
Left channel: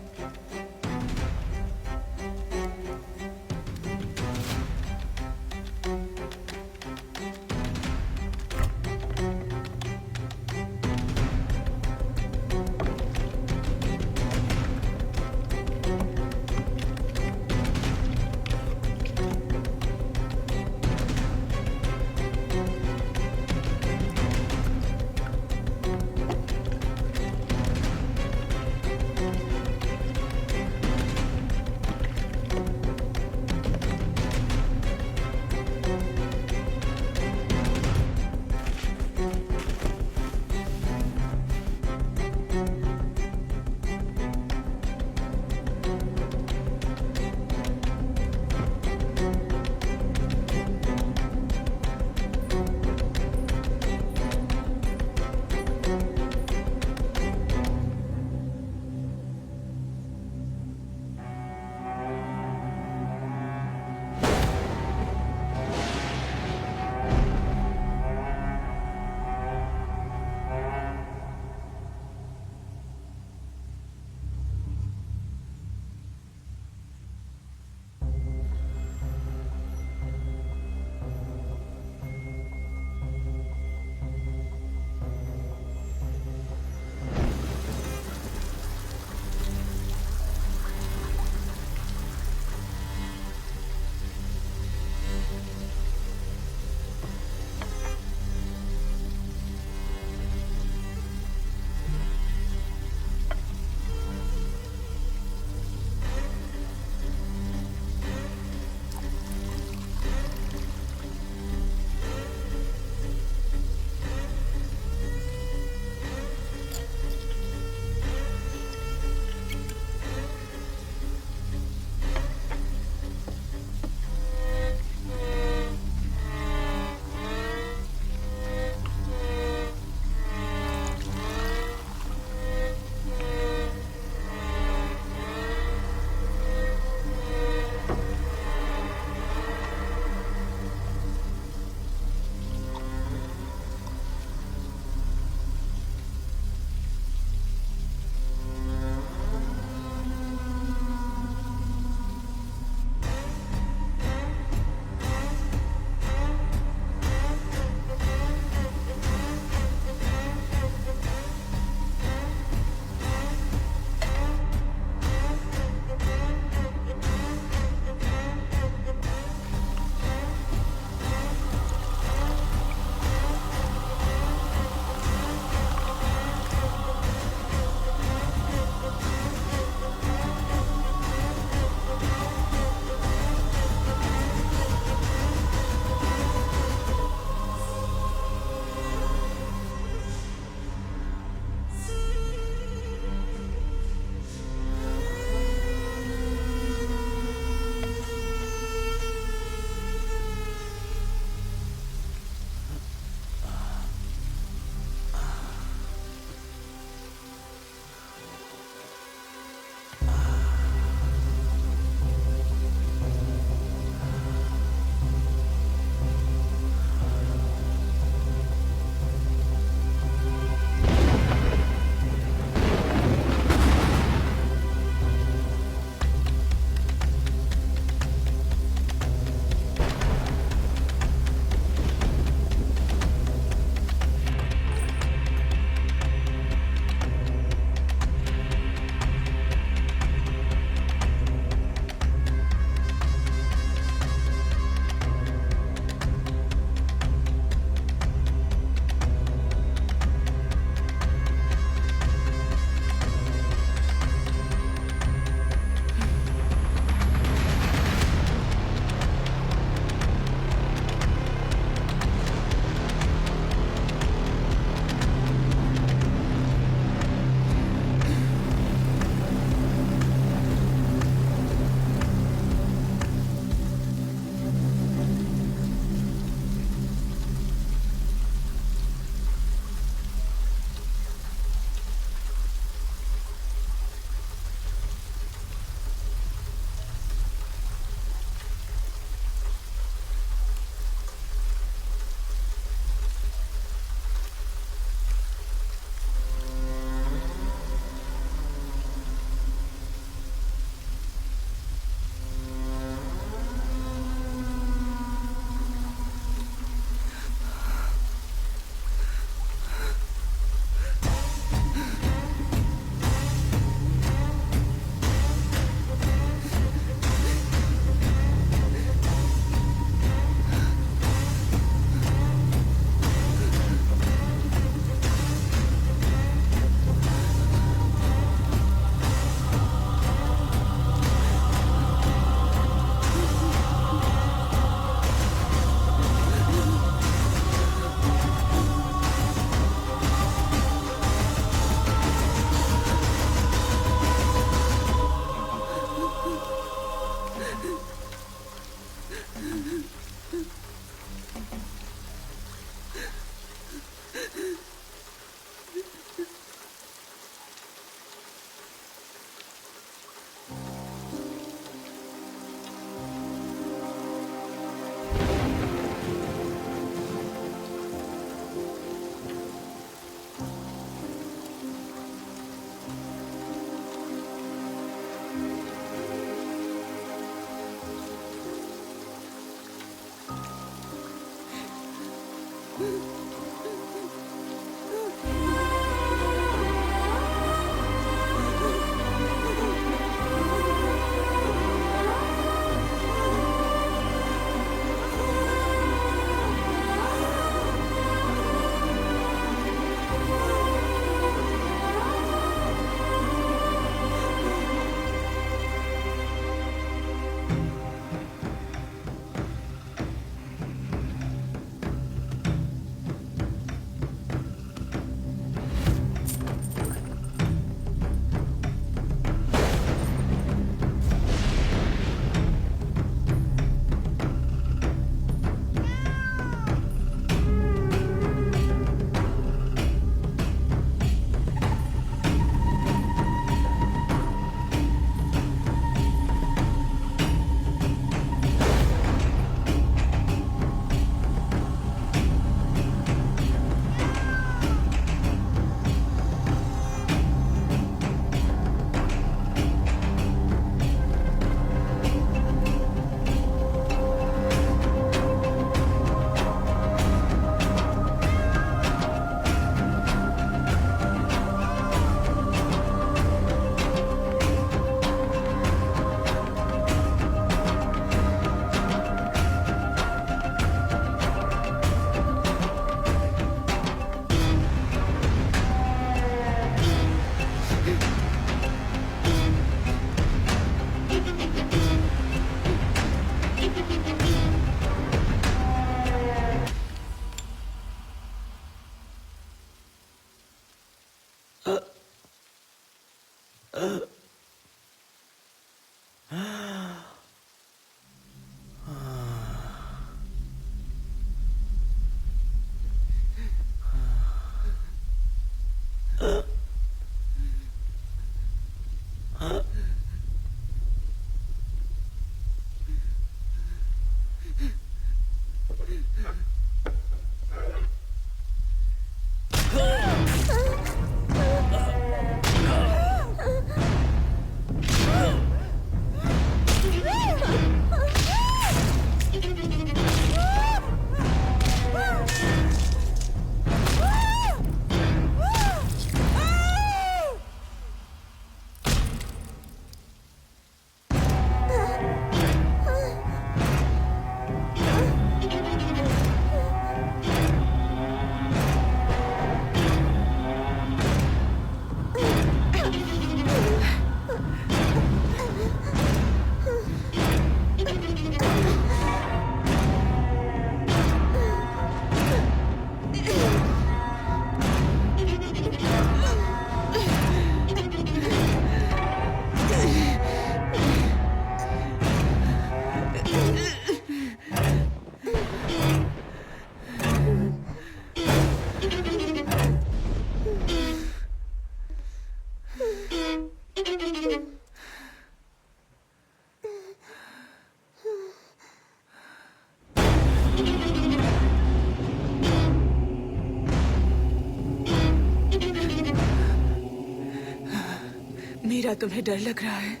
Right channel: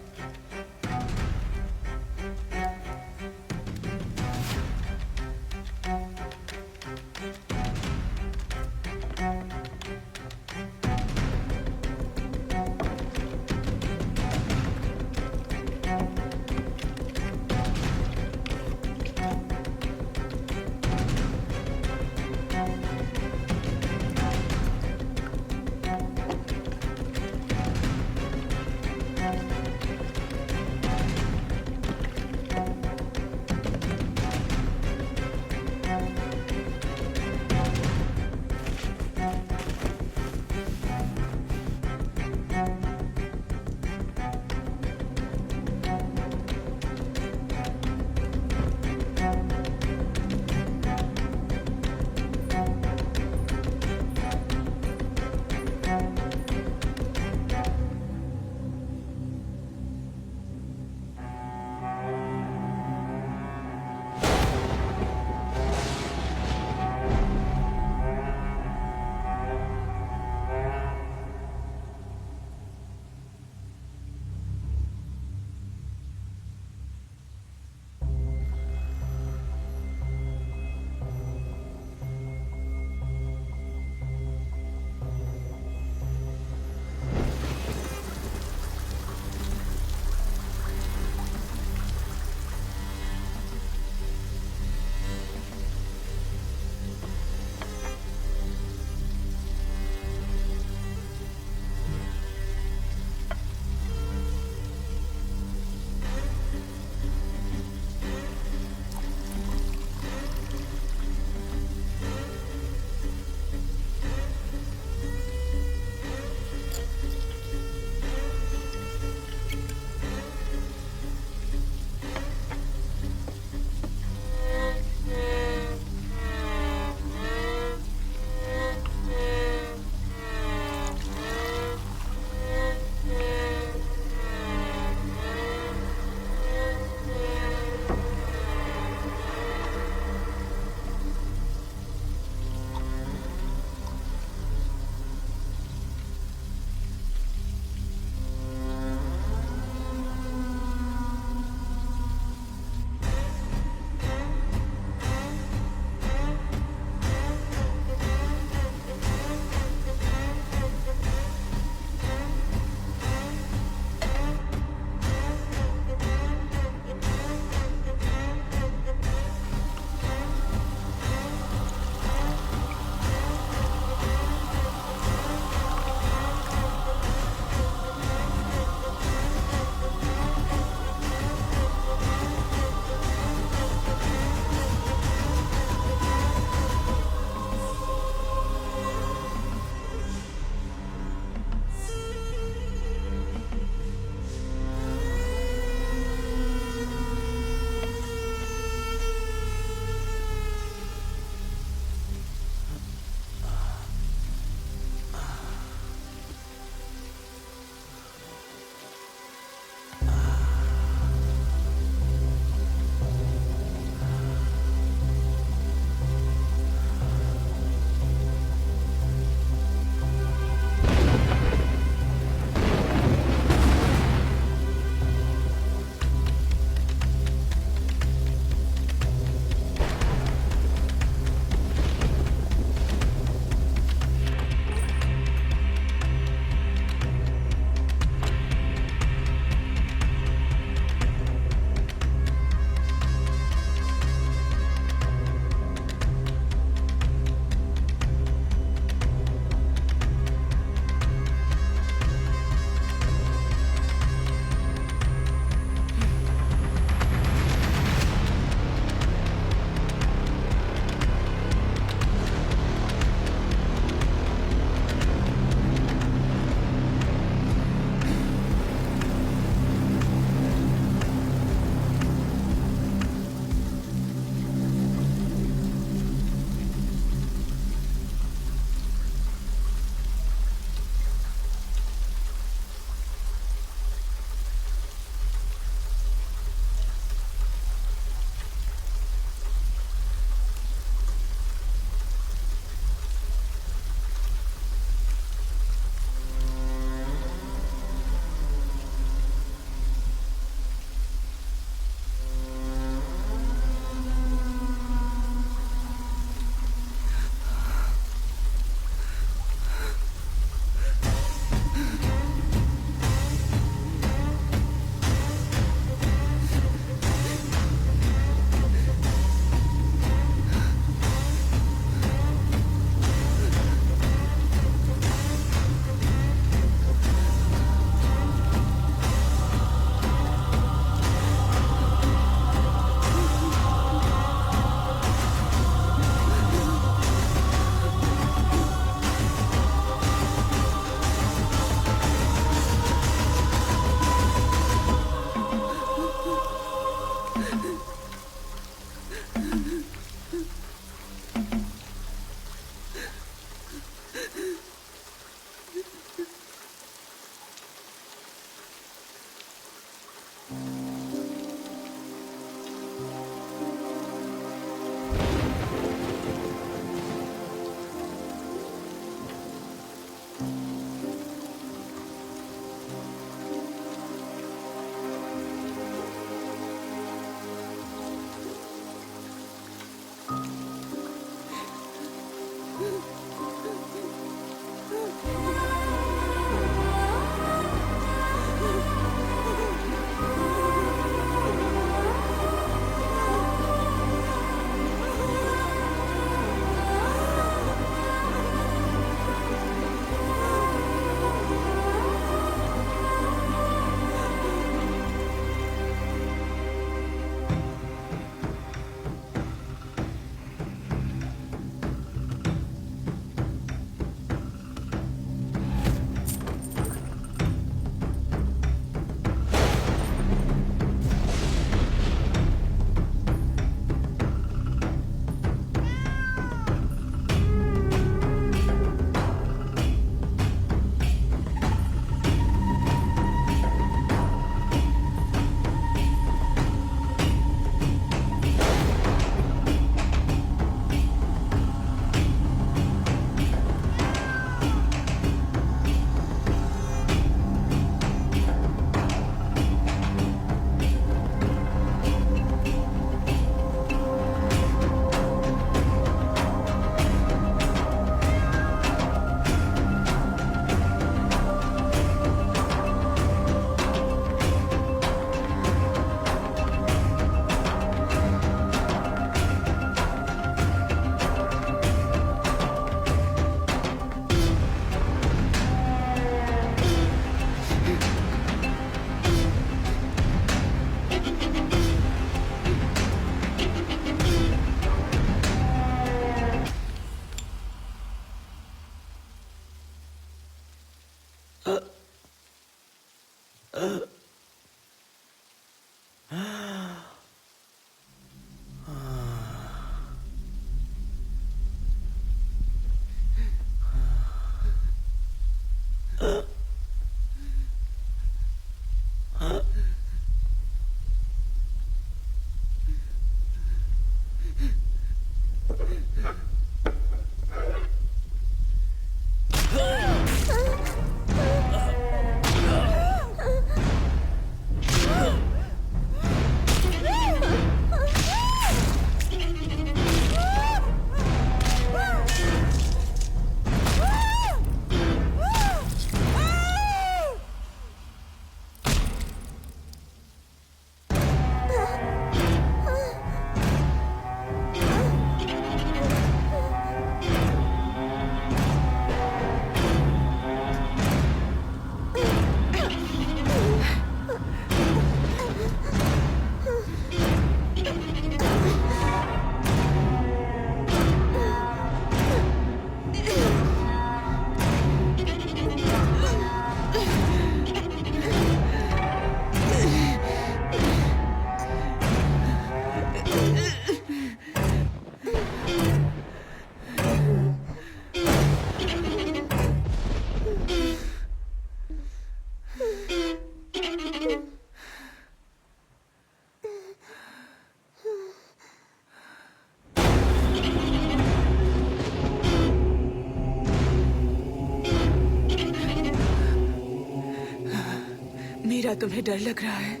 मीरा, तुम्हें डर लग रहा है?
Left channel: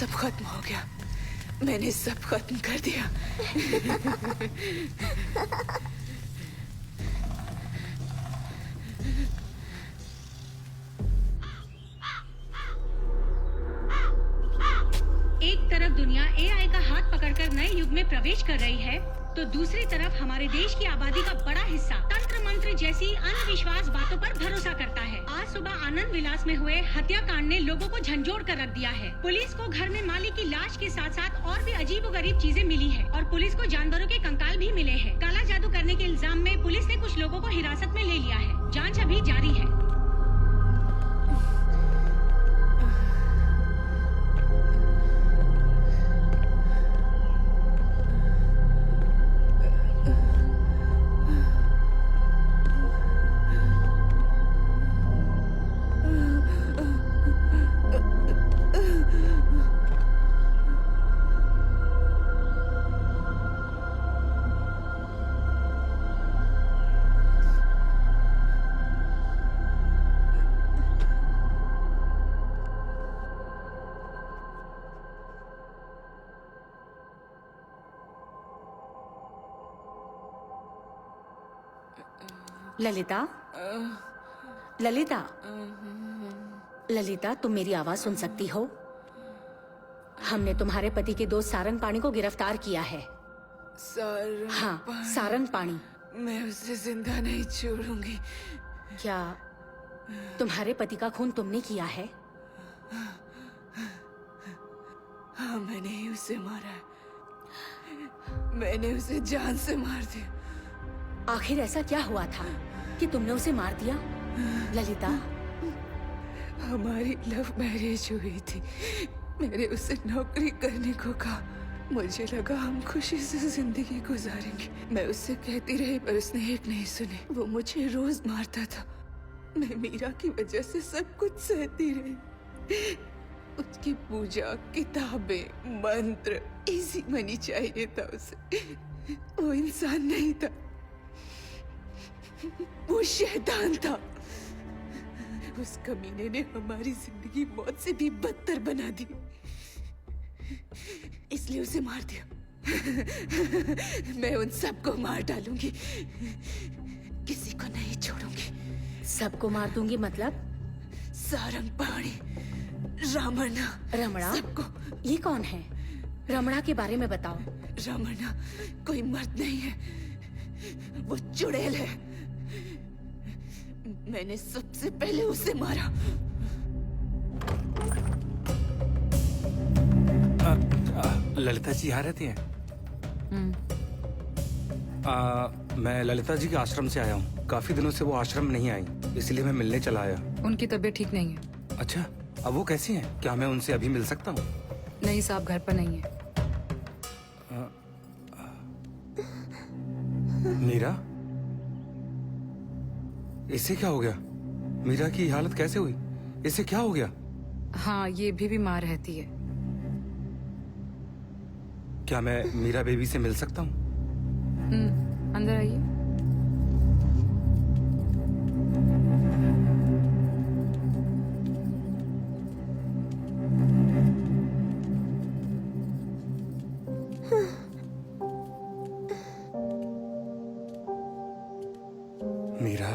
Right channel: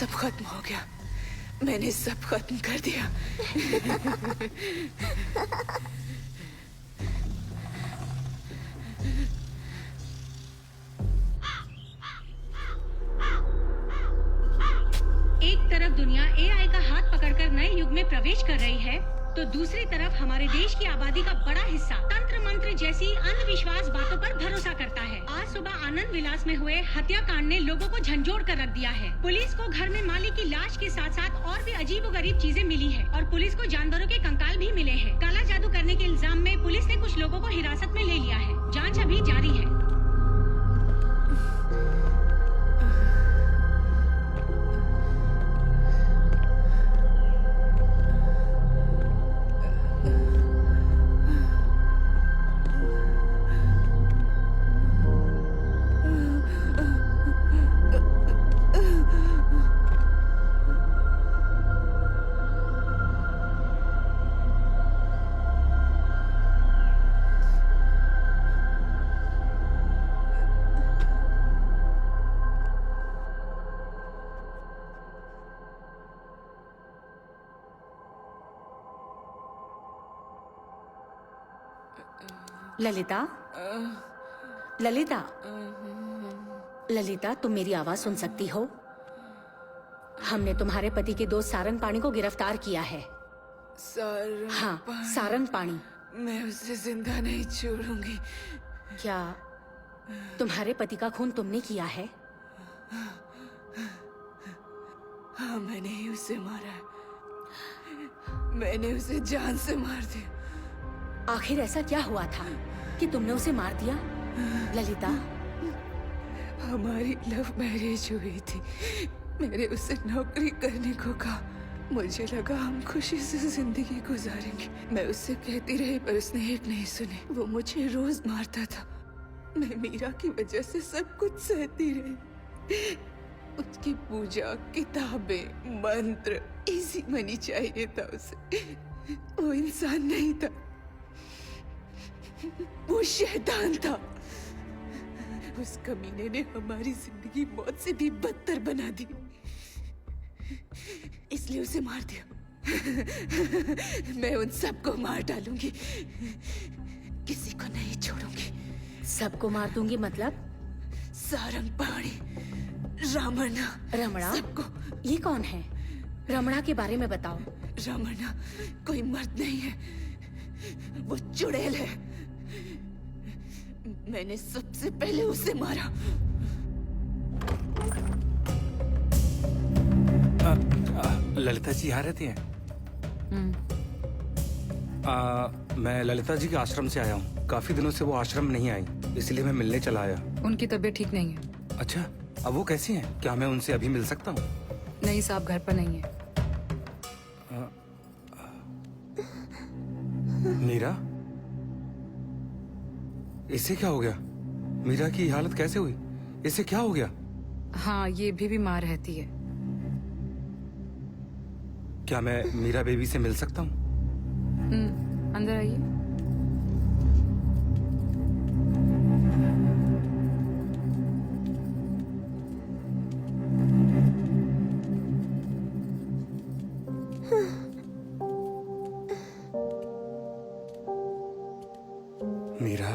सब खत्म हो गया। मैंने सब खत्म कर दिया। दुनिया एआई का हाथ पकड़कर नए युग में प्रवेश कर रही है, तो दूसरी तरफ हमारे देश की आबादी का बड़ा हिस्सा तंत्र मंत्र जैसी अंधविश्वास बातों पर भरोसा करता है। आज सुबह आनंद विलास में हुए हत्याकांड ने लोगों को झंझोड़ कर रख दिया है। पुलिस को घर में मालिक की लाश के साथ साथ और भी अजीबोगरीब चीजें मिली है और पुलिस को जानवरों के कंकाल भी मिले हैं। काला जादू करने के इल्जाम में पुलिस ने कुछ लोगों को हिरासत में ले लिया है। जांच अभी जारी है। ललिता, ललिता, ललिता, तुम मेरी आवाज सुन सकती हो? हमने तुम्हारे पति के दोस्त सारंग पाणी को गिरफ्तार किया है। हाँ, सारंग पाणी। मैं उसे जिंदा नहीं छोड़ूंगी। क्या तुम्हारे पति का खून तुमने किया है? हाँ, मैंने ही उसे मारा है। मैंने उसे जान से मार दिया। आखिर ऐसा क्या हुआ था कि तुमने उसे मार दिया? ललिता, हमारी लव मैरिज हुई थी। मैंने उसे नौकरी करने को कहा। मुझे लगा हम खुशी से जिंदगी गुजारेंगे। मैं उससे कहती रही पर उसने एक नहीं सुनी। वो मुझे रोज मारता था। मैं मीरा की वजह से सब कुछ सहती रही। उसकी पूजा, किताबें, मंत्र, इजी मनी चाहिए था उसे। वो इंसान नहीं था, वो शैतान था। उस कमीने ने हमारी जिंदगी मौत से भी बदतर बना दी, इसलिए उसे मार दिया। मैं उन सबको मार डालूंगी, किसी को नहीं छोड़ूंगी। सबको मार दूंगी मतलब? सारंग पाणी, रमणा, रमणा? सबको। ये कौन है? रमणा के बारे में बताओ। रमणा कोई मर्द नहीं है, वो चुड़ैल है। मैंने सबसे पहले उसे मारा। ललिता जी यहाँ रहती हैं? मैं ललिता जी के आश्रम से आया हूँ। काफी दिनों से वो आश्रम नहीं आई, इसलिए मैं मिलने चला आया। उनकी तबीयत ठीक नहीं है। अच्छा, अब वो कैसी हैं? क्या मैं उनसे अभी मिल सकता हूँ? नहीं साहब, घर पर नहीं है। मीरा, इसे क्या हो गया? मीरा की हालत कैसे हुई? इसे क्या हो गया? हाँ, ये भी बीमार रहती है। क्या मैं मीरा बेबी से मिल सकता हूँ? अंदर आइए। मीरा,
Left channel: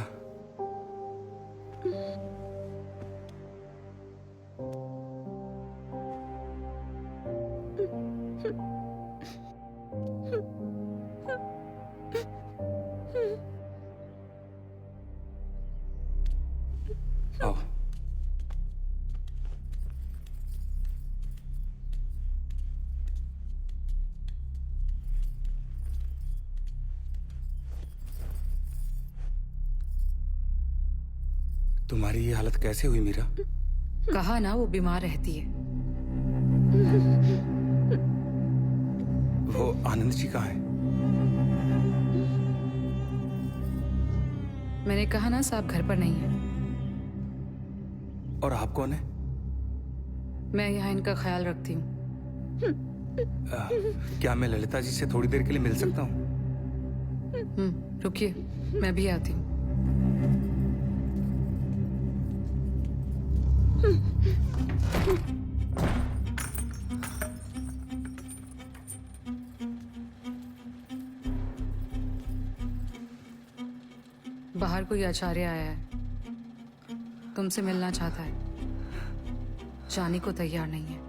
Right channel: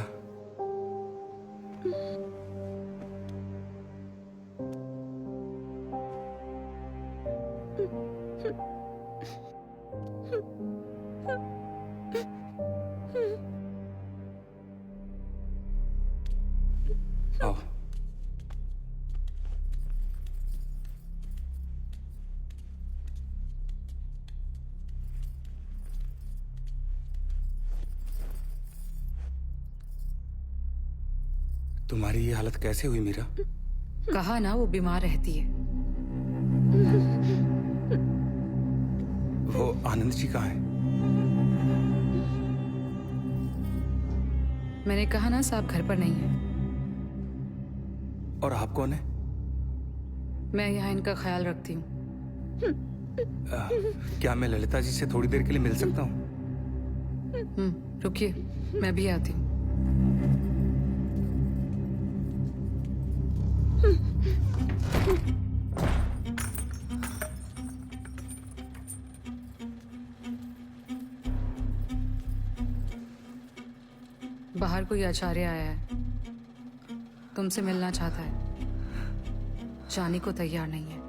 आओ। तुम्हारी ये हालत कैसे हुई मीरा? कहा ना, वो बीमार रहती है। वो आनंद जी कहाँ हैं? मैंने कहा ना साहब, घर पर नहीं है। और आप कौन है? मैं यहाँ इनका ख्याल रखती हूँ। क्या मैं ललिता जी से थोड़ी देर के लिए मिल सकता हूँ? रुकिए, मैं भी आती हूँ। बाहर कोई आचार्य आया है, तुमसे मिलना चाहता है, जाने को तैयार नहीं है।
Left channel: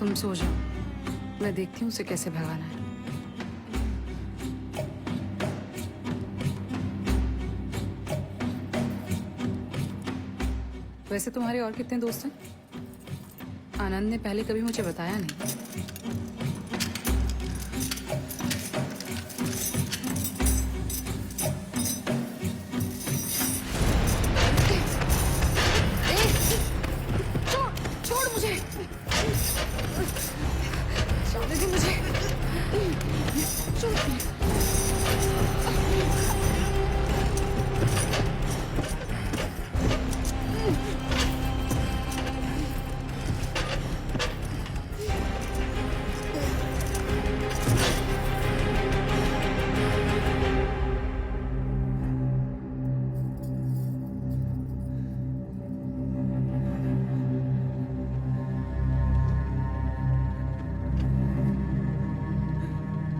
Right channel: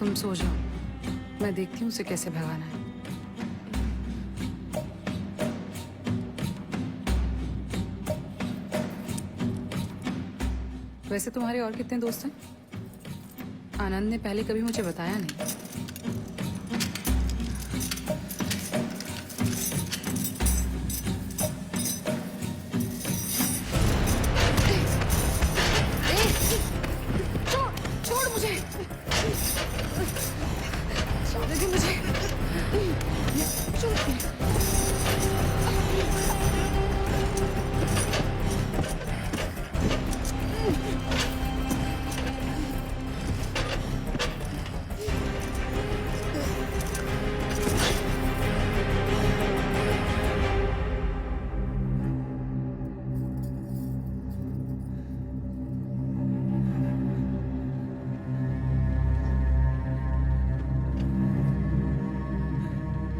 तुम सो जाओ, मैं देखती हूँ उसे कैसे भगाना है। वैसे तुम्हारे और कितने दोस्त हैं? आनंद ने पहले कभी मुझे बताया नहीं। छोड़ मुझे, छोड़ दे मुझे, छोड़।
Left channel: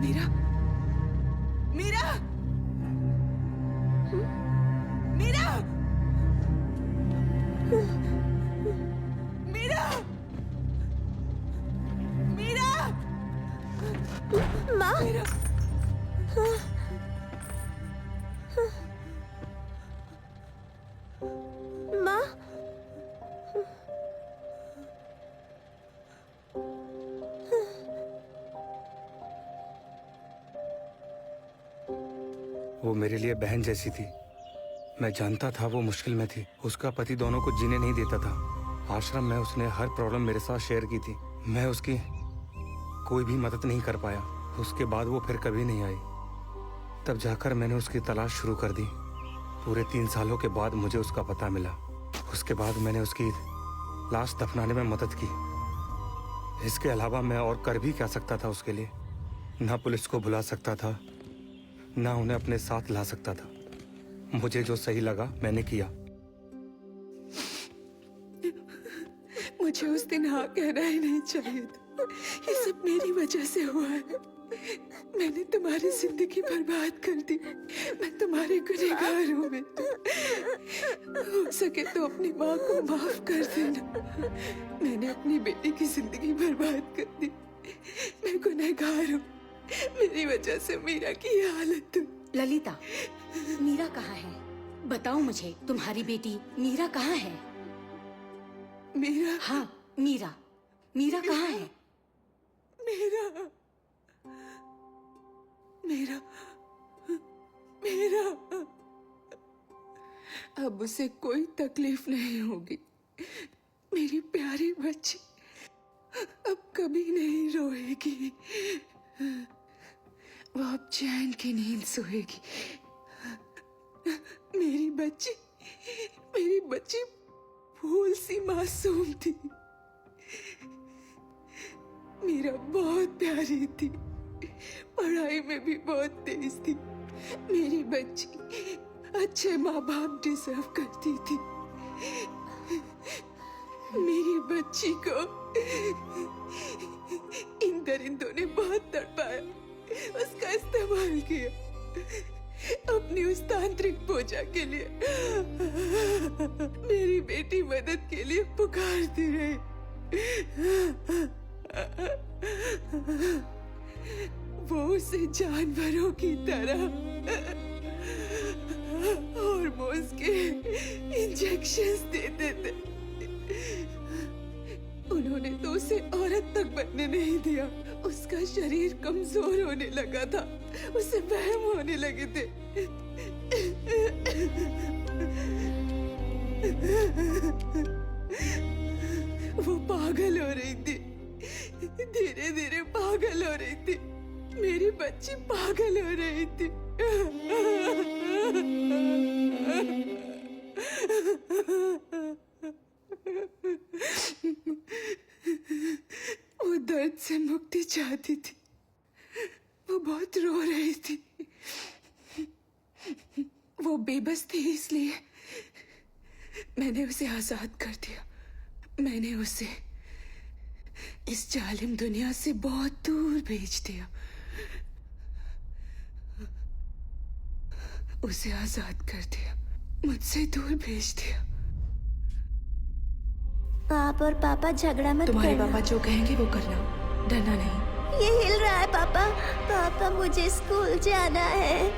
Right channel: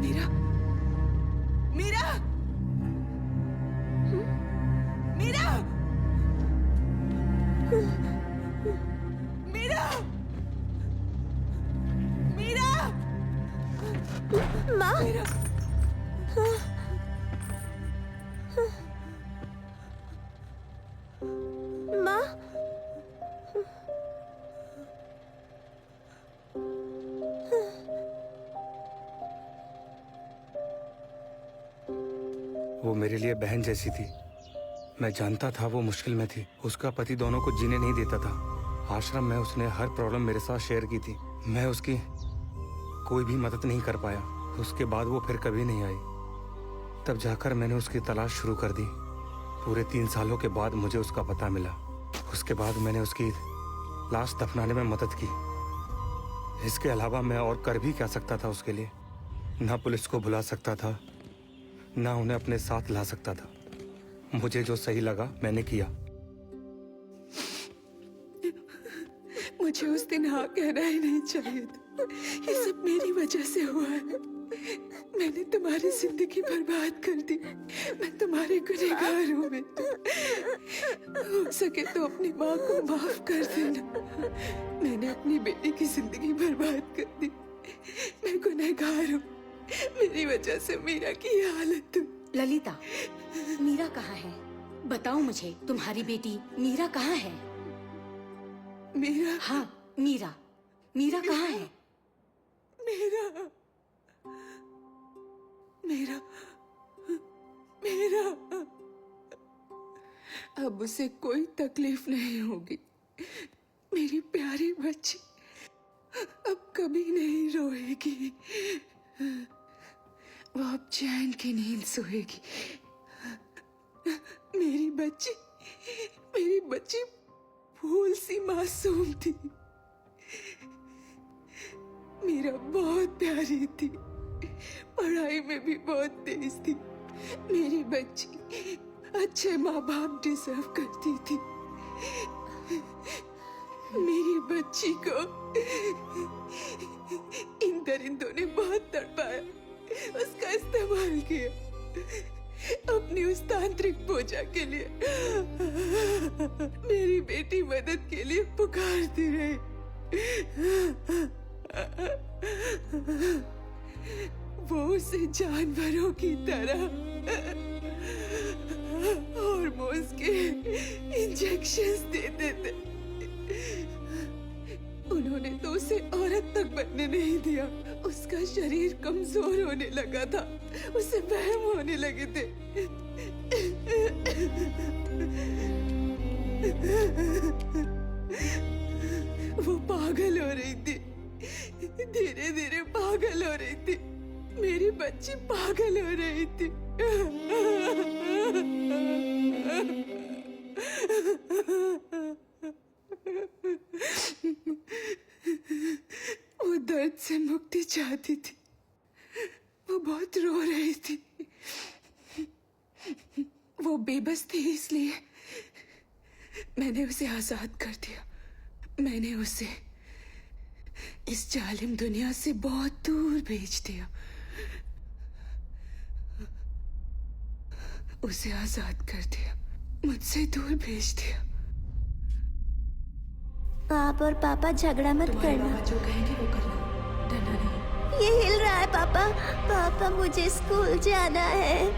मीरा, मीरा, मीरा, मीरा, मीरा, माँ, मीरा। माँ, वो मेरे लिए बहन जैसी थी। मैं जानता था वो मुश्किल में थी। उसका पति दोनों को जीने नहीं देता था। आश्रम में उसने हर प्रॉब्लम मेरे साथ शेयर की थी। मैं उसकी कोई भी मदद नहीं कर पाया। उसके बाद वो फिर कभी नहीं आई। तब जाकर मैंने उसकी तलाश शुरू कर दी। पूरे 3 सालों के बाद मुझे उसका पता मिला। उसके बाद मैंने उसकी लाश दफनाने में मदद की। इसके अलावा मैं और कर भी क्या सकता था उसके लिए? ना पुलिस को बुला सकता था, ना उन्हें अपने साथ ला सकता था। मुझे जो सही लगा मैंने किया। मुझे उस दिन हाँ कहना ही नहीं चाहिए था। ये सब मेरी वजह से हुआ है। मैंने तुम्हारी जिंदगी बर्बाद कर दी। मैं तुम्हारे गुनहगार हूँ बेटा। हो सके तो अपनी माँ को माफ कर देना। मैंने अपनी बेटी की जिंदगी बर्बाद कर दी। मैं गुनहगार हूँ। मेरी वजह से मीरा की ये हालत हुई। ललिता, मीरा कहाँ है? बताओ मुझे, तुम्हारी बेटी मीरा कहाँ है? मीरा? हाँ, मीरा। मीरा कहाँ है? मीरा, मीरा, मीरा। अब उसे कोई तकलीफ नहीं होगी। मेरी प्यारी बच्ची अब कभी नहीं रोएगी। वो अब चैन की नींद सोएगी। मेरी बच्ची फूल सी मासूम थी। मीरा बहुत प्यारी थी। पढ़ाई में भी बहुत तेज थी। मेरी बच्ची अच्छे माँ बाप डिजर्व करती थी। मेरी बच्ची को इन दरिंदों ने बहुत तड़पाया, उसका इस्तेमाल किया अपनी उस तांत्रिक पूजा के लिए। मेरी बेटी मदद के लिए पुकारती रही। वो उसे जानवरों की तरह हार्मोन्स के इंजेक्शंस देते थे। उन्होंने तो उसे औरत तक बनने नहीं दिया। उसका शरीर कमजोर होने लगा था। उसे वहम होने लगे थे। वो पागल हो रही थी। धीरे धीरे पागल हो रही थी। मेरी बच्ची पागल हो रही थी। वो दर्द से मुक्ति चाहती थी। वो बहुत रो रही थी। वो बेबस थी, इसलिए मैंने उसे आजाद कर दिया। मैंने उसे इस जालिम दुनिया से बहुत दूर भेज दिया। उसे आजाद कर दिया, मुझसे दूर भेज दिया। आप और पापा झगड़ा मत तुम्हारे करना। पापा जो कहेंगे वो करना, डरना नहीं। ये हिल रहा है पापा। पापा मुझे स्कूल जाना है।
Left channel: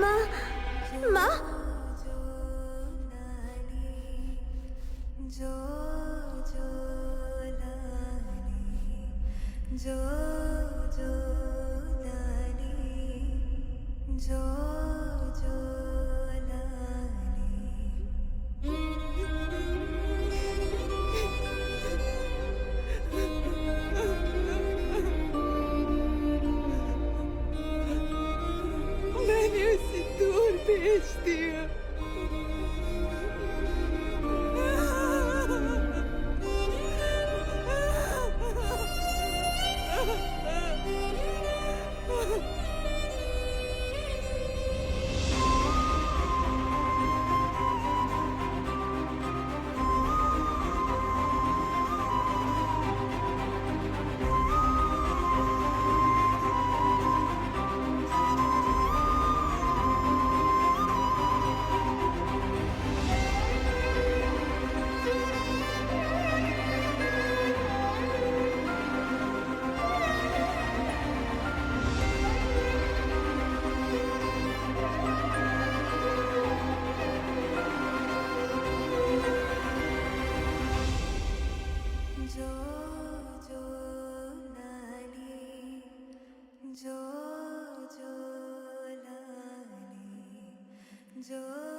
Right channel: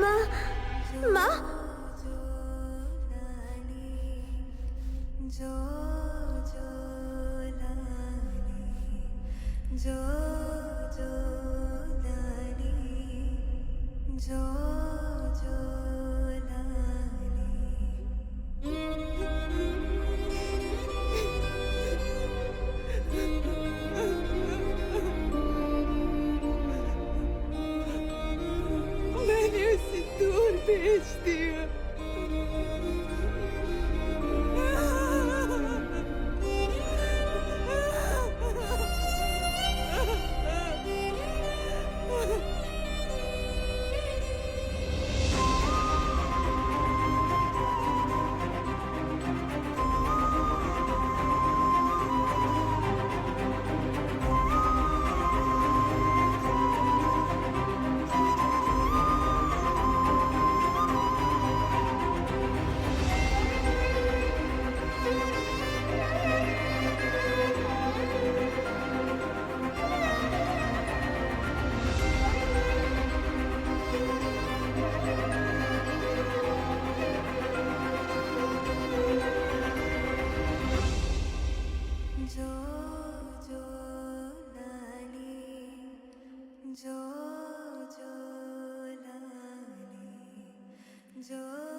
माँ, माँ। मैंने उसे दूर भेज दिया। जो